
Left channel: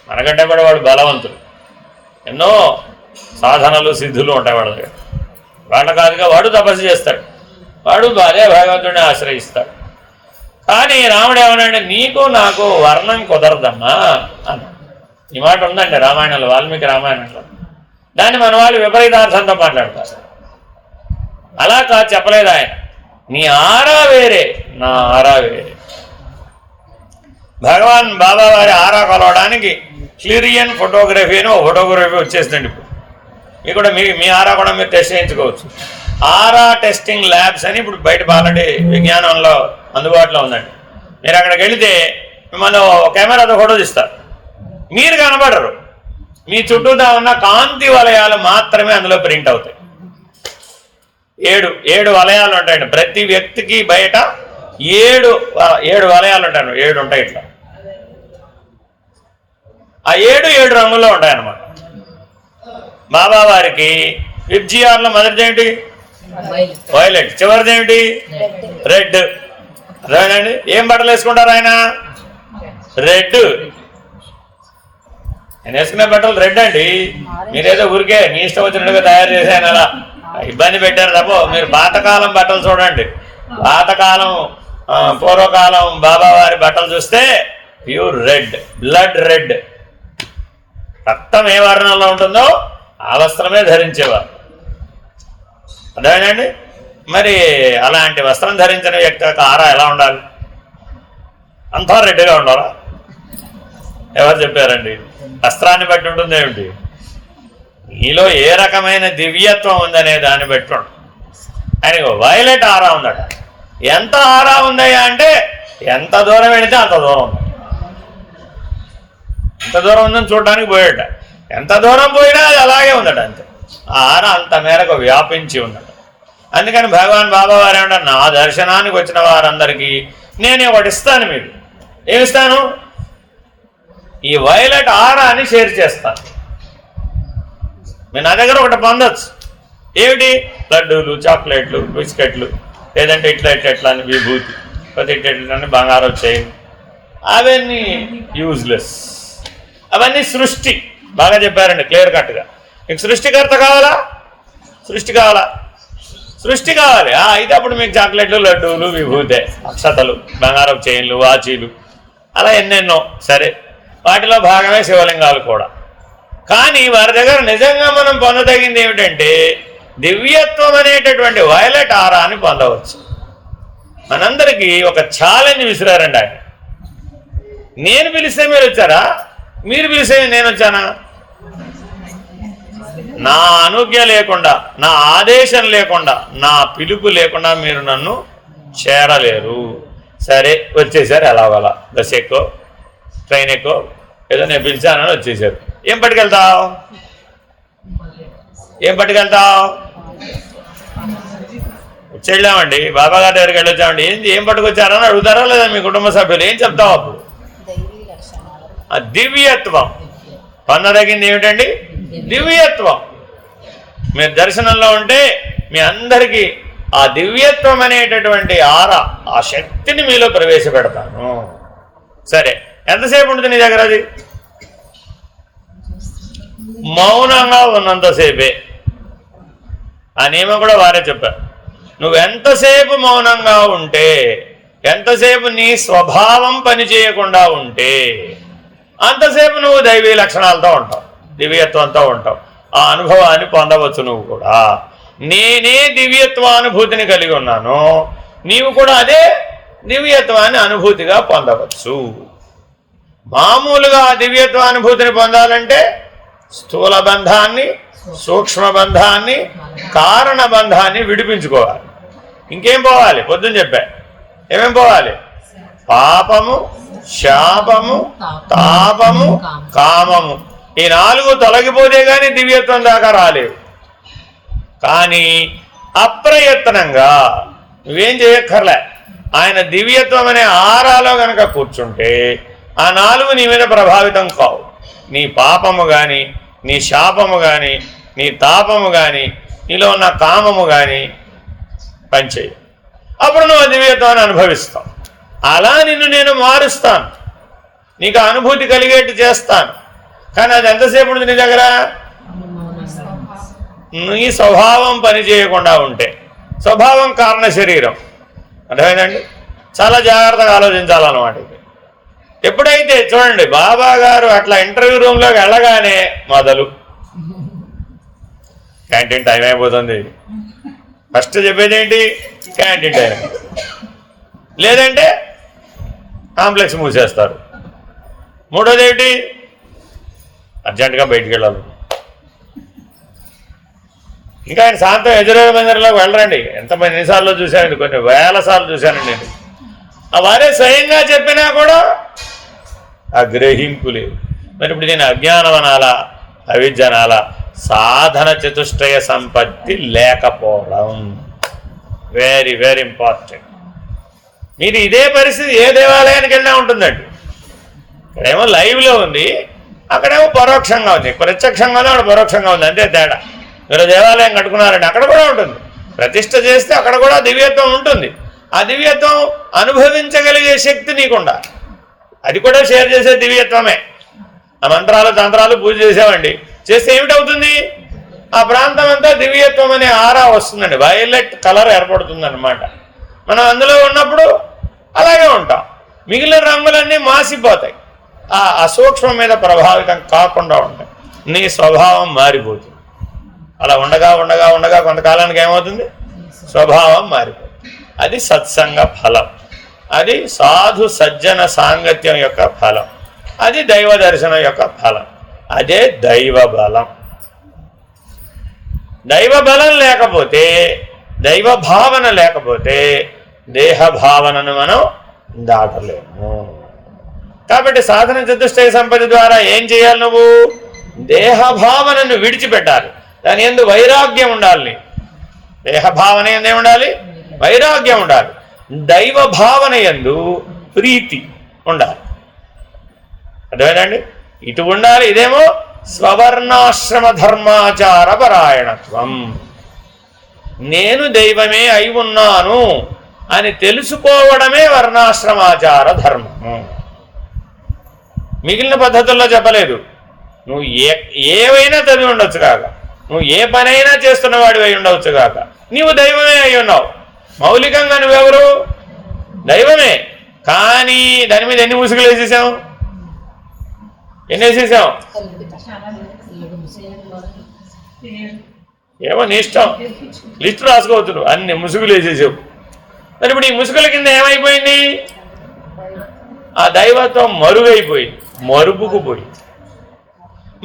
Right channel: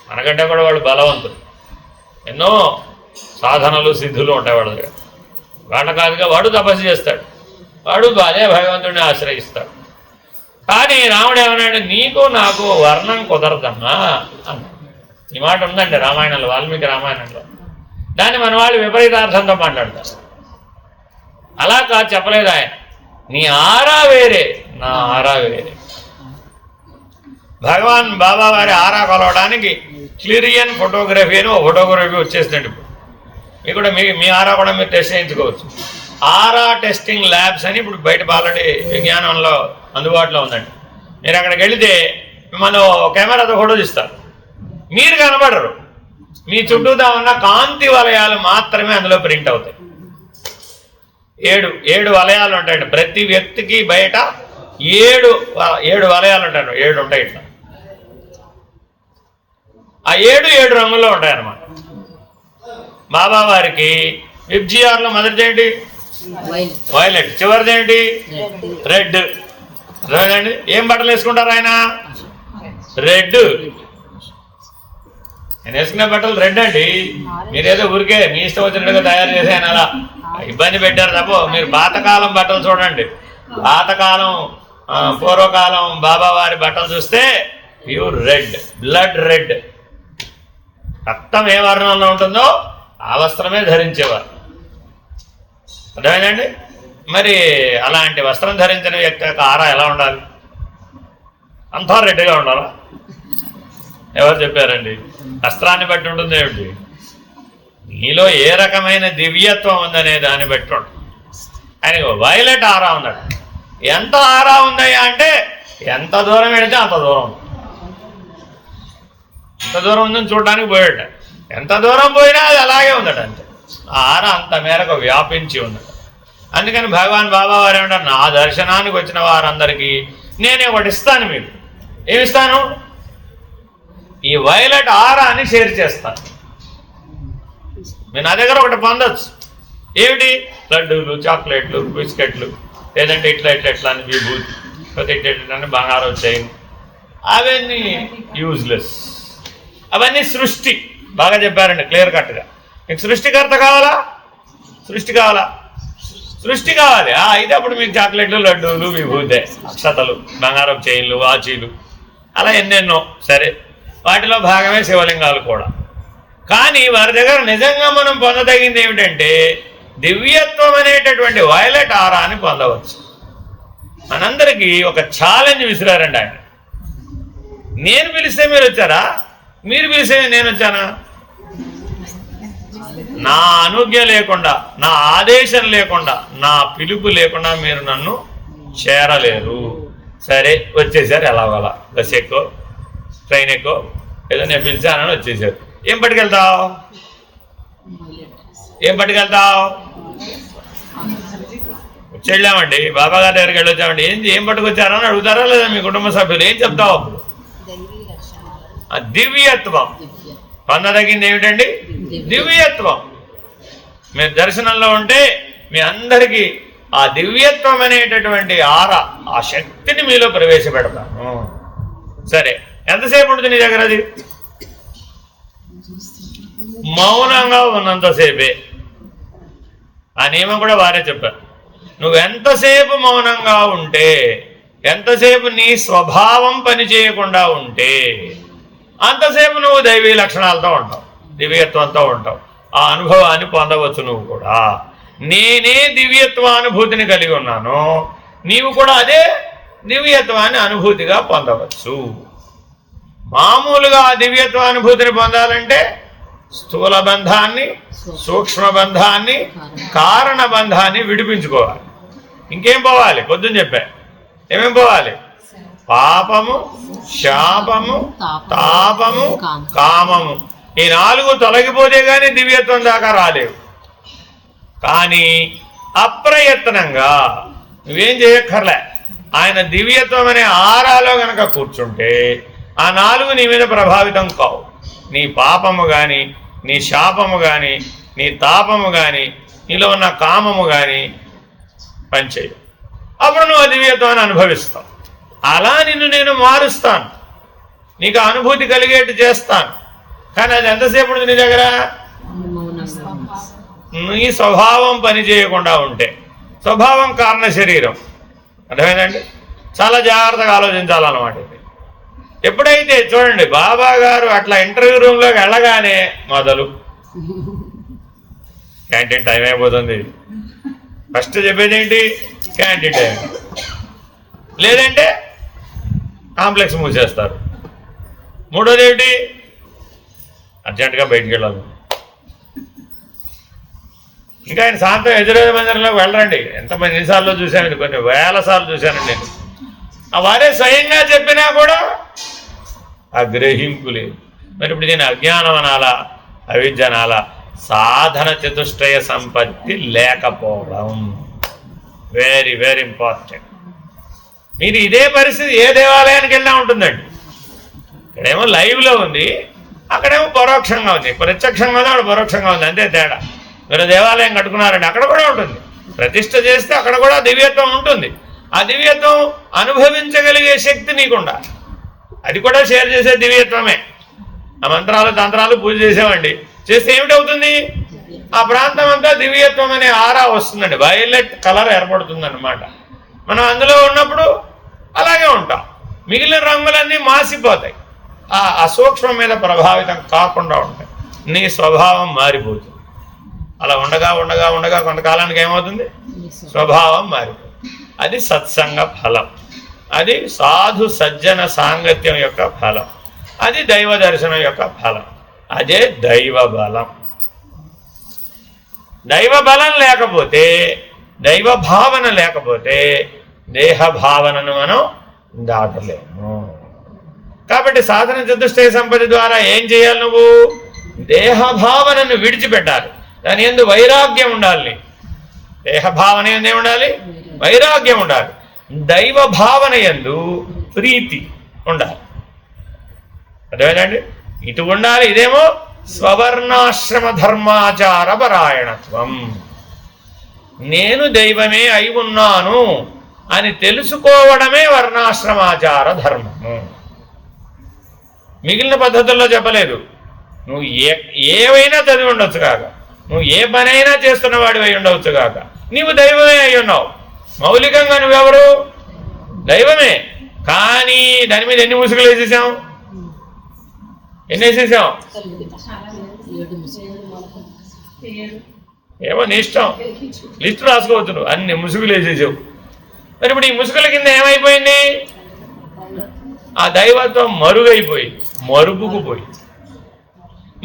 మనకంటే కూడా వాడు బలవంతుడు, ఎన్నో సాధనలు సిద్ధులు ఉంటాయి వాడు దగ్గర. వాళ్ళ కాదుగా వాడు తపస్సు చేస్తాడు, వాడు అదే భగవంతుడిని ఆశ్రయిస్తాడు. కానీ రాముడు ఏమన్నాడు? నీకు నాకు వర్ణం కుదరదమ్మా అన్న. ఈ మాట ఉందండి రామాయణంలో, వాల్మీకి రామాయణంలో. దాన్ని మన వాళ్ళు విపరీతార్థంతో మాట్లాడతారు. అలా కాదు, చెప్పలేదు ఆయన. నీ ఆరా వేరే, నా ఆరా వేరే. భగవాన్ బాబా వారి ఆరా కొలవడానికి క్లిరియన్ ఫోటోగ్రఫీ అని ఒక ఫోటోగ్రఫీ వచ్చేసిందండి. ఇప్పుడు మీకు కూడా మీ ఆరా కూడా మీరు టెస్ట్ చేయించుకోవచ్చు. ఆరా టెస్టింగ్ ల్యాబ్స్ అని ఇప్పుడు బయట ఆల్రెడీ విజ్ఞానంలో అందుబాటులో ఉందండి. మీరు అక్కడికి వెళితే మిమ్మల్ని కెమెరాతో ఫోటో తీస్తారు, మీరు కనబడరు, మీ చుట్టూతా ఉన్న కాంతి వలయాలు మాత్రమే అందులో ప్రింట్ అవుతాయి. 7 వలయాలు ఉంటాయండి ప్రతి వ్యక్తికి. బయట 7 వలయాలు ఉంటాయి, 7 ఉంటాయి ఇట్లా. ఆ 7 రంగుల్లో ఉంటాయన్నమాట. బాబా వారికి విబ్జిఆర్లో మొదటిది ఏంటి? వైలెట్. చివరిది ఏంటి? రెడ్. అదేనండి. ఏం బట్టలు వేసుకుంటారు ఆయన? రెడ్. నేను వేసుకునే బట్టలు రెడ్ అండి. మీరేదో ఊరికే మీ ఇష్టం వచ్చినట్టుగా తయారు చేశాను అలా ఇబ్బంది పెట్టారు తప్ప మీరు పాతకాలం బట్టలు చూడండి. పాతకాలం పూర్వకాలం బాబా వారి బట్టలు చూస్తే ప్యూర్ రెడ్, బ్లడ్ రెడ్. రక్తం ఏ వర్ణంలో ఉంటుందో ఆ వస్త్రమే ధరించేవారు. అర్థమైందండి? మరి అలాంటి వస్త్రం ధరించిన వ్యక్తి యొక్క ఆరా ఎలా ఉండాలి? అంతా రెడ్డిగా ఉండాలా? ఎవరు చెప్పారండి? వస్త్రాన్ని బట్టి ఉంటుంది ఏమిటి? నీలో ఏ రకమైన దివ్యత్వం ఉందనే దాన్ని బట్టి ఉంటుంది. ఆయనకు వైలెట్ ఆరా ఉందట. ఎంత ఆరా ఉందయ్యా అంటే ఎంత దూరం వెళితే అంత దూరం ఉంది. ఎంత దూరం ఉందని చూడడానికి పోయాట. ఎంత దూరం పోయినా అది అలాగే ఉందట. అంతే. ఆ ఆరా అంత మేరకు వ్యాపించి ఉందట. అందుకని భగవాన్ బాబా వారు ఏమంటారు? నా దర్శనానికి వచ్చిన వారందరికీ నేను ఒకటి ఇస్తాను. మీకు ఏమిస్తాను? ఈ వైలెట్ ఆరాని షేర్ చేస్తాను. నేను నా దగ్గర ఒకటి పొందొచ్చు. ఏమిటి? లడ్డూలు, చాక్లెట్లు, బిస్కెట్లు, లేదంటే ఇట్లా అని విభూతి, కొద్ది ఇట్లా అని బంగారం చేయను. అవన్నీ యూజ్లెస్. అవన్నీ సృష్టి. బాగా చెప్పారండి క్లియర్ కట్గా. మీకు సృష్టికర్త కావాలా? సృష్టి కావాలి. అయితే అప్పుడు మీకు చాక్లెట్లు, లడ్డూలు, విభూతే, అక్షతలు, బంగారం చైన్లు, వాచీలు, అలా ఎన్నెన్నో. సరే, వాటిలో భాగమే శివలింగాలు కూడా. కానీ వారి దగ్గర నిజంగా మనం పొందదగింది ఏమిటంటే దివ్యత్వం అనేటటువంటి వైలెట్ ఆరాని పొందవచ్చు. మనందరికీ ఒక ఛాలెంజ్ విసిరారండి ఆయన. నేను పిలిస్తే మీరు వచ్చారా? మీరు పిలిస్తే నేను వచ్చానా? నా అనుజ్ఞ లేకుండా, నా ఆదేశం లేకుండా, నా పిలుపు లేకుండా మీరు నన్ను చేరలేరు. సరే, వచ్చేసారు. ఎలాగోలా బస్ ఎక్కువ, ట్రైన్ ఎక్కువ, ఏదో నేను పిలిచానని వచ్చేసారు. ఏం పట్టుకెళ్తావు? వచ్చేళ్ళామండి, బాబా గారి దగ్గరికి వెళ్ళొచ్చామండి. ఏం పట్టుకొచ్చారని అడుగుతారా లేదా మీ కుటుంబ సభ్యులు? ఏం చెప్తావు అప్పుడు? ఆ దివ్యత్వం పొందదగింది ఏమిటండి? దివ్యత్వం. మీరు దర్శనంలో ఉంటే మీ అందరికీ ఆ దివ్యత్వం అనేటటువంటి ఆరా, ఆ శక్తిని మీలో ప్రవేశపెడతాను. సరే, ఎంతసేపు ఉంటుంది నీ దగ్గర అది? మౌనంగా ఉన్నంతసేపే. ఆ నియమం కూడా వారే చెప్పారు. నువ్వు ఎంతసేపు మౌనంగా ఉంటే, ఎంతసేపు నీ స్వభావం పనిచేయకుండా ఉంటే అంతసేపు నువ్వు దైవీ లక్షణాలతో ఉంటావు, దివ్యత్వంతో ఉంటావు. ఆ అనుభవాన్ని పొందవచ్చు నువ్వు కూడా. నేనే దివ్యత్వానుభూతిని కలిగి ఉన్నాను, నీవు కూడా అదే దివ్యత్వాన్ని అనుభూతిగా పొందవచ్చు. మామూలుగా దివ్యత్వానుభూతిని పొందాలంటే స్థూల బంధాన్ని, సూక్ష్మ బంధాన్ని, కారణ బంధాన్ని విడిపించుకోవాలి. ఇంకేం పోవాలి? పొద్దున్న చెప్పా, ఏమేం పోవాలి? పాపము, శాపము, తాపము, కామము. ఈ 4 తొలగిపోతే కానీ దివ్యత్వం దాకా రాలేవు. కానీ అప్రయత్నంగా నువ్వేం చేయక్కర్లే. ఆయన దివ్యత్వం అనే ఆరాలో గనక కూర్చుంటే ఆ 4 నీ మీద ప్రభావితం కావు. నీ పాపము కానీ, నీ శాపము కానీ, నీ తాపము కానీ, నీలో ఉన్న కామము కానీ పనిచేయు. అప్పుడు నువ్వు దివ్యత్వాన్ని అనుభవిస్తావు. అలా నిన్ను నేను మారుస్తాను, నీకు అనుభూతి కలిగేట్టు చేస్తాను. కానీ అది ఎంతసేపు ఉంటుంది నీ దగ్గర? నీ స్వభావం పని చేయకుండా ఉంటే. స్వభావం కారణ శరీరం. అర్థమైందండి? చాలా జాగ్రత్తగా ఆలోచించాలన్నమాట ఇది. ఎప్పుడైతే చూడండి, బాబా గారు అట్లా ఇంటర్వ్యూ రూమ్లోకి వెళ్ళగానే మొదలు క్యాంటీన్ టైం అయిపోతుంది. ఫస్ట్ చెప్పేది ఏంటి? Canteen time. లేదంటే కాంప్లెక్స్ మూసేస్తారు. మూడోది ఏంటి? అర్జెంటుగా బయటికి వెళ్ళాలి. ఇంకా ఆయన శాంతం ఎదురేది మందిరంలోకి వెళ్ళరండి. ఎంతమంది ఎన్నిసార్లు చూశానండి, కొన్ని వేల సార్లు చూశానండి నేను. వారే స్వయంగా చెప్పినా కూడా ఆ గ్రహింపు లేదు. మరి ఇప్పుడు నేను అజ్ఞానం అనాలా, అవిద్య అనాలా? సాధన చతుష్టయ సంపత్తి లేకపోవడం వెరీ వెరీ ఇంపార్టెంట్. మీరు ఇదే పరిస్థితి ఏ దేవాలయానికి వెళ్ళినా ఉంటుందండి. ఇక్కడేమో లైవ్లో ఉంది, అక్కడేమో పరోక్షంగా ఉంది. ప్రత్యక్షంగానే అక్కడ పరోక్షంగా ఉంది, అంతే తేడా. మీరు దేవాలయం కట్టుకున్నారండి, అక్కడ కూడా ఉంటుంది. ప్రతిష్ఠ చేస్తే అక్కడ కూడా దివ్యత్వం ఉంటుంది. ఆ దివ్యత్వం అనుభవించగలిగే శక్తి నీకుండా, అది కూడా షేర్ చేసే దివ్యత్వమే. ఆ మంత్రాలు తంత్రాలు పూజ చేసామండి, చేస్తే ఏమిటవుతుంది? ఆ ప్రాంతం అంతా దివ్యత్వం అనే ఆరా వస్తుందండి, వైలెట్ కలర్ ఏర్పడుతుంది అన్నమాట. మనం అందులో ఉన్నప్పుడు అలాగే ఉంటాం. మిగిలిన రంగులన్నీ మాసిపోతాయి, ఆ అసూక్ష్మం మీద ప్రభావితం కాకుండా ఉంటాయి. నీ స్వభావం మారిపోతుంది. అలా ఉండగా ఉండగా ఉండగా కొంతకాలానికి ఏమవుతుంది? స్వభావం మారిపోతుంది. అది సత్సంగ ఫలం, అది సాధు సజ్జన సాంగత్యం యొక్క ఫలం, అది దైవ దర్శనం యొక్క ఫలం, అదే దైవ బలం. దైవ బలం లేకపోతే, దైవ భావన లేకపోతే దేహ భావనను మనం దాటలేము. కాబట్టి సాధన చతుష్టయ సంపత్తి ద్వారా ఏం చేయాలి? నువ్వు దేహ భావనను విడిచిపెట్టాలి. దాని యందు వైరాగ్యం ఉండాలి. దేహ భావన ఎందు ఉండాలి, వైరాగ్యం ఉండాలి. దైవ భావన యందు ప్రీతి ఉండాలి. అదేనండి, ఇటు ఉండాలి. ఇదేమో స్వవర్ణాశ్రమ ధర్మాచార పరాయణత్వం. నేను దైవమే అయి ఉన్నాను అని తెలుసుకోవడమే వర్ణాశ్రమాచార ధర్మము. మిగిలిన పద్ధతుల్లో చెప్పలేదు. నువ్వు ఏవైనా చదివి ఉండొచ్చు కాక, నువ్వు ఏ పనైనా చేస్తున్నవాడివి అయి ఉండవచ్చు కాక, నీవు దైవమే అయి ఉన్నావు. మౌలికంగా నువ్వెవరు? దైవమే. కానీ దాని మీద ఎన్ని ముసుగులు వేసేసాం? ఎన్ని వేసేసాం? ఏమో నీ ఇష్టం, లిస్టు రాసుకోవచ్చు. నువ్వు అన్ని ముసుగులు వేసేసావు. మరి ఇప్పుడు ఈ ముసుగుల కింద ఏమైపోయింది? ఆ దైవత్వం మరుగైపోయింది, మరుగుకుపోయింది.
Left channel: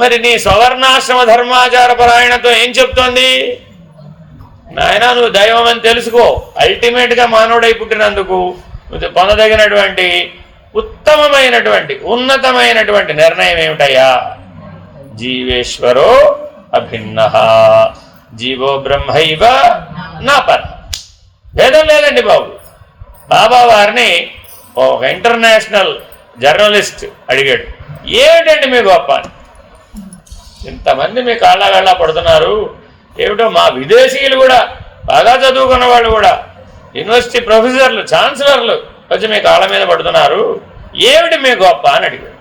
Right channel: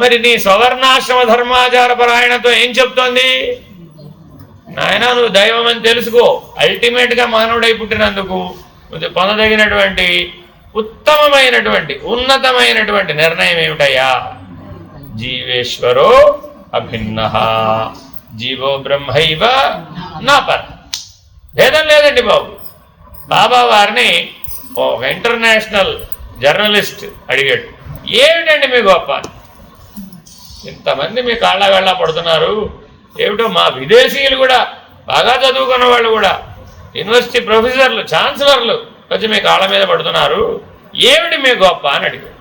మరి నీ స్వవర్ణాశ్రమ ధర్మాచార పరాయణతో ఏం చెప్తోంది? నాయన, నువ్వు దైవం అని తెలుసుకో. అల్టిమేట్గా మానవుడై పుట్టినందుకు నువ్వు పొందదగినటువంటి ఉత్తమమైనటువంటి ఉన్నతమైనటువంటి నిర్ణయం ఏమిటయ్యా? జీవేశ్వరో అభిన్న, జీవో బ్రహ్మైవ నా పర. భేదం లేదండి బాబు. బాబా వారిని ఒక ఇంటర్నేషనల్ జర్నలిస్ట్ అడిగాడు, ఏమిటండి మీ గొప్ప? ఇంతమంది మీ కాళ్ళ పడుతున్నారు, ఏమిటో మా విదేశీయులు కూడా, బాగా చదువుకున్న వాళ్ళు కూడా, యూనివర్సిటీ ప్రొఫెసర్లు, ఛాన్సలర్లు వచ్చి మీ కాళ్ళ మీద పడుతున్నారు, ఏమిటి మీ గొప్ప అని అడిగాడు.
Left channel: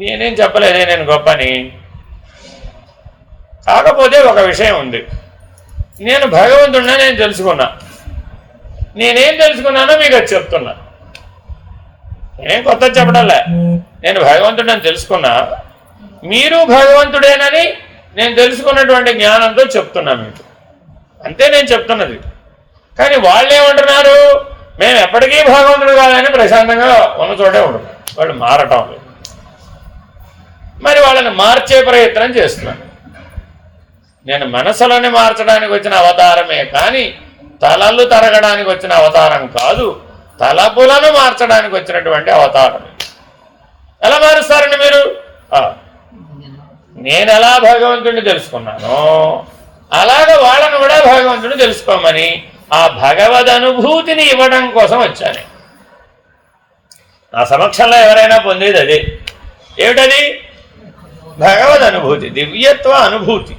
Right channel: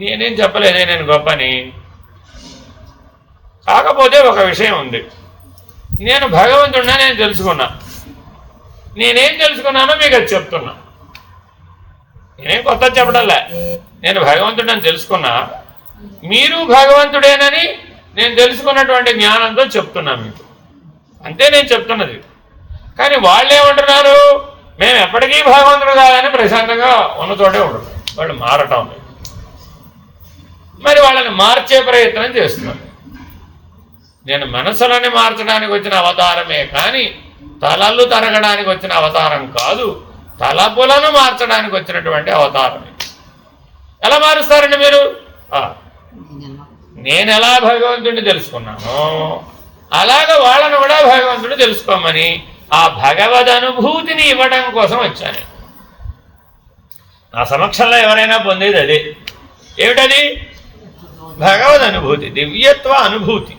నేనేం చెప్పలేదే నేను గొప్పని, కాకపోతే ఒక విషయం ఉంది, నేను భగవంతుడిని నేను తెలుసుకున్నా, నేనేం తెలుసుకున్నానో మీకు అది చెప్తున్నా. నేనేం కొత్త చెప్పడంలే, నేను భగవంతుడని తెలుసుకున్నా, మీరు భగవంతుడేనని నేను తెలుసుకున్నటువంటి జ్ఞానంతో చెప్తున్నా మీకు, అంతే నేను చెప్తున్నది. కానీ వాళ్ళు ఏమంటున్నారు, మేము ఎప్పటికీ భగవంతుడు కాదని ప్రశాంతంగా ఉన్న చోటే ఉంటున్నారు, వాళ్ళు మారటం లేదు. మరి వాళ్ళని మార్చే ప్రయత్నం చేస్తున్నాను. నేను మనసులని మార్చడానికి వచ్చిన అవతారమే కానీ తలలు తరగడానికి వచ్చిన అవతారం కాదు, తలపులను మార్చడానికి వచ్చినటువంటి అవతారం. ఎలా మారుస్తారండి మీరు? నేను ఎలా భగవంతుడిని తెలుసుకున్నానో అలాగ వాళ్ళని కూడా భగవంతుడు తెలుసుకోమని ఆ భగవద్ అనుభూతిని ఇవ్వడం కోసం వచ్చాను. నా సమక్షంలో ఎవరైనా పొందేది అదే. ఏమిటది? భగవద్ అనుభూతి, దివ్యత్వ అనుభూతి.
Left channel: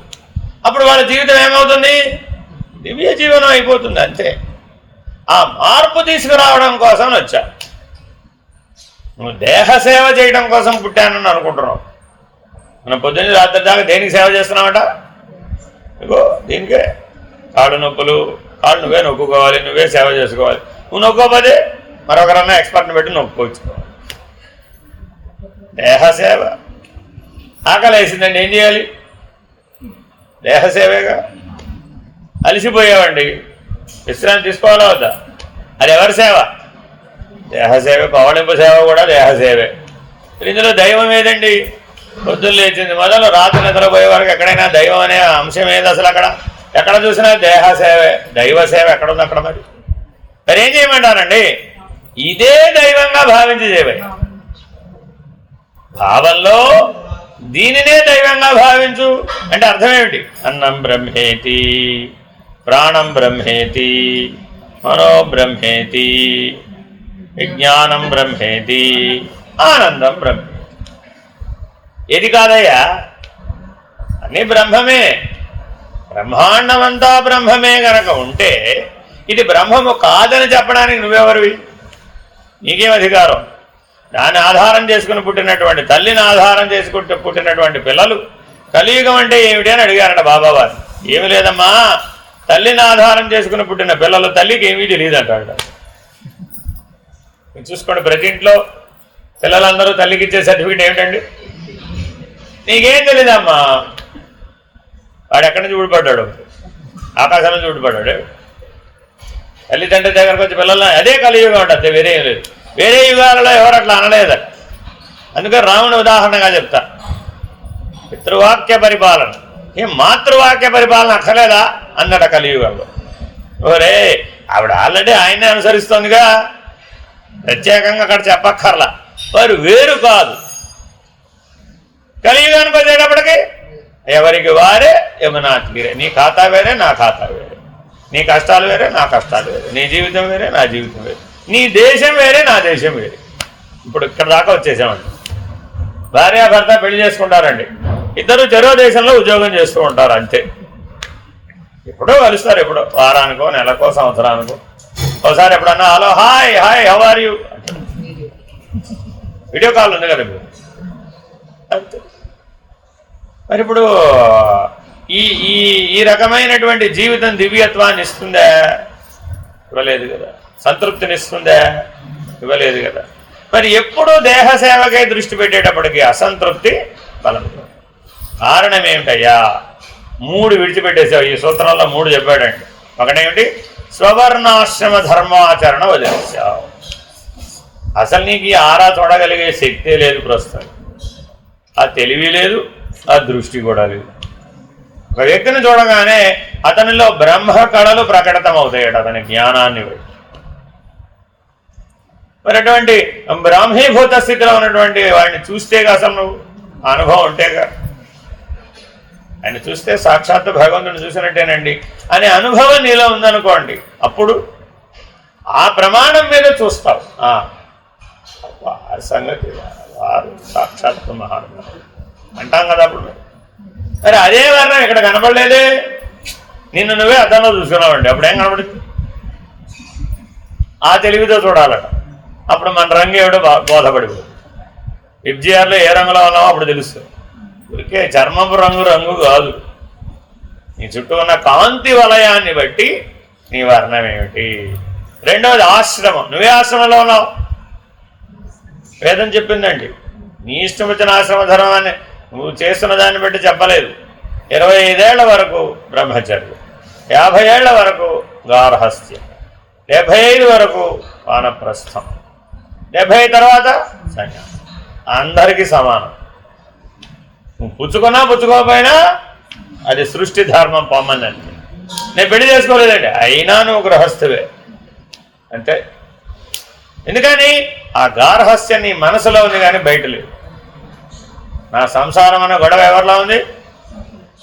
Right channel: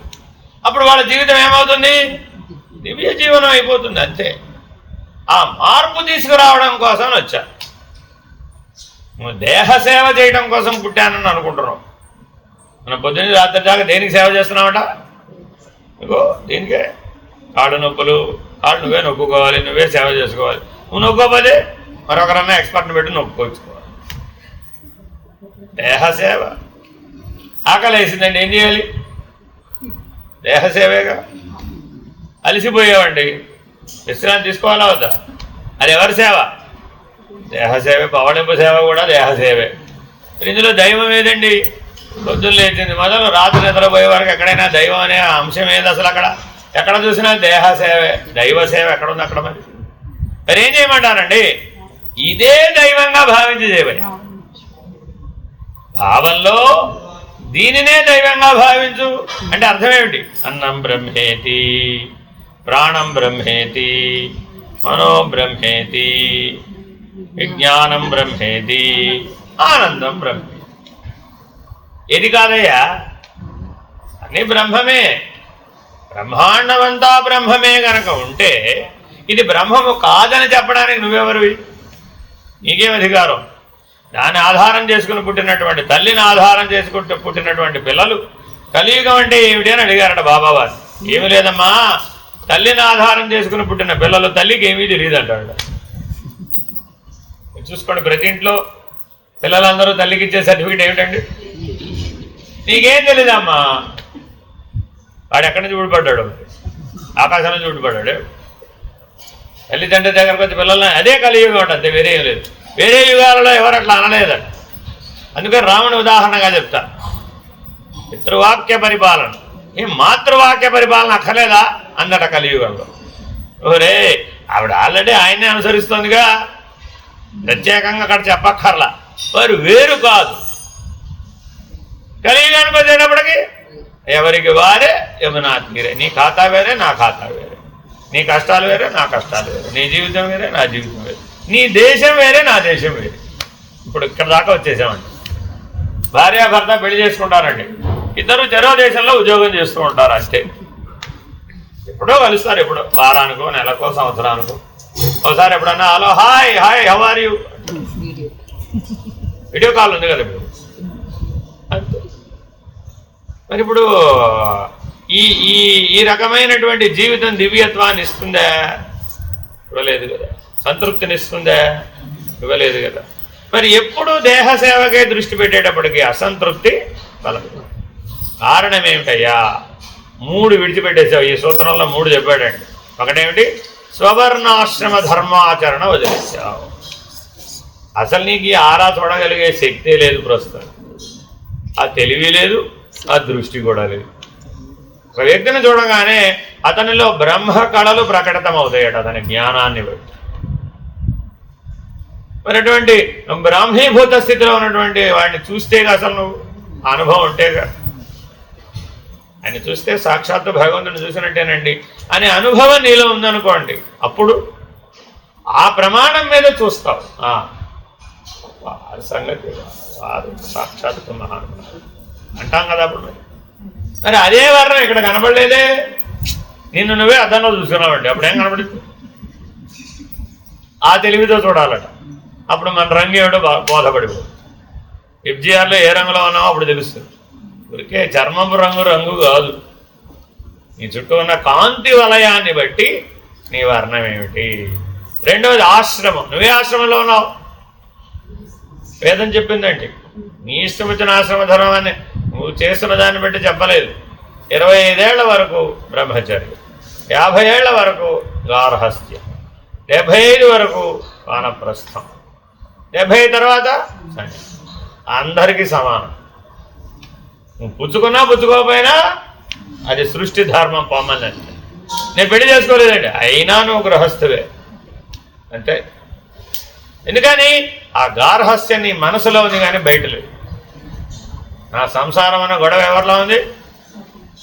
అప్పుడు వాళ్ళ జీవితం ఏమవుతుంది? దివ్య జీవనం అయిపోతుంది, అంతే. ఆ మార్పు తీసుకురావడం కోసం వచ్చా. నువ్వు దేహసేవ చేయడం కోసం పుట్టానని అనుకుంటున్నావు. మన పొద్దున్న రాత్రి దాకా దేనికి సేవ చేస్తున్నావట? ఇగో దీనికే. కాళ్ళు నొప్పులు, కాళ్ళు నువ్వే నొక్కుకోవాలి, నువ్వే సేవ చేసుకోవాలి. నువ్వు నొక్కోపోతే మరొకరన్నా ఎక్స్పర్ట్ని పెట్టి నొక్కోవచ్చుకోవాలి. దేహసేవ. ఆకలి వేసిందండి, ఏం చేయాలి? దేహసేవేగా. అలసిపోయావండి, విశ్రాంతి తీసుకోవాలా వద్దా? అది ఎవరి సేవ? దేహసేవే. పవళింపు సేవ కూడా దేహసేవే. ఇందులో దైవం ఏదండి? పొద్దున్న లేచింది మొదలు రాత్రి నిద్రపోయే వరకు ఎక్కడైనా దైవం అనే అంశం ఏది అసలు? అక్కడ ఎక్కడ చూసినా దేహసేవే. దైవ సేవ ఎక్కడుంది అక్కడ? మరి ఏం చేయమంటానండి? ఇదే దైవంగా భావించి చేయబోయే భావంలో దీనినే దైవంగా భావించు అంటే అర్థం ఏమిటి? అన్నం బ్రహ్మేతి, ప్రాణం బ్రహ్మేతి, మనో బ్రహ్మేతి, విజ్ఞానం బ్రహ్మేతి, ఆనందం బ్రహ్మేతి. ఏది కాదయ్యా? అన్నీ బ్రహ్మమే. బ్రహ్మాండమంతా బ్రహ్మమే గనక ఉంటే ఇది బ్రహ్మము కాదని చెప్పడానికి నువ్వెవరివి? నీకేం అధికారం? దాన్ని ఆధారం చేసుకుని పుట్టినటువంటి తల్లిని ఆధారం చేసుకుంటూ పుట్టినటువంటి పిల్లలు కలియుగం అంటే ఏమిటి అని అడిగారట బాబావారు. ఏమి లేదమ్మా, తల్లిని ఆధారం చేసుకుని పుట్టిన పిల్లలు తల్లికి ఏమీ తెలియదు అంటాడు. చూసుకోండి, ప్రతి ఇంట్లో పిల్లలందరూ తల్లికి ఇచ్చే సర్టిఫికేట్ ఏమిటండి? నీకేం తెలీదమ్మా. వాడు ఎక్కడి నుంచి ఊడిపడ్డాడు? ఆకాశం నుంచి ఊడిపడ్డాడు. తల్లిదండ్రుల దగ్గరకు వచ్చి పిల్లల్ని అదే కలియుగం ఉంటుంది, వేరే ఏం లేదు. వేరే యుగాలలో ఎవరు అట్లా అనలేదట. అందుకని రాముని ఉదాహరణగా చెప్తా. పితృవాక్య పరిపాలన, ఏం మాతృవాక్య పరిపాలన అక్కర్లేదా అన్నట కలియుగంలో. ఓరే, ఆవిడ ఆల్రెడీ ఆయన్నే అనుసరిస్తుందిగా, ప్రత్యేకంగా అక్కడ చెప్పక్కర్లా. వారు వేరు కాదు. కలియుగానికి వచ్చేటప్పటికి ఎవరికి వారే యమునా తీరే. నీ ఖాతా వేరే, నా ఖాతా వేరే. నీ కష్టాలు వేరే, నా కష్టాలు వేరే. నీ జీవితం వేరే, నా జీవితం వేరే. నీ దేశం వేరే, నా దేశం వేరే. ఇప్పుడు ఇక్కడ దాకా వచ్చేసామండి. భార్యాభర్త పెళ్లి చేసుకుంటారండి, ఇద్దరు చెరో దేశంలో ఉద్యోగం చేస్తూ ఉంటారు, అంతే. ఎప్పుడో కలుస్తారు, ఎప్పుడో వారానికో, నెలకో, సంవత్సరానికో ఒకసారి. ఎప్పుడన్నా hello, hi hi how are you, video call ఉంది కదా ఇప్పుడు, అంతే. మరి ఇప్పుడు ఈ ఈ ఈ రకమైనటువంటి జీవితం దివ్యత్వాన్ని ఇస్తుందా? ఇవ్వలేదు కదా. సంతృప్తినిస్తుందా? ఇవ్వలేదు కదా. మరి ఎప్పుడు దేహ సేవకే దృష్టి పెట్టేటప్పటికి అసంతృప్తి బలం. కారణం ఏమిటయ్యా? 3 విడిచిపెట్టేసావు. ఈ సూత్రంలో 3 చెప్పాడండి. ఒకటేమిటి? స్వవర్ణాశ్రమ ధర్మాచరణ వదిలేసావు. అసలు నీకు ఈ ఆరా చూడగలిగే శక్తే లేదు ప్రస్తుతం. ఆ తెలివి లేదు, ఆ దృష్టి కూడా లేదు. ఒక వ్యక్తిని చూడగానే అతనిలో బ్రహ్మ కళలు ప్రకటితం అవుతాయట, అతని జ్ఞానాన్ని బట్టి. మరి అటువంటి బ్రాహ్మీభూత స్థితిలో ఉన్నటువంటి వాడిని చూస్తేగా అసలు నువ్వు అనుభవం ఉంటేగా. ఆయన చూస్తే సాక్షాత్తు భగవంతుని చూసినట్టేనండి అనే అనుభవం నీలో ఉందనుకోండి, అప్పుడు ఆ ప్రమాణం మీద చూస్తావు. వారి సంగతి వారు సాక్షాత్తు మహానుభావులు అంటాం కదా. అప్పుడు మరి అదే వర్ణం ఇక్కడ కనబడలేదే, నిన్ను నువ్వే అద్దంలో చూసుకున్నావండి, అప్పుడేం కనబడుతుంది? ఆ తెలివితో చూడాలట, అప్పుడు మన రంగు ఏమిటో బోధపడిపోతుంది. FGRలో ఏ రంగులో ఉన్నామో అప్పుడు తెలుస్తుంది. ఊరికే చర్మపు రంగు కాదు, నీ చుట్టూ ఉన్న కాంతి వలయాన్ని బట్టి నీ వర్ణం ఏమిటి. రెండవది ఆశ్రమం. నువ్వే ఆశ్రమంలో ఉన్నావు. వేదం చెప్పిందండి, నీ ఇష్టం వచ్చిన ఆశ్రమ ధర్మాన్ని నువ్వు చేస్తున్న దాన్ని బట్టి చెప్పలేదు. 25 ఏళ్ల వరకు బ్రహ్మచర్యం, 50 ఏళ్ల వరకు గార్హస్థ్యం, 75 వరకు వానప్రస్థం, 70 తర్వాత సన్యాసం. అందరికీ సమానం. నువ్వు పుచ్చుకున్నా పుచ్చుకోకపోయినా అది సృష్టి ధర్మం పొమ్మనండి. నేను పెళ్లి చేసుకోలేదండి, అయినా నువ్వు గృహస్థువే అంతే. ఎందుకని ఆ గార్హస్థ్యం నీ మనసులో ఉంది కానీ బయట లేదు. నా సంసారం అన్న గొడవ ఎవరిలో ఉంది?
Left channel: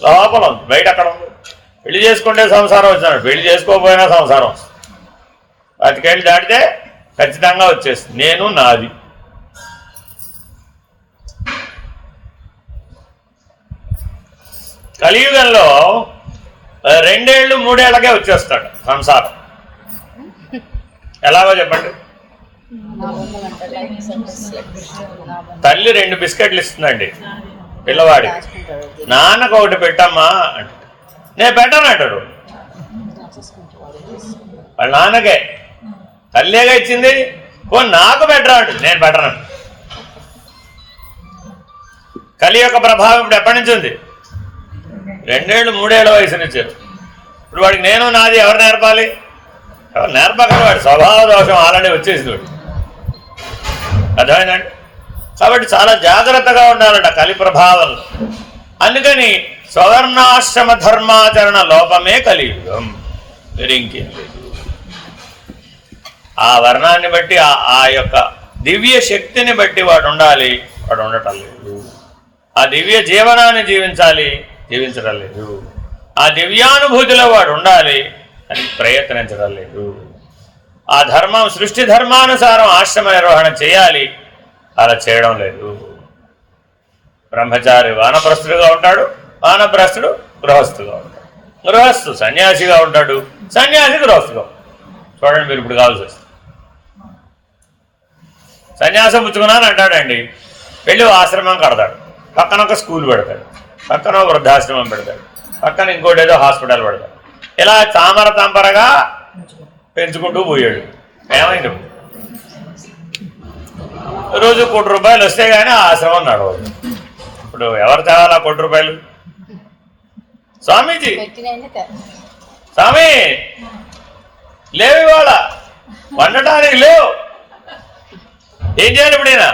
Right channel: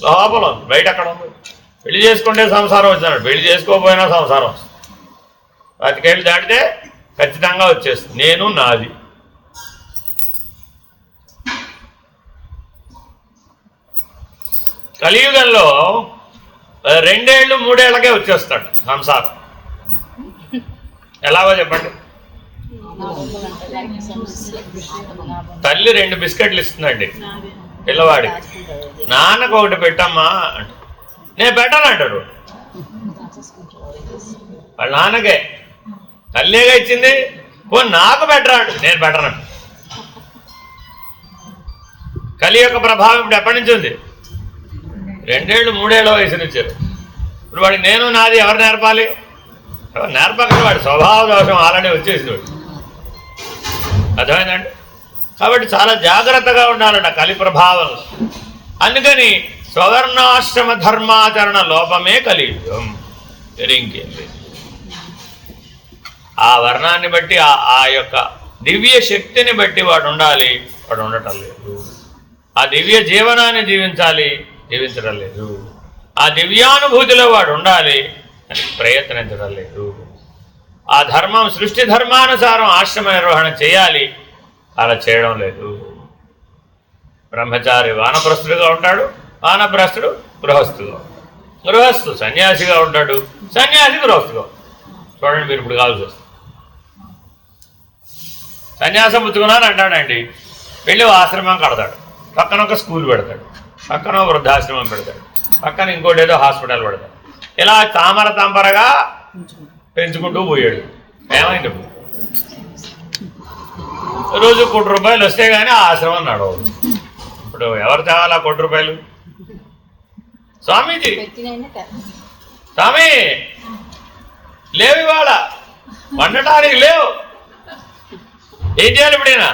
లోపల ఉంది, బయట అక్కడ ఉంది. పెళ్లి చేసుకుంటే సంసారం వచ్చినాడు, పెళ్లి చేసుకోకపోయినా సంసారం వస్తుంది. 10 ఏళ్ళు దాటితే ఖచ్చితంగా వచ్చేస్తుంది నేను నాది. కలియుగంలో 2 ఏళ్ళు 3 ఏళ్ళకే వచ్చేస్తాడు సంసారం. ఎలాగో చెప్పండి. తల్లి 2 బిస్కెట్లు ఇస్తుందండి పిల్లవాడి. నాన్నకు ఒకటి పెట్టమ్మా అంట. నేను పెట్టను అంటాడు. వాళ్ళ నాన్నకే, తల్లిగా ఇచ్చింది, నాకు పెట్టరాడు, నేను పెట్టను. కలి యొక్క ప్రభావం ఇప్పుడు ఎప్పటి నుంచి ఉంది? 2 ఏళ్ళు 3 ఏళ్ళ వయసు నుంచారు. ఇప్పుడు వాడికి నేను నాది ఎవరు నేర్పాలి? ఎవరు నేర్పకండి. వాడి స్వభావ దోషం ఆల్రెడీ వచ్చేసింది వాడు. అర్థమైందండి? కాబట్టి చాలా జాగ్రత్తగా ఉండాలంట కలి ప్రభావంలో. అందుకని స్వర్ణాశ్రమ ధర్మాచరణ లోపమే కలియుగం, ఇంకేం లేదు. ఆ వర్ణాన్ని బట్టి ఆ యొక్క దివ్య శక్తిని బట్టి వాడు ఉండాలి, వాడు ఉండటం లేదు. ఆ దివ్య జీవనాన్ని జీవించాలి, జీవించడం లేదు. ఆ దివ్యానుభూతిలో వాడు ఉండాలి అని ప్రయత్నించడం లేదు. ఆ ధర్మం సృష్టి ధర్మానుసారం ఆశ్రమ నిర్వహణ చేయాలి, అలా చేయడం లేదు. బ్రహ్మచారి వానప్రస్థుడుగా ఉంటాడు, వానప్రస్థుడు గృహస్థుగా ఉంటాడు, గృహస్థు సన్యాసిగా ఉంటాడు, సన్యాసి గృహస్థుగా ఉంటాడు. చూడండి మీరు ఇప్పుడు కావాల్సి వస్తుంది. సన్యాసం పుచ్చుకున్నాను అంటాడండి, వెళ్ళి ఆశ్రమం కడతాడు, పక్కన ఒక స్కూల్ పెడతాడు, పక్కన వృద్ధాశ్రమం పెడతాడు, పక్కన ఇంకోటి ఏదో హాస్పిటల్ పెడతాడు. ఇలా తామర తంపరగా పెంచుకుంటూ పోయాడు. ఏమైంది? రోజు ₹1 వస్తే కానీ ఆశ్రమం నడవదు. ఇప్పుడు ఎవరు తేవాలి ఆ ₹1? స్వామీజీ, స్వామి లేవు, ఇవాళ వండటానికి లేవు, ఏం చేయాలి? ఇప్పుడైనా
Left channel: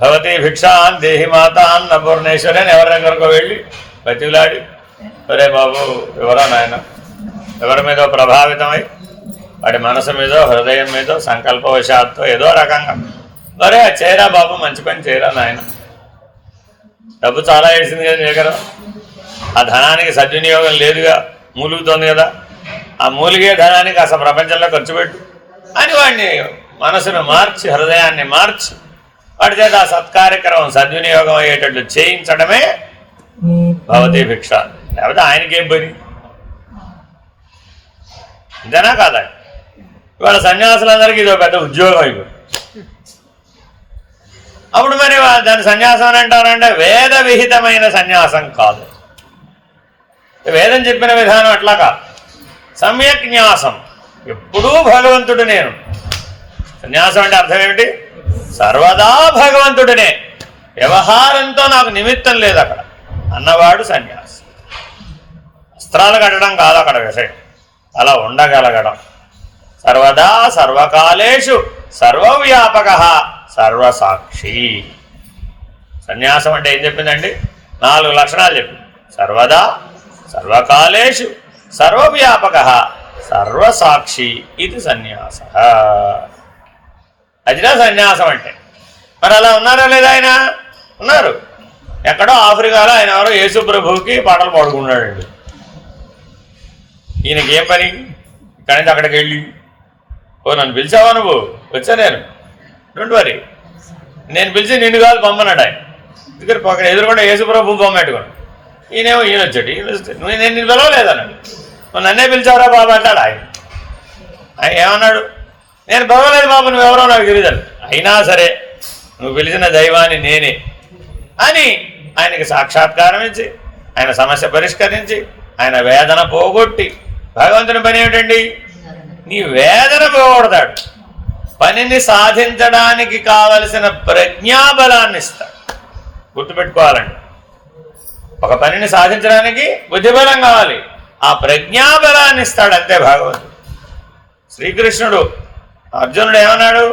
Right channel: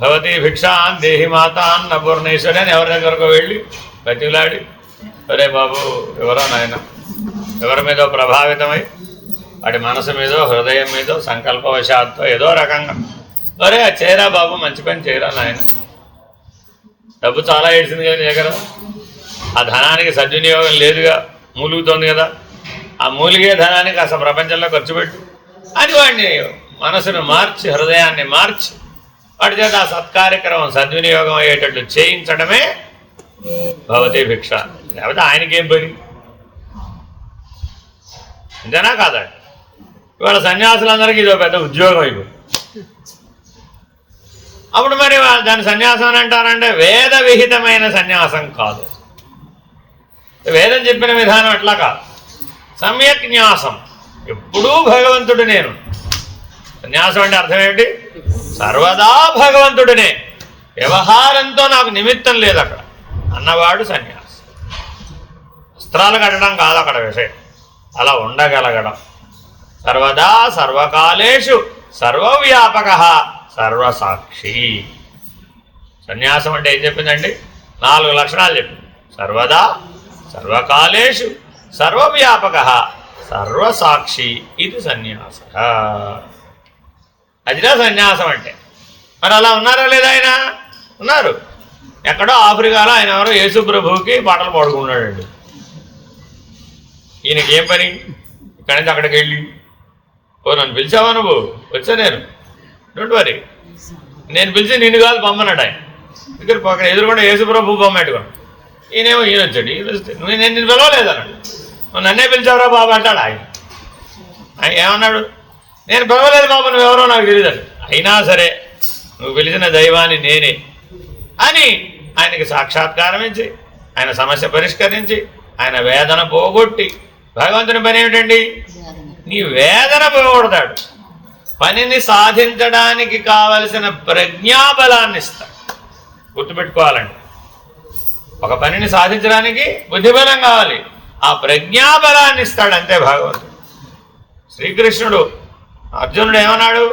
భవతి భిక్షాన్ దేహి మాత అన్న పూర్ణేశ్వరి అని ఎవరి దగ్గరకు వెళ్ళి బతిలాడి, ఒరే బాబు ఎవరా నాయన, ఎవరి మీదో ప్రభావితమై వాడి మనసు మీదో హృదయం మీదో సంకల్పవశాత్తు ఏదో రకంగా, ఒరే చేయరా బాబు, మంచి పని చేయరా నాయన, డబ్బు చాలా ఏడ్చింది కదా నీ కదా, ఆ ధనానికి సద్వినియోగం లేదుగా, మూలుగుతోంది కదా, ఆ మూలిగే ధనానికి అసలు ప్రపంచంలో ఖర్చు పెట్టు అని వాడిని మనసును మార్చి హృదయాన్ని మార్చి వాడి చేత ఆ సత్కార్యక్రమం సద్వినియోగం అయ్యేటట్లు చేయించడమే భవతి భిక్ష. లేకపోతే ఆయనకేం పని? ఇంతేనా కాదా? ఇవాళ సన్యాసులందరికీ ఇది పెద్ద ఉద్యోగం అయిపోయింది. అప్పుడు మరి దాని సన్యాసం అని అంటారంటే వేద విహితమైన సన్యాసం కాదు. వేదం చెప్పిన విధానం అట్లా కాదు, సమ్యక్ న్యాసం. ఎప్పుడూ భగవంతుడు నేను. సన్యాసం అంటే అర్థం ఏమిటి? సర్వదా భగవంతుడినే, వ్యవహారంతో నాకు నిమిత్తం లేదు అక్కడ అన్నవాడు సన్యాసి. వస్త్రాలు కట్టడం కాదు అక్కడ విషయం, అలా ఉండగలగడం. సర్వదా సర్వకాలేషు సర్వవ్యాపక సర్వసాక్షి. సన్యాసం అంటే ఏం చెప్పిందండి? 4 లక్షణాలు చెప్పింది. సర్వదా సర్వకాలేషు సర్వవ్యాపక సర్వసాక్షి ఇది సన్యాస. అదినా సన్యాసం అంటే. మరి అలా ఉన్నారా లేదా? ఆయన ఉన్నారు. ఎక్కడో ఆఫ్రికాలో ఆయన ఎవరో యేసు ప్రభువుకి పాటలు పాడుకున్నాడండి. ఈయనకి ఏం పని? ఇక్కడి నుంచి అక్కడికి వెళ్ళి, ఓ నన్ను పిలిచావా నువ్వు? వచ్చా నేను, డోంట్ వరీ, నేను పిలిచి నిన్ను కాదు బొమ్మన్నాడు ఆయన. ఇక్కడ పక్కన ఎదురుకుండా యేసు ప్రభు బొమ్మ పెట్టుకోండి. ఈయనేమో ఈయన వచ్చాడు, ఈయన వస్తే నేను నిన్ను పిలవలేదన్నాడు. నన్నే పిలిచావురా బాబు అంటాడు ఆయన. ఆయన ఏమన్నాడు? నేను పిలవలేదు బాబు, నువ్వెవరో నాకు తెలియదు. అయినా సరే నువ్వు పిలిచిన దైవాన్ని నేనే అని ఆయనకి సాక్షాత్కారం ఇచ్చి ఆయన సమస్య పరిష్కరించి ఆయన వేదన పోగొట్టి, భగవంతుని పని ఏమిటండి? నీ వేదన పోగొడతాడు, పనిని సాధించడానికి కావలసిన ప్రజ్ఞాబలాన్ని ఇస్తాడు. గుర్తుపెట్టుకోవాలండి, ఒక పనిని సాధించడానికి బుద్ధిబలం కావాలి, ఆ ప్రజ్ఞాబలాన్ని ఇస్తాడు అంతే భగవంతుడు. శ్రీకృష్ణుడు అర్జునుడు ఏమన్నాడు?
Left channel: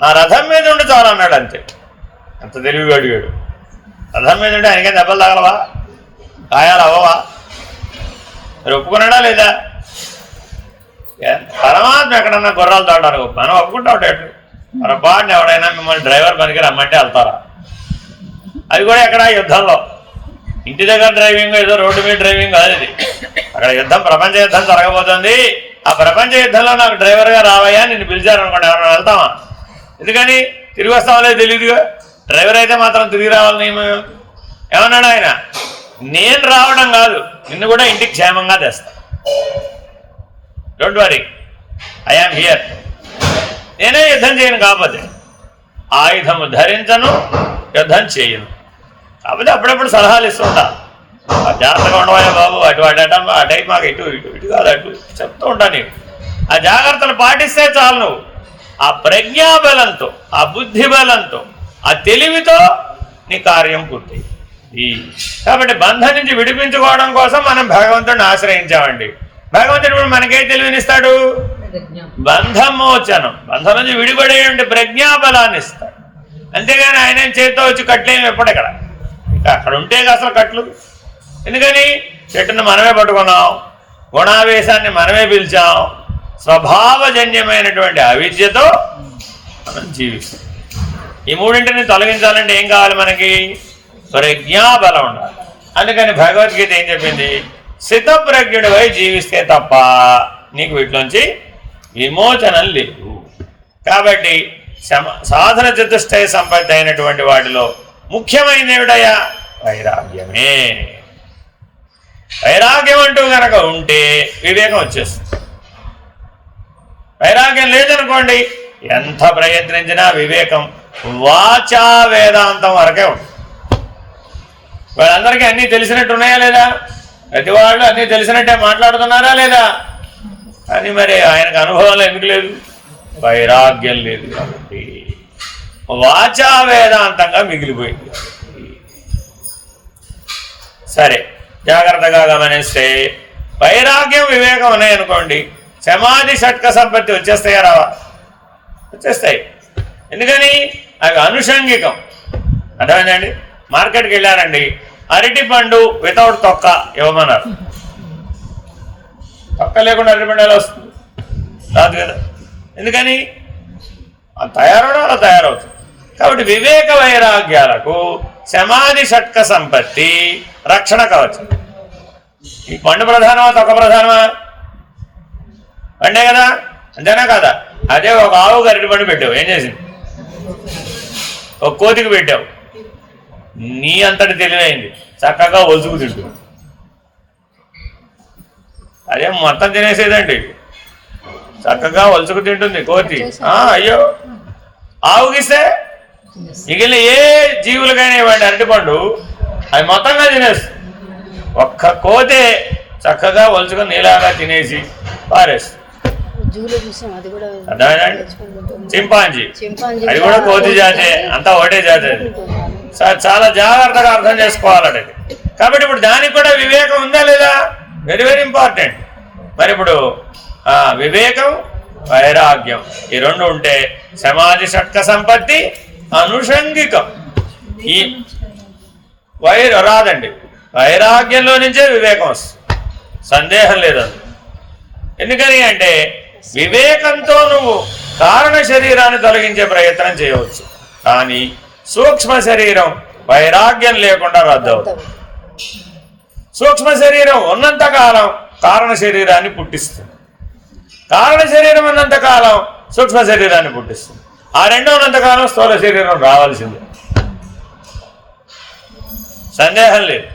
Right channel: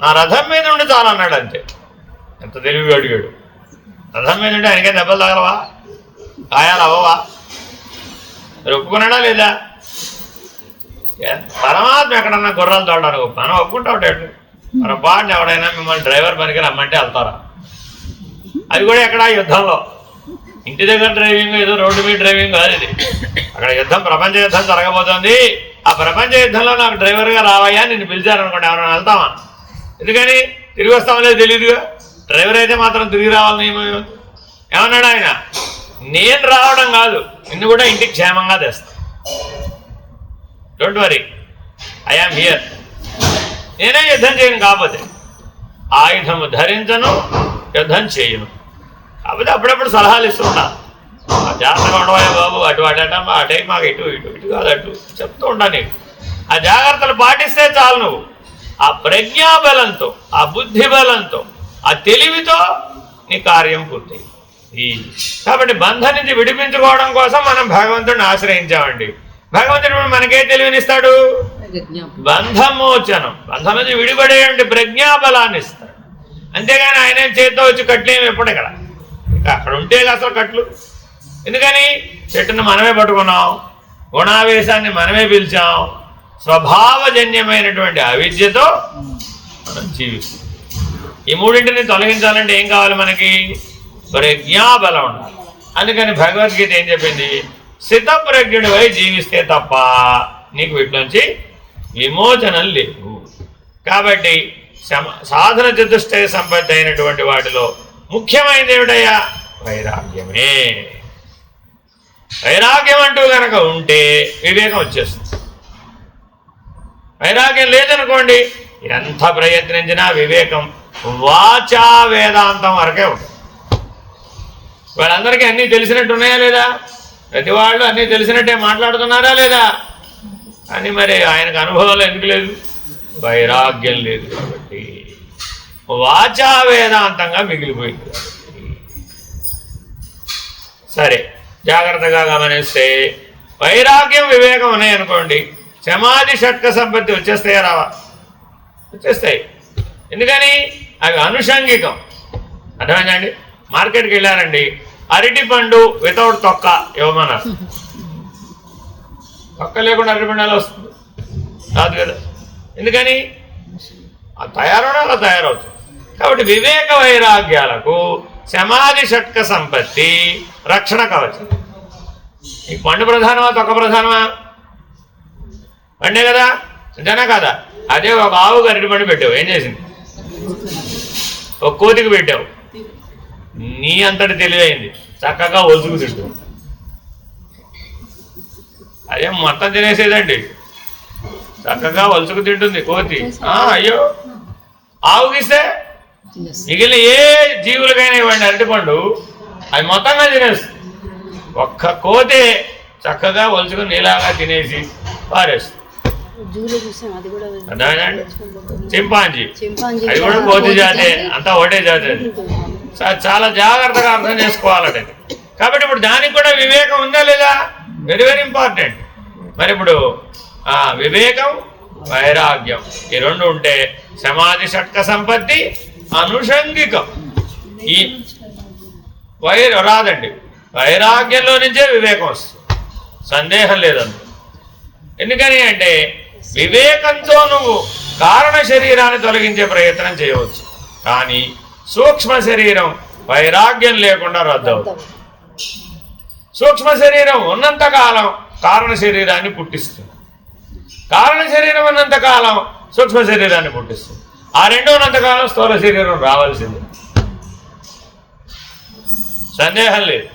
నా రథం మీద ఉండి చాలన్నాడు అంతే. ఎంత తెలివిగా అడిగాడు. రథం మీద ఉంటే ఆయనకేం దెబ్బలు తగలవా, గాయాలు అవ్వవా? మీరు ఒప్పుకున్నాడా లేదా? పరమాత్మ ఎక్కడన్నా గుర్రాలు తోడడానికి మనం ఒప్పుకుంటాడు. పొరపాటున ఎవడైనా మిమ్మల్ని డ్రైవర్ పనికి రమ్మంటే వెళ్తారా? అది కూడా ఎక్కడ యుద్ధంలో. ఇంటి దగ్గర డ్రైవింగ్ ఏదో రోడ్డు మీద డ్రైవింగ్ కాదు ఇది. అక్కడ యుద్ధం, ప్రపంచ యుద్ధం జరగబోతుంది. ఆ ప్రపంచ యుద్ధంలో నాకు డ్రైవర్గా రావయ్యా నిన్ను పిలిచారనుకోండి, ఎవరైనా వెళ్తామా? ఎందుకని? తిరిగి వస్తామో తెలియదుగా. డ్రైవర్ అయితే మాత్రం తిరిగి రావాలని ఏమన్నాడు ఆయన? నేను రావడం కాదు, నిన్ను కూడా ఇంటికి క్షేమంగా తెస్తా. Don't worry, I am here. నేనే యుద్ధం చేయను, కాకపోతే ఆయుధము ధరించను, యుద్ధం చేయను. కాకపోతే అప్పుడప్పుడు సలహాలు ఇస్తుంటా, జాగ్రత్తగా ఉండవాలి బాబు, అటు ఆ టైం మాకు ఇటు ఇటు ఇటు కాదు అటు చెప్తూ ఉంటా. నీకు ఆ జాగ్రత్తలు పాటిస్తే చాలు. నువ్వు ఆ ప్రజ్ఞాబలంతో, ఆ బుద్ధి బలంతో, ఆ తెలివితో నీ కార్యం పూర్తయింది. కాబట్టి బంధం నుంచి విడిపించుకోవడం కోసం మనం భగవంతుడిని ఆశ్రయించామండి. భగవంతుడు మనకే తెలివినిస్తాడు? బంధమోచనం, బంధం నుంచి విడిపడేయండి ప్రజ్ఞాబలాన్ని ఇస్తాడు. అంతేగాని ఆయన చేతితో వచ్చి కట్లేము ఎప్పుడెక్కడ. ఇంకా అక్కడ ఉంటే అసలు కట్లు ఎందుకని? చెట్టును మనమే పట్టుకున్నాం, గుణావేశాన్ని మనమే పిలిచాం, స్వభావజన్యమైనటువంటి అవిద్యతో మనం జీవిస్తాం. ఈ మూడింటిని తొలగించాలంటే ఏం కావాలి మనకి? ప్రజ్ఞాబలం ఉండాలి. అందుకని భగవద్గీత ఏం చెప్పింది? స్థితప్రజ్ఞుడివై జీవిస్తే తప్ప నీకు వీటిలోంచి విమోచనం లేదు. కాబట్టి సాధన చతుష్టయ సంపత్తి అయినటువంటి వాటిలో ముఖ్యమైనది ఏమిటయ్యా? వైరాగ్యమే. వైరాగ్యం అంటూ కనుక ఉంటే వివేకం వచ్చేస్తుంది. వైరాగ్యం లేదనుకోండి, ఎంత ప్రయత్నించినా వివేకం వాచా వేదాంతం వరకే ఉంటుంది. వాళ్ళందరికీ అన్నీ తెలిసినట్టు ఉన్నాయా లేదా? ప్రతి వాళ్ళు అన్నీ తెలిసినట్టే మాట్లాడుతున్నారా లేదా? అని మరి ఆయనకు అనుభవాలు ఎందుకు లేదు? వైరాగ్యం లేదు కాబట్టి వాచా వేదాంతంగా మిగిలిపోయింది. సరే, జాగ్రత్తగా గమనిస్తే వైరాగ్యం వివేకం ఉన్నాయనుకోండి, సమాధి షట్క సంపత్తి వచ్చేస్తాయా రావా? వచ్చేస్తాయి. ఎందుకని? అవి అనుషంగికం. అర్థమైందండి? మార్కెట్కి వెళ్ళారండి, అరటి పండు వితౌట్ తొక్క ఇవ్వమన్నారు. తొక్క లేకుండా అరటి పండు ఎలా వస్తుంది? రాదు కదా. ఎందుకని? తయారవడం అలా తయారవుతుంది. కాబట్టి వివేక వైరాగ్యాలకు సమాధి షట్క సంపత్తి రక్షణ కవచం. ఈ పండు ప్రధానమా తొక్క ప్రధానమా? పండే కదా, అంతేనా కదా? అదే ఒక ఆవుకు అరటి పండు పెట్టావు, ఏం చేసింది? ఒక కోతికి పెట్టావు, నీ అంతటి తెలివైంది, చక్కగా ఒలుచుకు తింటు. అదే మొత్తం తినేసేదండి, చక్కగా ఒలుచుకు తింటుంది కోతి. అయ్యో, ఆవుకిస్తే మిగిలిన ఏ జీవులకైనా ఇవ్వండి అరటిపండు, అది మొత్తంగా తినేస్తుంది. ఒక్క కోతే చక్కగా ఒలుచుకొని నీలాగా తినేసి పారేస్తుంది. చింపాంజీ, అది కూడా కోతి జాతే, అంతా ఒకటే జాతే. చాలా జాగ్రత్తగా అర్థం చేసుకోవాలంటే. కాబట్టి ఇప్పుడు దానికి కూడా వివేకం ఉందా లేదా? Very very important. మరి ఇప్పుడు వివేకం వైరాగ్యం ఈ రెండు ఉంటే సమాధి షట్క సంపత్తి అనుషంగికం. ఈ రాదండి, వైరాగ్యంలో నుంచే వివేకం వస్తుంది, సందేహం లేదండి. ఎందుకని అంటే వివేకంతో నువ్వు కారణ శరీరాన్ని తొలగించే ప్రయత్నం చేయవచ్చు, కానీ సూక్ష్మ శరీరం వైరాగ్యం లేకుండా రద్దవుతుంది. సూక్ష్మ శరీరం ఉన్నంతకాలం కారణ శరీరాన్ని పుట్టిస్తుంది, కారణ శరీరం ఉన్నంతకాలం సూక్ష్మ శరీరాన్ని పుట్టిస్తుంది. ఆ రెండో ఉన్నంతకాలం స్థూల శరీరం రావాల్సిందే, సందేహం లేదు.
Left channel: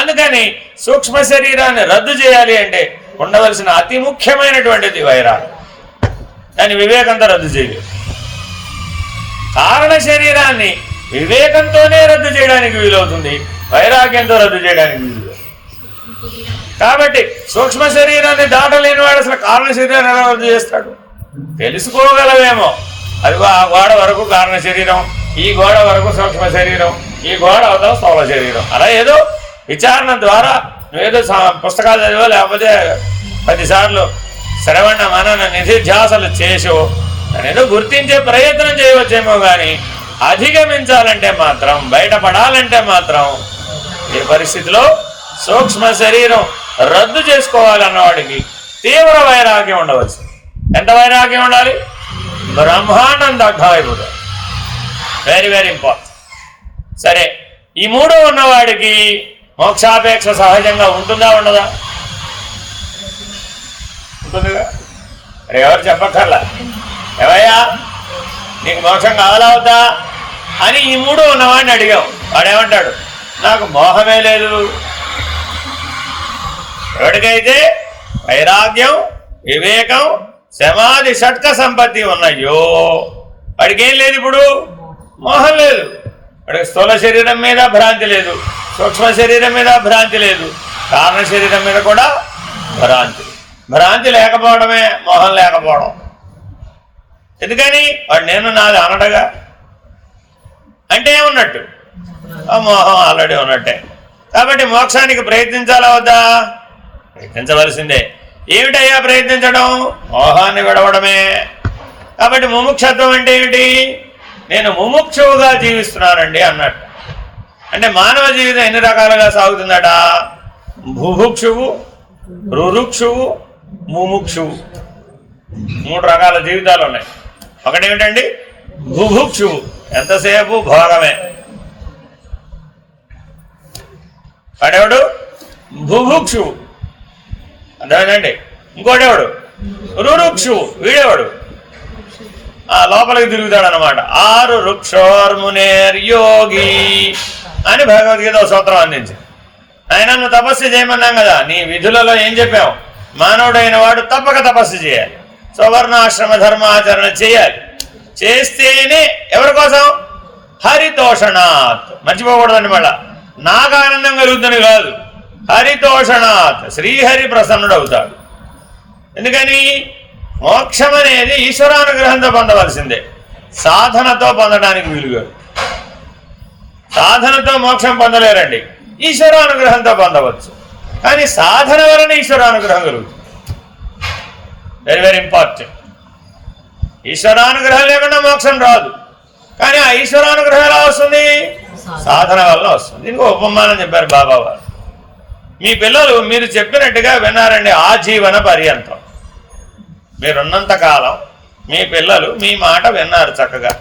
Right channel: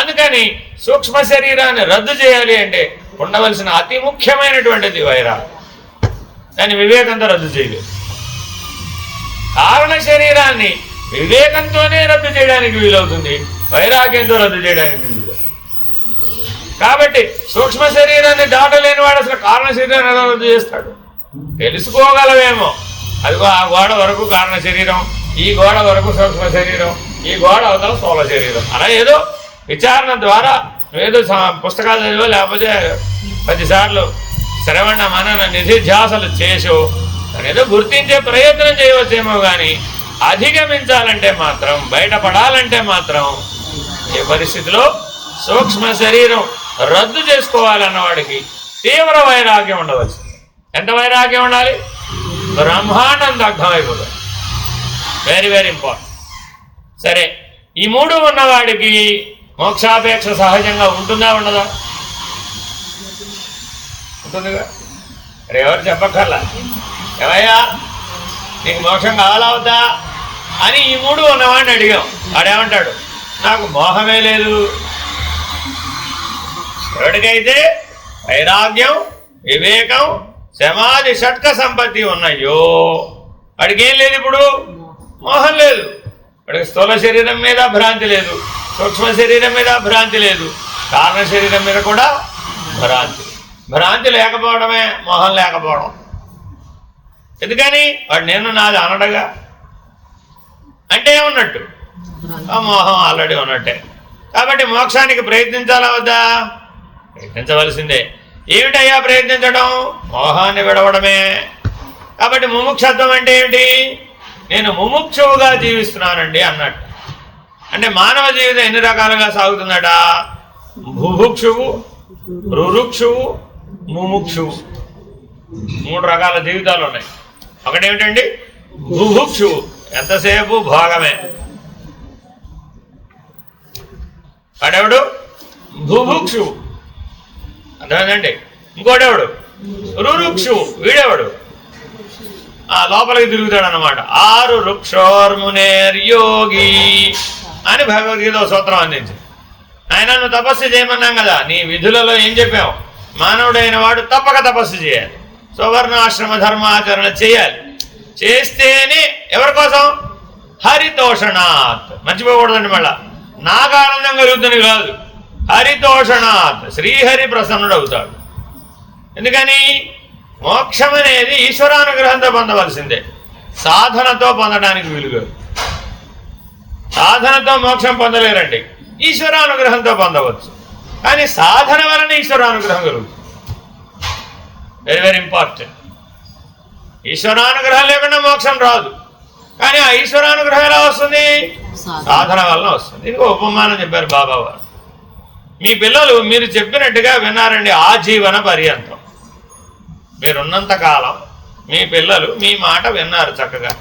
అందుకని సూక్ష్మ శరీరాన్ని రద్దు చేయాలి అంటే ఉండవలసిన అతి ముఖ్యమైనటువంటిది వైరాగ్యం. కానీ వివేకంతో రద్దు చేయలేదు. కారణ శరీరాన్ని వివేకంతోనే రద్దు చేయడానికి వీలవుతుంది, వైరాగ్యంతో రద్దు చేయడానికి వీలు. కాబట్టి సూక్ష్మ శరీరాన్ని దాటలేని వాడు అసలు కారణ శరీరాన్ని ఎలా రద్దు చేస్తాడు? తెలుసుకోగలవేమో, అది ఆ గోడ వరకు కారణ శరీరం, ఈ గోడ వరకు సూక్ష్మ శరీరం, ఈ గోడ అవతల స్థూల శరీరం. అలా ఏదో విచారణ ద్వారా ఏదో పుస్తకాలు చదివో లేకపోతే 10 సార్లు శ్రవణ మనన నిధిధ్యాసలు చేసో అనేదో గుర్తించే ప్రయత్నం చేయవచ్చేమో, కానీ అధిగమించాలంటే మాత్రం, బయటపడాలంటే మాత్రం ఈ పరిస్థితిలో సూక్ష్మ శరీరం రద్దు చేసుకోవాలన్నవాడికి తీవ్ర వైరాగ్యం ఉండవచ్చు. ఎంత వైరాగ్యం ఉండాలి? బ్రహ్మాండం అర్థమైపోతుంది. Very very important. సరే, ఈ 3 ఉన్నవాడికి మోక్షాపేక్ష సహజంగా ఉంటుందా ఉండదా? ఉంటుందిగా. అరే ఎవరు చెప్పక్కర్లా, ఏవయ్యా నీకు మోక్షం కావాలవుతా అని ఈ 3 ఉన్నవాడిని అడిగాం. వాడేమంటాడు? నాకు మోహమే లేదు. ఎవరికైతే వైరాగ్యం, వివేకం, సమాధి, షట్క సంపత్తి ఉన్నాయో వాడికి ఏం లేదు, ఇప్పుడు మోహం లేదు. వాడికి స్థూల శరీరం మీద భ్రాంతి లేదు, సూక్ష్మ శరీరం మీద భ్రాంతి లేదు, కారణ శరీరం మీద కూడా భ్రాంతి లేకపోవడమే మోహం లేకపోవడం. ఎందుకని? వాడు నేను నాది అనడగా. అంటే ఏమున్నట్టు? ఆ మోహం ఆల్రెడీ ఉన్నట్టే. కాబట్టి మోక్షానికి ప్రయత్నించాలా వద్దా? ప్రయత్నించవలసిందే. ఏమిటయ్యా ప్రయత్నించడం? మోహాన్ని విడవడమే. కాబట్టి ముముక్షత్వం అంటే ఏమిటి? నేను ముముక్షువుగా జీవిస్తున్నానండి అన్నట్టు. అంటే మానవ జీవితం ఎన్ని రకాలుగా సాగుతుందట? బుభుక్షువు, రురుక్షువు, ముముక్షువు. 3 రకాల జీవితాలు ఉన్నాయి. ఒకటేమిటండి? బుభుక్షువు, ఎంతసేపు భోగమే. వాడెవడు? బుభుక్షువు, అర్థమైందండి. ఇంకోటెవడు? రురుక్షువు, వీడేవాడు లోపలికి తిరుగుతాడు అనమాట. 6 వృక్షోర్మునేర్యోగి అని భగవద్గీత సూత్రం అందించి, ఆయన నువ్వు తపస్సు చేయమన్నాం కదా, నీ విధులలో ఏం చెప్పావు? మానవుడైన వాడు తప్పక తపస్సు చేయాలి, స్వర్ణాశ్రమ ధర్మాచరణ చేయాలి. చేస్తేనే ఎవరి కోసం? హరితోషణాత్. మర్చిపోకూడదండి. మళ్ళా నాకు ఆనందం కలుగుతుంది కాదు, హరితోషణాత్, శ్రీహరి ప్రసన్నుడు అవుతాడు. ఎందుకని? మోక్షం అనేది ఈశ్వరానుగ్రహంతో పొందవలసిందే, సాధనతో పొందడానికి వీలుగా. సాధనతో మోక్షం పొందలేరండి, ఈశ్వరానుగ్రహంతో పొందవచ్చు. కానీ సాధన వలన ఈశ్వరానుగ్రహం కలుగుతుంది. Very very important. ఈశ్వరానుగ్రహం లేకుండా మోక్షం రాదు. కానీ ఆ ఈశ్వరానుగ్రహం ఎలా వస్తుంది? సాధన వలన వస్తుంది. దీనికి ఉపమానం చెప్పారు బాబా వారు. మీ పిల్లలు మీరు చెప్పినట్టుగా విన్నారండి ఆజీవన పర్యంతం. మీరున్నంతకాలం మీ పిల్లలు మీ మాట విన్నారు, చక్కగా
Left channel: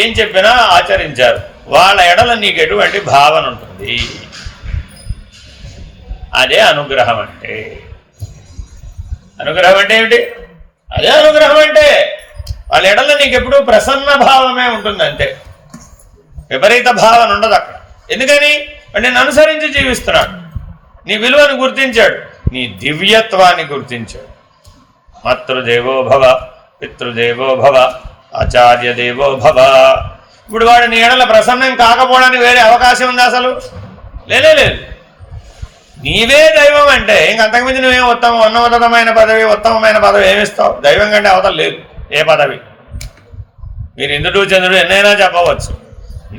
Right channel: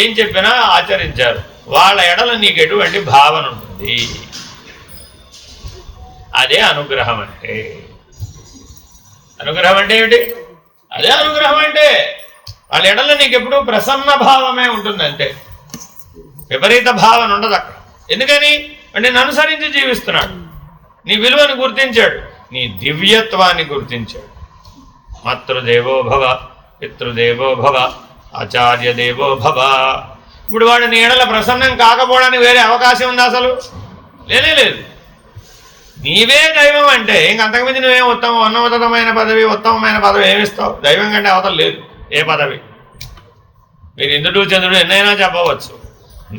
ఏం చెప్పినా ఆచరించారు. వాళ్ళ ఎడల నీకు ఎటువంటి భావన ఉంటుంది? అదే అనుగ్రహం అంటే. అనుగ్రహం అంటే ఏమిటి? అదే అనుగ్రహం అంటే వాళ్ళ ఎడల నీకు ఎప్పుడు ప్రసన్న భావమే ఉంటుంది, అంతే. విపరీత భావన ఉండదు అక్కడ. ఎందుకని? అంటే నన్ను అనుసరించి జీవిస్తున్నాడు, నీ విలువను గుర్తించాడు, నీ దివ్యత్వాన్ని గుర్తించాడు. మాతృదేవో భవ, పితృదేవో భవ, ఆచార్య దేవో భవ. ఇప్పుడు వాడు నీ ఎడల ప్రసన్నం కాకపోవడానికి వేరే అవకాశం ఉందా? అసలు లేనే లేదు. నీవే దైవం అంటే ఇంక అంతకుమించి నువ్వే ఉన్నతమైన పదవి ఏమిస్తావు? దైవం కంటే అవతల లేదు ఏ పదవి. మీరు ఇంద్రుడు చంద్రుడు ఎన్నైనా చెప్పవచ్చు,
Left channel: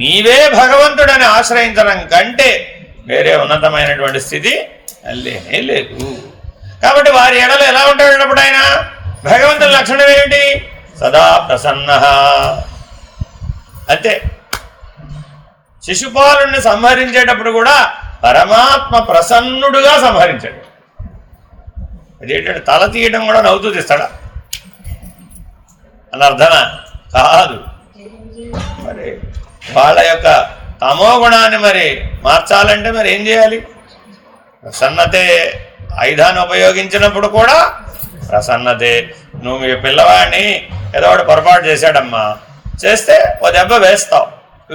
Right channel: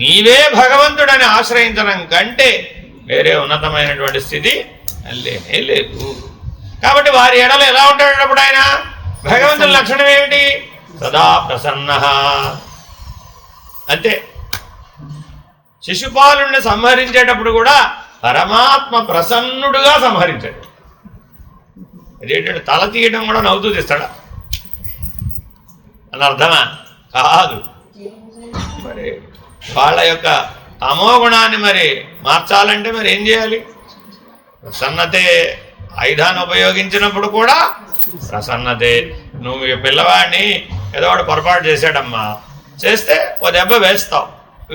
నీవే భగవంతుడని ఆశ్రయించడం కంటే వేరే ఉన్నతమైనటువంటి స్థితి లేనే లేదు. కాబట్టి వారి ఎడలు ఎలా ఉంటాడప్పుడు ఆయన? భగవంతుని లక్షణం ఏమిటి? సదా ప్రసన్న. అంతే. శిశుపాలుని సంహరించేటప్పుడు కూడా పరమాత్మ ప్రసన్నుడుగా సంహరించాడు. అదేంటంటే తల తీయడం కూడా నవ్వుతూ తీస్తాడా అని అర్థమా? కాదు. మరి వాళ్ళ యొక్క తమో గుణాన్ని మరి మార్చాలంటే మరి ఏం చేయాలి? ప్రసన్నతే. ఆయుధాన్ని ఉపయోగించినప్పుడు కూడా ప్రసన్నతే. నువ్వు మీ పిల్లవాడిని ఏదో ఒకటి పొరపాటు చేశాడమ్మా, చేస్తే ఓ దెబ్బ వేస్తావు,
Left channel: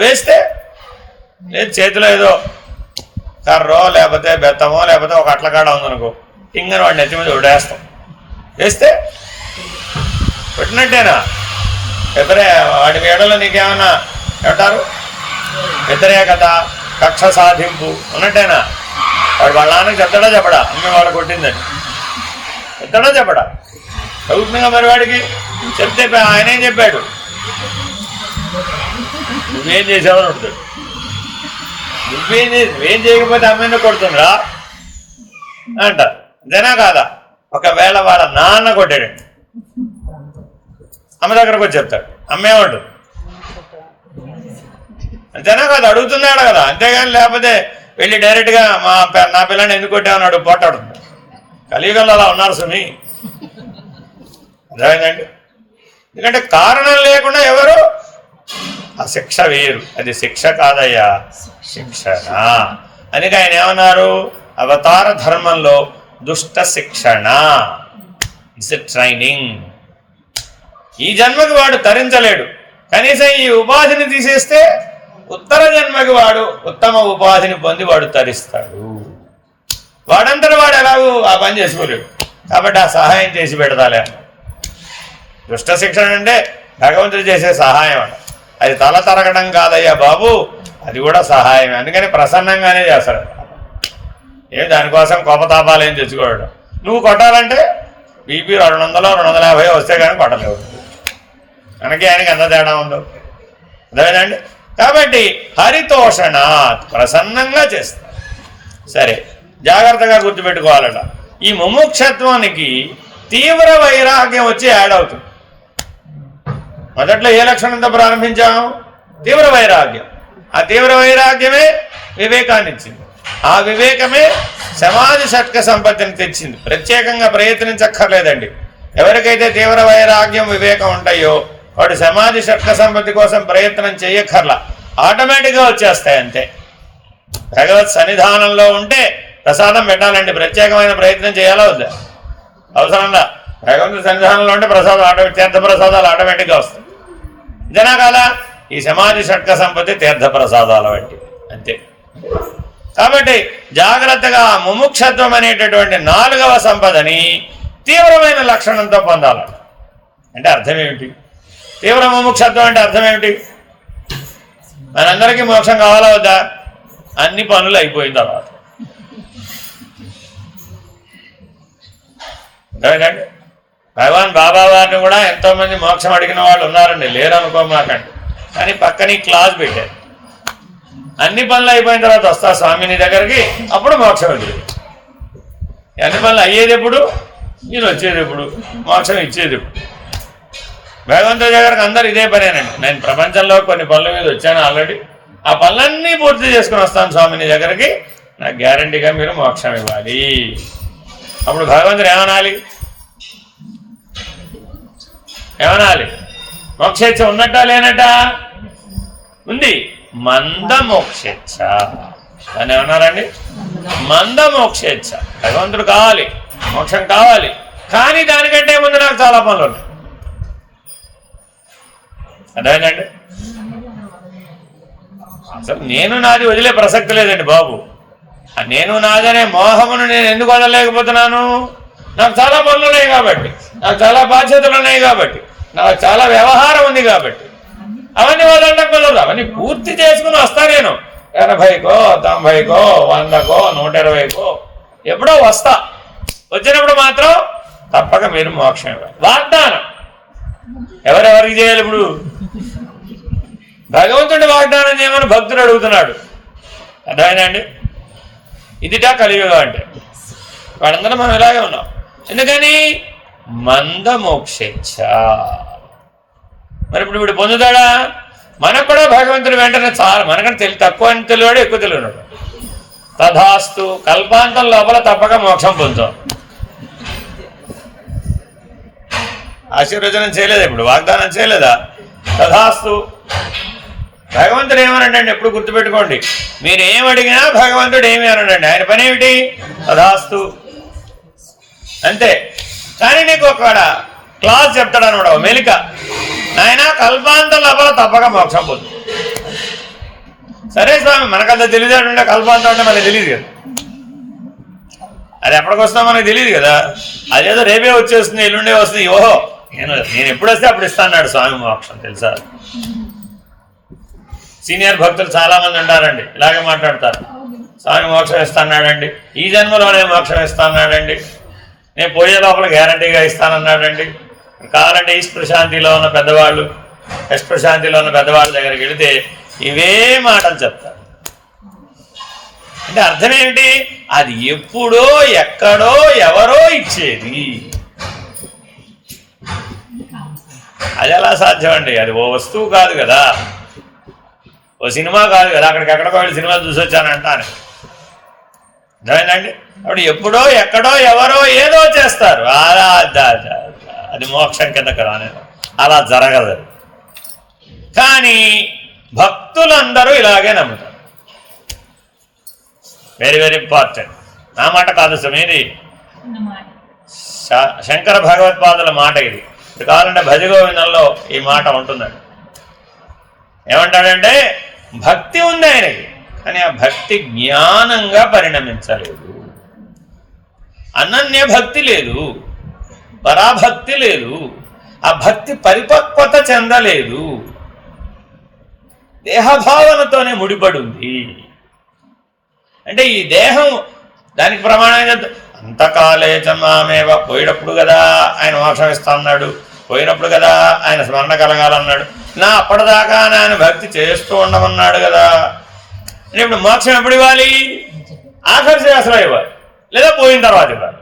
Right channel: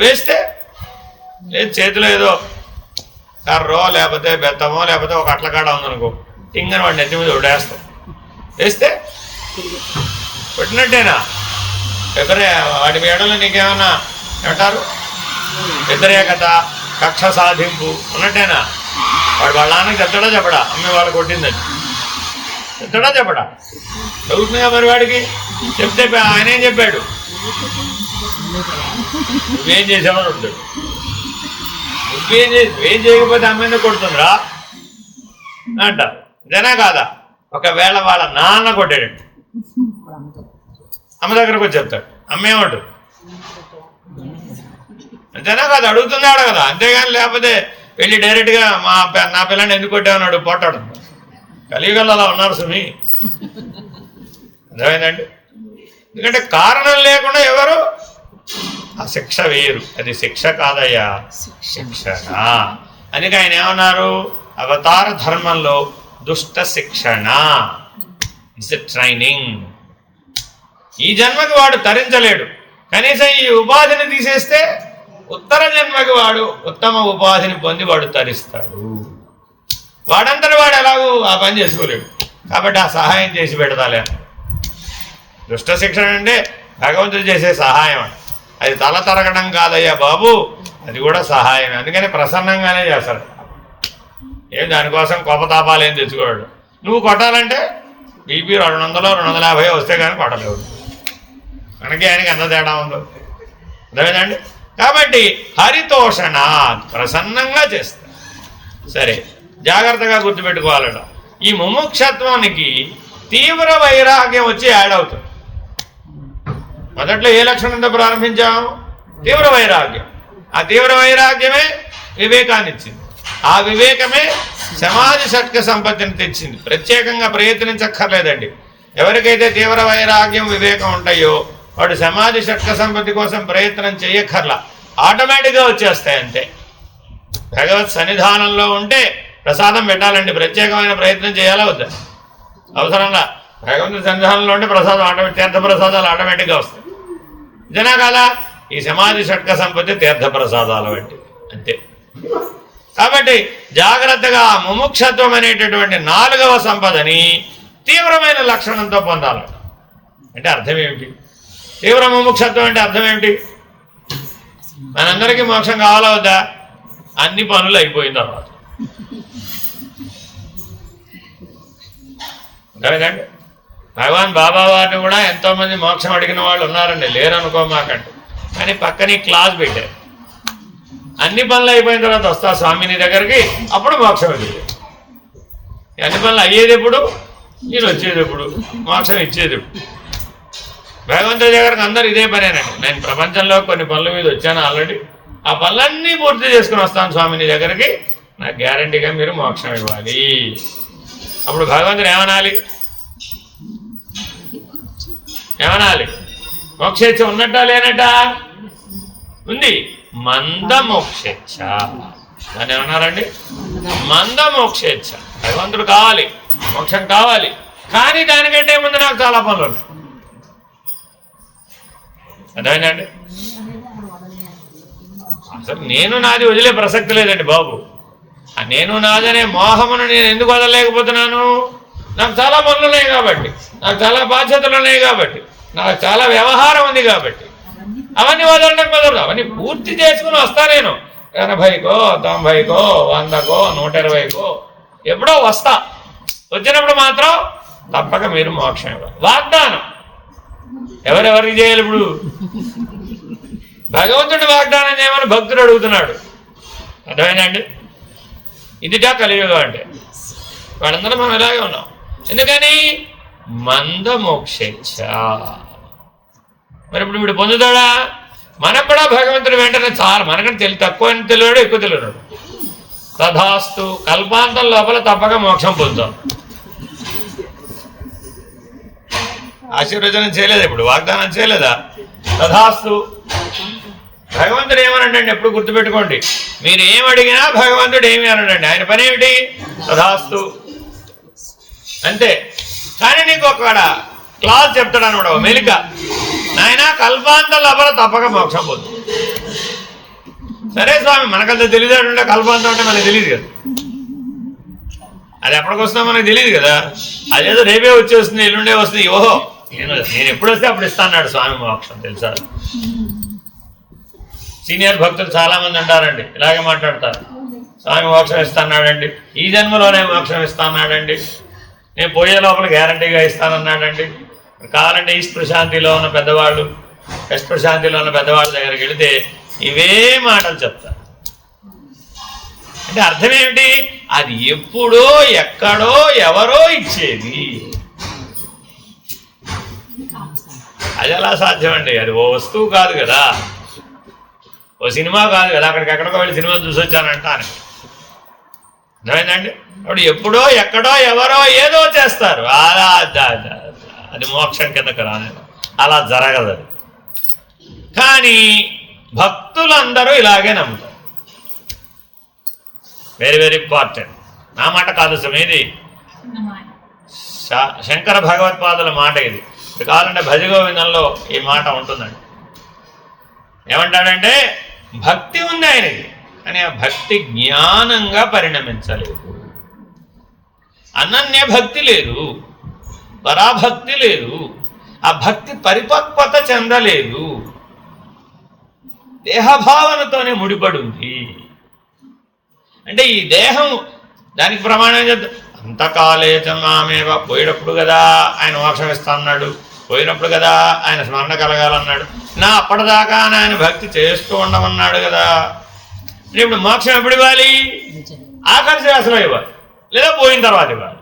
వేస్తే లేదు చేతిలో ఏదో కర్రో లేకపోతే బెత్తమో లేకపోతే ఒక అట్లకాడ ఉందనుకో, టింగని వాడిని నెత్తి మీద ఉడేస్తాం, వేస్తే కొట్టినట్టేనా? వాడి వేడలో నీకేమన్నా ఏమంటారు వ్యతిరేకత, కక్ష సాధింపు ఉన్నట్టేనా? వాడు వాళ్ళ నాన్నకి చెప్తాడా చెప్పడా అమ్మ వాడు కొట్టిందని? చెప్తాడా చెప్పడా? చదువుతుందిగా మరి వాడికి. చెప్తే ఆయన ఏం చెప్పాడు? నువ్వేం చేసావని అడుగుతాడు. నువ్వేం చేయకపోతే అమ్మని కొడుతుందిరా అంటారు. అంతేనా కాదా? ఒకవేళ వాళ్ళ నాన్న కొట్టాడు, అమ్మ దగ్గరకు వచ్చి చెప్తాడు, అమ్మేమంటుంది? అంతేనా కదా? అడుగుతున్నాడు కదా. అంతేగాని లేకపోతే వెళ్ళి డైరెక్ట్గా నా పిల్లని ఎందుకు కొట్టామన్నాడు పోటాడు. కలియుగంలో అలా ఉన్నారు సుమి. అర్థమైందండి? ఎందుకంటే కారణం లేకుండా ఎవరు ఆ శిక్ష వేయరు. అది శిక్ష కాదయ్యా, శిక్షణ. అందుకే ఆయన ఏమన్నారు? అవతార ధర్మంలో దుష్ట శిక్షణ ఇట్స్ ఎ ట్రైనింగ్. ఈ జన్మకి వాడు తరించలేడు, కనీసం ఈ ఉపాధిని తీసేస్తే ఉత్తర జన్మకి వాడు ఉత్తమ ఉపాధిని పొంది వాడు తరిస్తాడు. వాడంతటి వాడు ఎలాగూ ఆ పని చేసుకోలేడు. కాబట్టి ఆ సహాయం చేసి పెడతాలే. దుష్ట శిక్షణ అంటే భగవంతుడు చేసే సహాయం. అది తల తరగడం కాదయ్యా బాబు, అది కూడా సహాయమే. అందుకని ప్రసన్నంగానే చేస్తాడు. ఏం దానికోసం కోపతాపాలు ఏం తెచ్చుకోవడం. నువ్వు కొట్టాలంటే బీపీ 200 250 వస్తే కానీ కొట్టలేవు. మనకి ఆయనకి ఎంత తేడా ఉందో అర్థమేనండి. కాబట్టి హరితోషణ ప్రసన్నంగా చేస్తారు. సరే, జాగ్రత్తగా గుర్తుపెట్టుకోవాలట. ఈ ముముక్షత్వానికి తీవ్ర వైరాగ్యం వచ్చి యాడ్ అవుతుంది. మొదట్లో ఏ లక్షణంతో ప్రారంభించాము? తీవ్ర వైరాగ్యం. ఆ తీవ్ర వైరాగ్యమే వివేకాన్ని ఇచ్చింది. ఆ వివేకమే సమాధి షట్క సంపత్తిని తెచ్చింది. ప్రత్యేకంగా ప్రయత్నించక్కర్లేదండి. ఎవరికైతే తీవ్ర వైరాగ్యం వివేకం ఉంటాయో వాడు సమాధి షట్క సంపత్తి కోసం ప్రయత్నం చేయక్కర్లా, ఆటోమేటిక్గా వచ్చేస్తాయి అంతే. భగవత్ సన్నిధానంలో ఉంటే ప్రసాదం పెట్టాలండి. ప్రత్యేకమైన ప్రయత్నం చేయాలా వద్దా? అవసరంగా భగవంతుడి సన్నిధానంలో ఉంటే ప్రసాదం తీర్థ ప్రసాదాలు ఆటోమేటిక్గా వస్తాయి. ఇదేనా కాదా? ఈ సమాధి షట్క సంపత్తి తీర్థ ప్రసాదాల వంటి అంతే. కాబట్టి జాగ్రత్తగా ముముక్షత్వం అనేటటువంటి 4వ సంపదని తీవ్రమైన లక్షణంతో పొందాలి. అంటే అర్థం ఏమిటి? తీవ్ర ముముక్షత్వం అంటే అర్థం ఏమిటి? మనందరికీ మోక్షం కావాలా వద్దా? అన్ని పనులు అయిపోయిన తర్వాత. అర్థమైందండి? భగవాన్ బాబా వారిని కూడా ఎంతోమంది మోక్షం అడిగిన వాళ్ళు ఉన్నారండి, లేరనుకోమాకండి. కానీ పక్కనే క్లాస్ పెట్టారు. అన్ని పనులు అయిపోయిన తర్వాత వస్తా స్వామిని దగ్గరికి, అప్పుడు మోక్షం ఎదురు. అన్ని పనులు అయ్యేది ఎప్పుడు? నేను వచ్చేది ఎప్పుడు? మోక్షం ఇచ్చేది ఎప్పుడు? భగవంతుడి దగ్గరకు అందరు ఇదే పనేనండి. నేను ప్రపంచంలో కొన్ని పనుల మీద వచ్చాను ఆల్రెడీ, ఆ పనులన్నీ పూర్తి చేసుకుని వస్తాను స్వామిని దగ్గరికి, నాకు గ్యారంటీగా మీరు మోక్షం ఇవ్వాలి. అప్పుడు భగవంతుడు ఏమనాలి? మోక్షేచ్ఛ ఉన్నట్టా లేనట్టా? ఉంది. మందమోక్షేచ్ఛ. దాన్ని ఏమన్నారండి? మందమోక్షేచ్ఛ. భగవంతుడు కావాలి, మోక్షం కావాలి, కానీ దానికంటే ముందు నాకు చాలా పనులు ఉన్నాయి. అదేనండి. అసలు నేను నాది వదిలే ప్రసక్తి లేదండి బాబు. ఆ నేను నాదనే మోహమును నేను ఎందుకు వదలలేకపోతున్నాను? నాకు చాలా పనులు ఉన్నాయి కాబట్టి, నాకు చాలా బాధ్యతలు ఉన్నాయి కాబట్టి, నాకు చాలా వ్యవహారం ఉంది కాబట్టి అవన్నీ వదలడం కుదరదు. అవన్నీ పూర్తి చేసుకుని వస్తా. నేను 80కో 90కో 100కో 120కో ఎప్పుడో వస్తా. వచ్చినప్పుడు మాత్రం తప్పక మీరు మోక్షం వాగ్దానం. ఎవరెవరికి చేయాలి? ఇప్పుడు భగవంతుడి వాగ్దానం చేయమని భక్తుడు అడుగుతున్నాడు. అర్థమైందండి? ఇదిటా కలియుగం అంటే. వాళ్ళందరూ మనం ఇలాగే ఉన్నాం. ఎందుకని? మందమోక్షేచ్ఛ. మరి ఇప్పుడు వీడు పొందుతాడా? మనకు కూడా భగవంతుడు వెంటనే చాలా మనకంటే తక్కువ అని తెలియడు, ఎక్కువ తెలియడు. తథాస్తు, కల్పాంతం లోపల తప్పక మోక్షం పొందుతాం. ఆశీర్వచనం చేయలేదా? ఇప్పుడు వాగ్దానం చేయలేదా? తథాస్తు. భగవంతుడు ఏమనండి? ఎప్పుడు గుర్తుపెట్టుకోండి, మీరు ఏం అడిగినా భగవంతుడు ఏమి అనడండి. ఆయన పని ఏమిటి? తథాస్తు అంతే. కానీ నీకు ఒక క్లాస్ చెప్తాడు అనమాట, మెలిక. నాయన కల్పాంతం లోపల తప్పక మోక్షం పోతుంది. సరే స్వామి, మనకంత తెలియదు. కల్పాంతం అంటే మనకు తెలియదు కదా, అది ఎప్పటికొస్తుందో మనకు తెలియదు కదా. అదేదో రేపే వచ్చేస్తుంది, ఎల్లుండే వస్తుంది. ఓహో నేను ఎప్పుడు వస్తే అప్పుడు ఇస్తాన్నాడు స్వామి మోక్షం, తెలుసా? సీనియర్ భక్తులు చాలామంది ఉంటారండి, ఇలాగే మాట్లాడతారు. స్వామి మోక్షం ఇస్తాన్నాడండి, ఈ జన్మలోనే మోక్షం ఇస్తాన్నాడండి, నేను పోయే లోపల గ్యారంటీగా ఇస్తానన్నాడండి. కావాలంటే ఈస్ట్ ప్రశాంతిలో ఉన్న పెద్దవాళ్ళు, వెస్ట్ ప్రశాంతిలో ఉన్న పెద్దవాళ్ళ దగ్గరికి వెళితే ఇవే మాటలు చెప్తారు. అంటే అర్థం ఏమిటి? అది ఎప్పుడో ఎక్కడో ఎవరో ఇచ్చేది. అది ఎలా సాధ్యం అండి? అది ఓ వస్తువు కాదు కదా, ఓ సినిమా కాదు కదా, అక్కడికి ఎక్కడికో వెళ్ళి సినిమాలు చూసి వచ్చానంటాను. అర్థమైందండి? అప్పుడు ఎప్పుడో ఎక్కడో ఎవరో ఏదో చేస్తారు, అలా అది మోక్షం కిందకి రాలేదు, అలా జరగదు. కానీ భక్తులందరూ ఇలాగే నమ్ముతారు. Very very important. నా మాట కాదు సమీది, శంకర భగవత్పాదుల మాట ఇది. ఇది కావాలంటే భజగోవిందంలో ఈ మాట ఉంటుందండి. ఏమంటాడంటే భక్తి ఉంది ఆయనకి, కానీ ఆ భక్తి జ్ఞానంగా పరిణమించలేదు, అనన్య భక్తి లేదు, పరాభక్తి లేదు, ఆ భక్తి పరిపక్వత చెందలేదు, దేహభావనతోనే ముడిపడి ఉంది. అంటే ఈ దేహం దానికి ప్రమాణం అంతకాలే చమామేవ, పోయినప్పుడు కదా ఆయన మోక్షం ఇస్తా అన్నాడు, పోయినప్పుడు కదా ఆయన స్మరణ కలగాలన్నాడు, నా అప్పటిదాకా ఆయన భక్తి చేస్తూ ఉండమన్నాడు కదా. ఇప్పుడు మోక్షం ఎప్పుడు ఇవ్వాలి? ఆఖరి శ్వాసలో ఇవ్వాలి, లేదా పోయిన తర్వాత ఇవ్వాలి.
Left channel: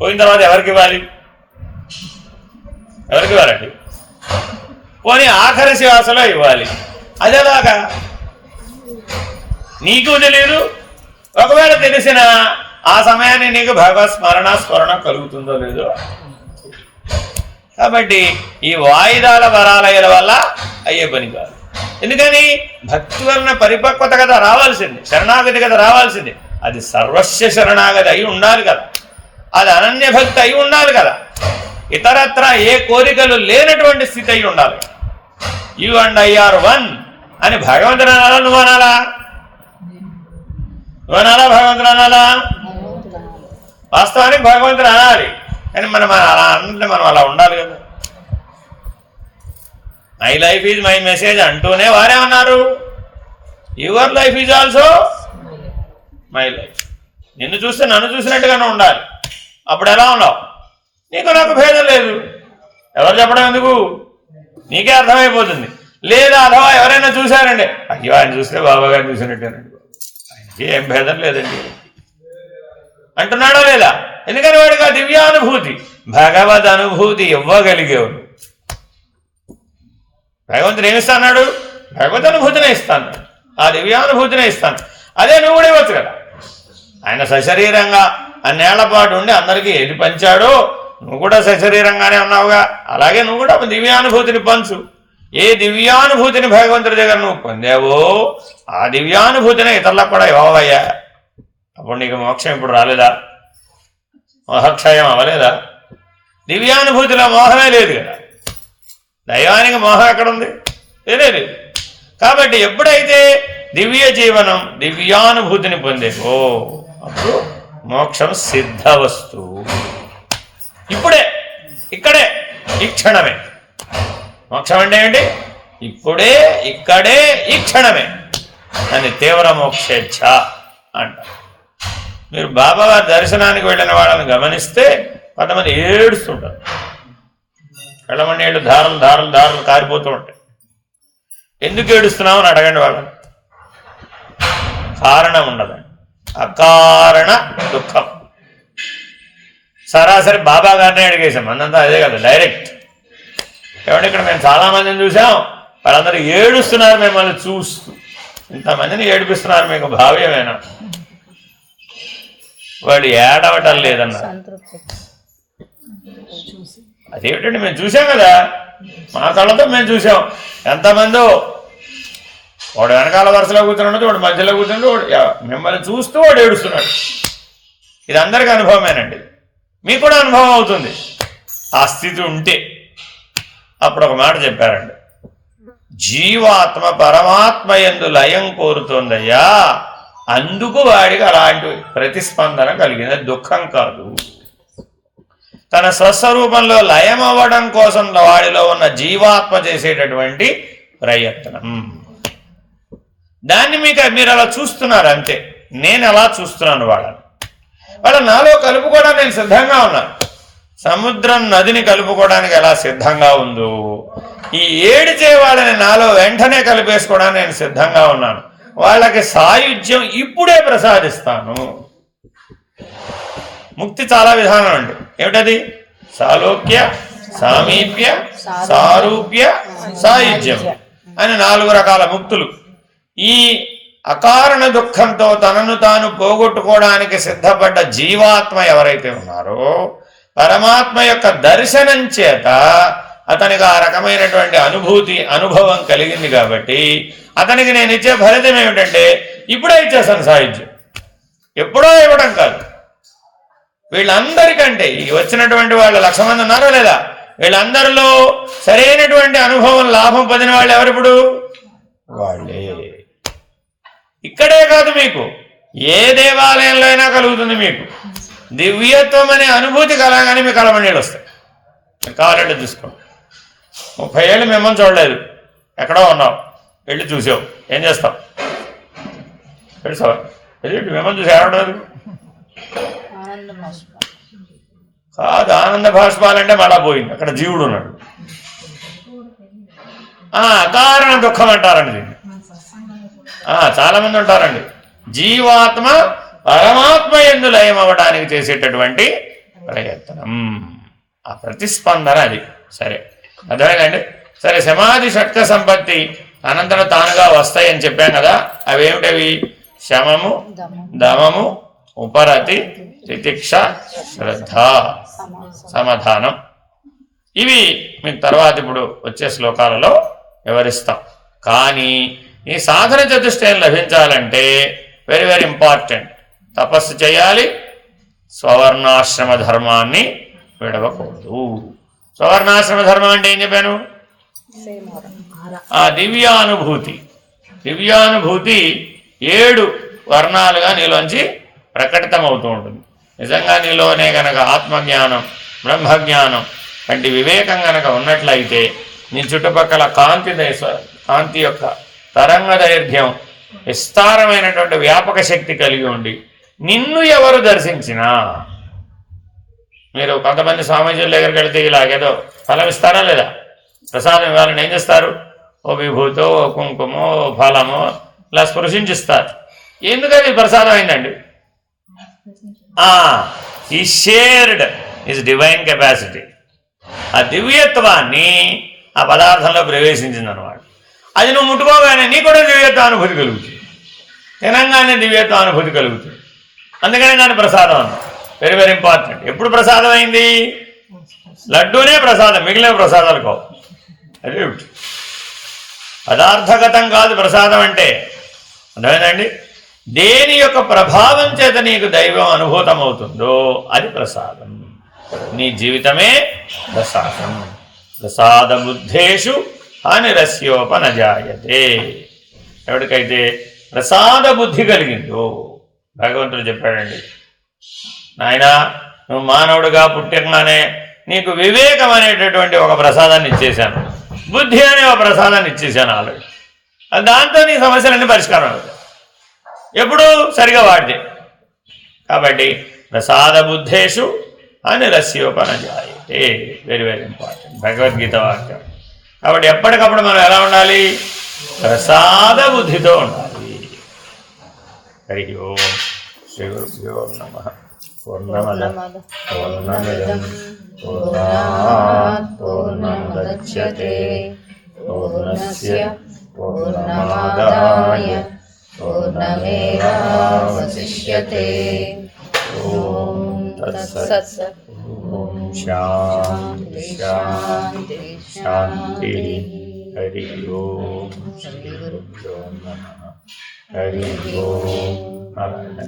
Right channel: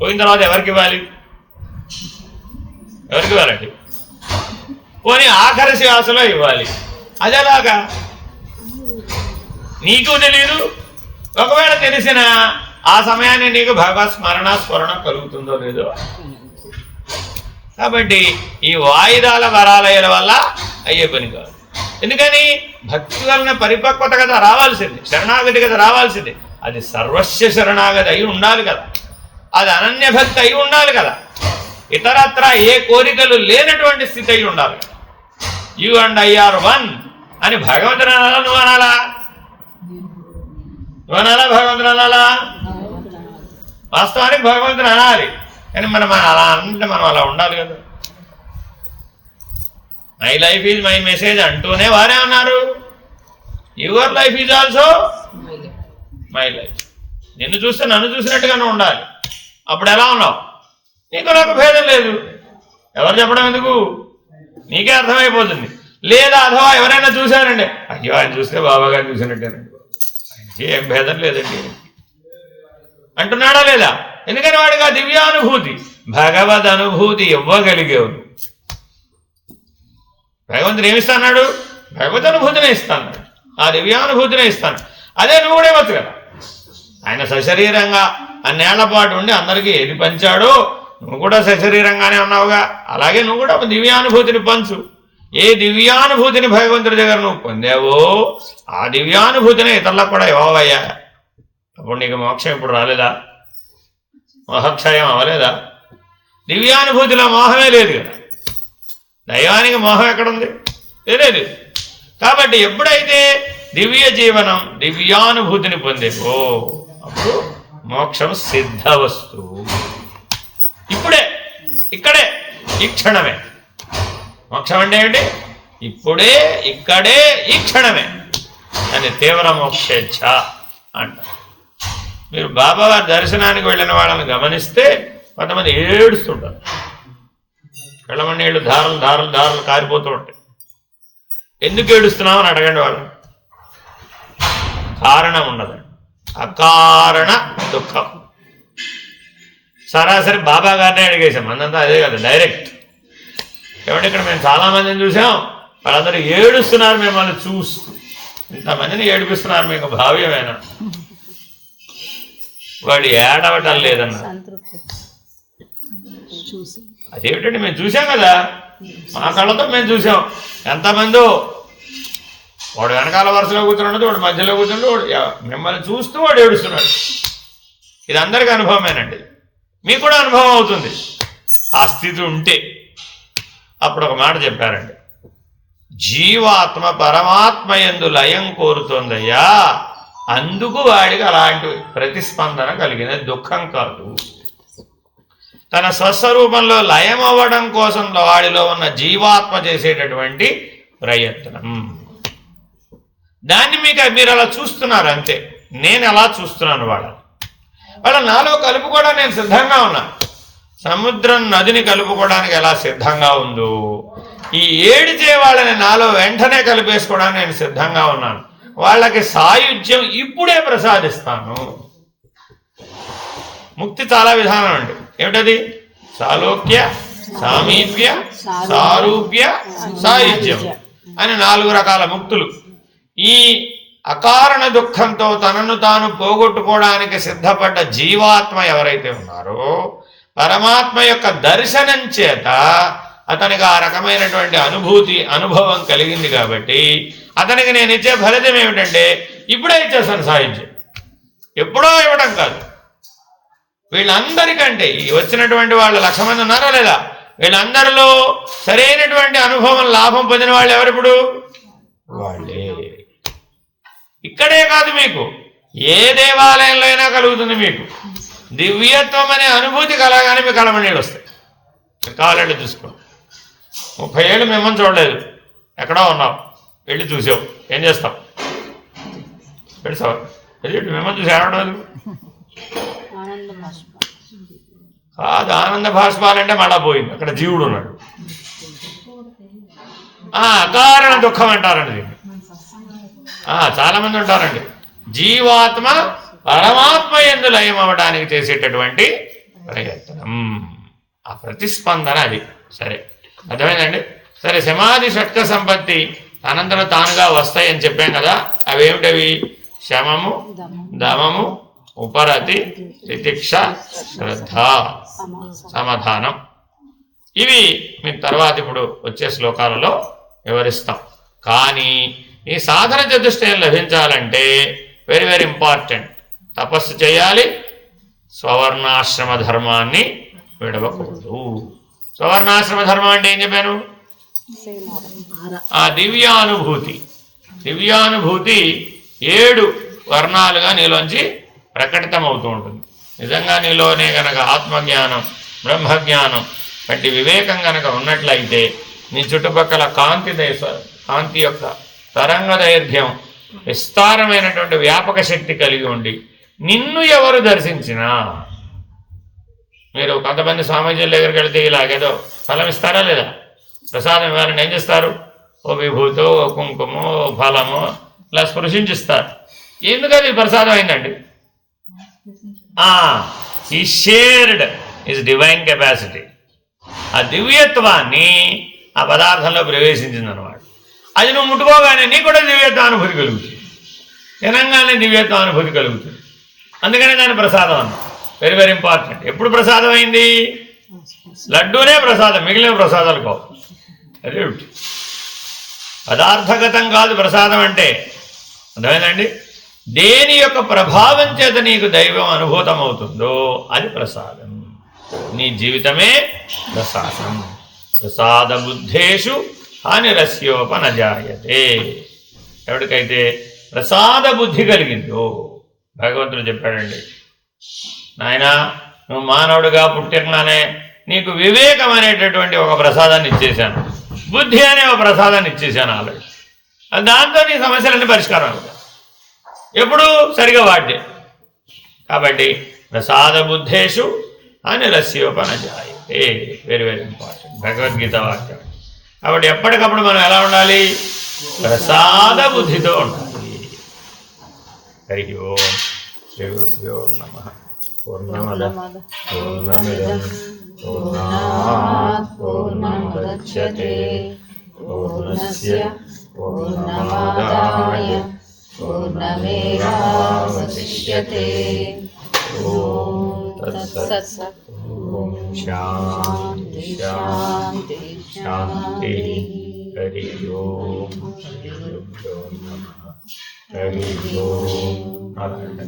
పోయిన తర్వాత ఎవరికి ఇవ్వాలి? ఎవరికి ఇవ్వాలండి? పోనీ ఆఖరి శ్వాసలో ఇవ్వాలి. అదేలాగా నీకు తెలియదు, ఒకవేళ తెలిసిన ఆ సమయాన్ని నీకు భగవత్ స్మరణ కలుగుతుందో లేదో. కాబట్టి ఈ వాయిదాల వరాలయల వల్ల అయ్యే పని కాదు. ఎందుకని? భక్తి వలన పరిపక్వత కదా రావాల్సింది, శరణాగతి కదా రావాల్సింది. అది సర్వస్వ శరణాగతి అయి ఉండాలి కదా, అది అనన్య భక్తి అయి ఉండాలి కదా, ఇతరత్ర ఏ కోరికలు లేనటువంటి స్థితి అయి ఉండాలి. You and I are one అని భగవంతుడు అనాలా, నువ్వు అనాలా? నువ్వు అనాలా, భగవంతుడు అనాలా? వాస్తవానికి భగవంతుడు అనాలి, కానీ మనం అలా అంటే మనం అలా ఉండాలి కదా. My life is my message అంటూనే వారే అన్నారు, your life is also my life. నిన్ను చూస్తే నన్ను చూసినట్టుగానే ఉండాలి. అప్పుడు ఎలా ఉన్నావు? నీకు నాకు భేదం లేదు. ఎవరు చెప్పడం ఎందుకు? నీకే అర్థమైపోతుంది. లేదా అథవా ఎవరైనా చూశారండి, అయ్యో ఆయన చూస్తే బాబా గారిని చూసినట్టేనండి, ఆయనకి ఏం భేదం లేదండి అంటున్నాడా లేదా? ఎందుకని వాడికి ఆ దివ్యానుభూతి, భగవద్ అనుభూతి ఇవ్వగలిగేవాడు. భగవంతుడు ఏమిస్తాడు? భగవద్ అనుభూతినే ఇస్తాను, ఆ దివ్యానుభూతినే ఇస్తాను. అదే నువ్వు కూడా ఇవ్వచ్చు కదా. ఆయన సశరీరంగా అన్నేళ్ల పాటు ఉండి అందరికీ ఏది పంచాడో నువ్వు కూడా సశరీరంగానే ఉన్నావుగా, అలాగే నువ్వు కూడా దివ్యానుభూతిని పంచు. ఏ దివ్యానుభూతిని భగవంతుడి దగ్గర నువ్వు పొందావో ఆ దివ్యానుభూతిని ఇతరులకు కూడా ఇవ్వవయ్యా. అప్పుడు నీకు మోక్షం ఇప్పుడు రాలేదా? మోహక్షయం అవ్వలేదా? దివ్యానుభూతిలో మోహమే లేదు కదా. దైవానికి మోహం ఎక్కడుంది? లేదు. కాబట్టి ఎప్పుడైతే దివ్య జీవనం దివ్యానుభూతిని పొందేవో అప్పుడు మోక్షం సిద్ధ వస్తువు. ఇప్పుడే, ఇక్కడే, ఈ క్షణమే. మోక్షం అంటే ఏంటి? ఇప్పుడే, ఇక్కడే, ఈ క్షణమే అని తీవ్ర మోక్షేచ్ఛ అంటారు. మీరు బాబావారి దర్శనానికి వెళ్ళిన వాళ్ళని గమనిస్తే కొంతమంది ఏడుస్తుంటారు, కళ్ళమని నీళ్ళు ధారలు ధారలు ధారలు కారిపోతూ ఉంటాయి. ఎందుకు ఏడుస్తున్నావు అని అడగండి వాళ్ళని. కారణం ఉండదండి, అకారణ దుఃఖం. సరాసరి బాబా గారినే అడిగేసాం, మనంతా అదే కదా డైరెక్ట్. ఏమంటే ఇక్కడ మేము చాలామందిని చూసాం, వాళ్ళందరూ ఏడుస్తున్నారు మిమ్మల్ని చూస్తూ. ఇంతమందిని ఏడిపిస్తున్నారు, మీకు భావ్యమేనా? వాడు ఏడవటం లేదన్న. అదేమిటండి, మేము చూసాం కదా, మా కళ్ళతో మేము చూసాం. ఎంతమందో వాడు వెనకాల వరుసలో కూర్చున్నాడు, వాడు మధ్యలో కూర్చున్నాడు, వాడు మిమ్మల్ని చూస్తూ వాడు ఏడుస్తున్నాడు. ఇది అందరికీ అనుభవమేనండి, మీకు కూడా అనుభవం అవుతుంది ఆ స్థితి ఉంటే. అప్పుడు ఒక మాట చెప్పారండి, జీవాత్మ పరమాత్మ యందు లయం కోరుతోందయ్యా, అందుకు వాడికి అలాంటి ప్రతిస్పందన కలిగిన దుఃఖం కాదు. తన స్వస్వరూపంలో లయం అవ్వడం కోసం వాడిలో ఉన్న జీవాత్మ చేసేటటువంటి ప్రయత్నం. దాన్ని మీరు అలా చూస్తున్నారు అంతే. నేను అలా చూస్తున్నాను వాళ్ళ నాలో కలుపుకోవడానికి నేను సిద్ధంగా ఉన్నాను. సముద్రం నదిని కలుపుకోవడానికి ఎలా సిద్ధంగా ఉందో ఈ ఏడిచే వాళ్ళని నాలో వెంటనే కలిపేసుకోవడానికి నేను సిద్ధంగా ఉన్నాను. వాళ్ళకి సాయుధ్యం ఇప్పుడే ప్రసాదిస్తాను. ముక్తి చాలా విధానం అండి. ఏమిటది? సాలోక్య, సామీప్య, సారూప్య, సాయుధ్యం అని 4 రకాల ముక్తులు. ఈ అకారణ దుఃఖంతో తనను తాను పోగొట్టుకోవడానికి సిద్ధపడ్డ జీవాత్మ ఎవరైతే ఉన్నారో పరమాత్మ యొక్క దర్శనం చేత అతనికి ఆ రకమైనటువంటి అనుభవం కలిగింది. కాబట్టి అతనికి నేను ఇచ్చే ఫలితం ఏమిటంటే ఇప్పుడే ఇచ్చేస్తాను సాయుధ్యం. ఎప్పుడో ఇవ్వడం కాదు. వీళ్ళందరికంటే ఈ వచ్చినటువంటి వాళ్ళు 1,00,000 మంది ఉన్నారో లేదా, వీళ్ళందరిలో సరైనటువంటి అనుభవం లాభం పొందిన వాళ్ళు ఎవరిప్పుడు? వాళ్ళే. ఇక్కడే కాదు, మీకు ఏ దేవాలయంలో అయినా కలుగుతుంది. మీకు దివ్యత్వం అనే అనుభూతి కలగానే మీకు కలమనీళ్ళు వస్తాయి. కావాలంటే చూసుకోండి. 30 ఏళ్ళు మిమ్మల్ని చూడలేదు, ఎక్కడో ఉన్నావు, వెళ్ళి చూసావు, ఏం చేస్తావు? తెలుసా? ఎదుటి మిమ్మల్ని చూసి ఏడవలేదు కాదు. ఆనంద భాష్పాలంటే మళ్ళా పోయింది, అక్కడ జీవుడు ఉన్నాడు. అకారణ దుఃఖం అంటారండి దీన్ని. చాలా మంది ఉంటారండి. జీవాత్మ పరమాత్మ యందు లయం అవ్వడానికి చేసేటటువంటి ప్రయత్నం, ఆ ప్రతిస్పందన అది. సరే, అర్థమైందండి. సరే, సమాధి షట్క సంపత్తి అనంతరం తానుగా వస్తాయని చెప్పాం కదా. అవేమిటవి? శమము, దమము, ఉపరతి, తితిక్ష, శ్రద్ధ, సమాధానం. ఇవి మీకు తర్వాత ఇప్పుడు వచ్చే శ్లోకాలలో వివరిస్తాం. కానీ ఈ సాధన చతుష్టయం లభించాలంటే వెరీ వెరీ ఇంపార్టెంట్. తపస్సు చేయాలి, స్వవర్ణాశ్రమ ధర్మాన్ని విడవకూడదు. స్వవర్ణాశ్రమ ధర్మం అంటే ఏం చెప్పాను? ఆ దివ్యానుభూతి. దివ్యానుభూతి 7 వర్ణాలుగా నీలోంచి ప్రకటితమవుతూ ఉంటుంది. నిజంగా నీలోనే గనక ఆత్మజ్ఞానం, బ్రహ్మజ్ఞానం వంటి వివేకం గనక ఉన్నట్లయితే నీ చుట్టుపక్కల కాంతి యొక్క తరంగ దైర్ఘ్యం, విస్తారమైనటువంటి వ్యాపక శక్తి కలిగి ఉండి నిన్ను ఎవరు దర్శించినా, మీరు కొంతమంది స్వామీజీల దగ్గరికి వెళితే ఇలాగేదో ఫలం ఇస్తారా లేదా? ప్రసాదం ఇవ్వాలని ఏం చేస్తారు? ఓ విభూతో, ఓ కుంకుమో, ఓ ఫలమో ఇలా స్పృశించిస్తారు. ఎందుకది ప్రసాదం అయిందండి? ఈ షేర్డ్ ఇస్ డివైన్ కెపాసిటీ. ఆ దివ్యత్వాన్ని ఆ పదార్థంలో ప్రవేశించిందన్నమాట. అది నువ్వు ముట్టుకోగానే నీకు కూడా దివ్యత్వ అనుభూతి కలుగుతుంది, తినంగానే దివ్యత్వ అనుభూతి కలుగుతుంది. అందుకనే దాని ప్రసాదం అన్న. Very very important. ఎప్పుడు ప్రసాదం అయింది? లడ్డూనే ప్రసాదం, మిగిలిన ప్రసాదాలు కావు. అదే పదార్థగతం కాదు ప్రసాదం అంటే. అర్థమైందండి? దేని యొక్క ప్రభావం చేత నీకు దైవం అనుభూతం అవుతుందో అది ప్రసాదం. నీ జీవితమే ప్రసాదం. ప్రసాద బుద్ధేషు హానిరస్యోపనజాయతే. ఎవరికైతే ప్రసాద బుద్ధి కలిగిందో భగవంతుడు చెప్పాడండి, నాయనా నువ్వు మానవుడిగా పుట్టినానే నీకు వివేకం అనేటటువంటి ఒక ప్రసాదాన్ని ఇచ్చేశాను, బుద్ధి అనే ఒక ప్రసాదాన్ని ఇచ్చేశాను ఆల్రెడీ. దాంతో నీ సమస్యలన్నీ పరిష్కారం అవుతాయి ఎప్పుడు సరిగా వాడితే. కాబట్టి ప్రసాద బుద్ధేషు అనిరస్యోపనజాయతే. వెరీ వెరీ ఇంపార్టెంట్ భగవద్గీత వాక్యం. కాబట్టి ఎప్పటికప్పుడు మనం ఎలా ఉండాలి? ప్రసాద బుద్ధితో ఉండాలి. హరి ఓం శ్రీ గురుభ్యో నమః. పూర్ణమద పూర్ణమిదం పూర్ణాత్ పూర్ణముదచ్యతే పూర్ణస్య పూర్ణమాదాయ పూర్ణమేవావశిష్యతే. ఓం తత్సత్. ఓం శాంతి శాంతి శాంతి. హరి ఓం శ్రీ గురుభ్యో నమః. హరి ఓం. నారాయణ.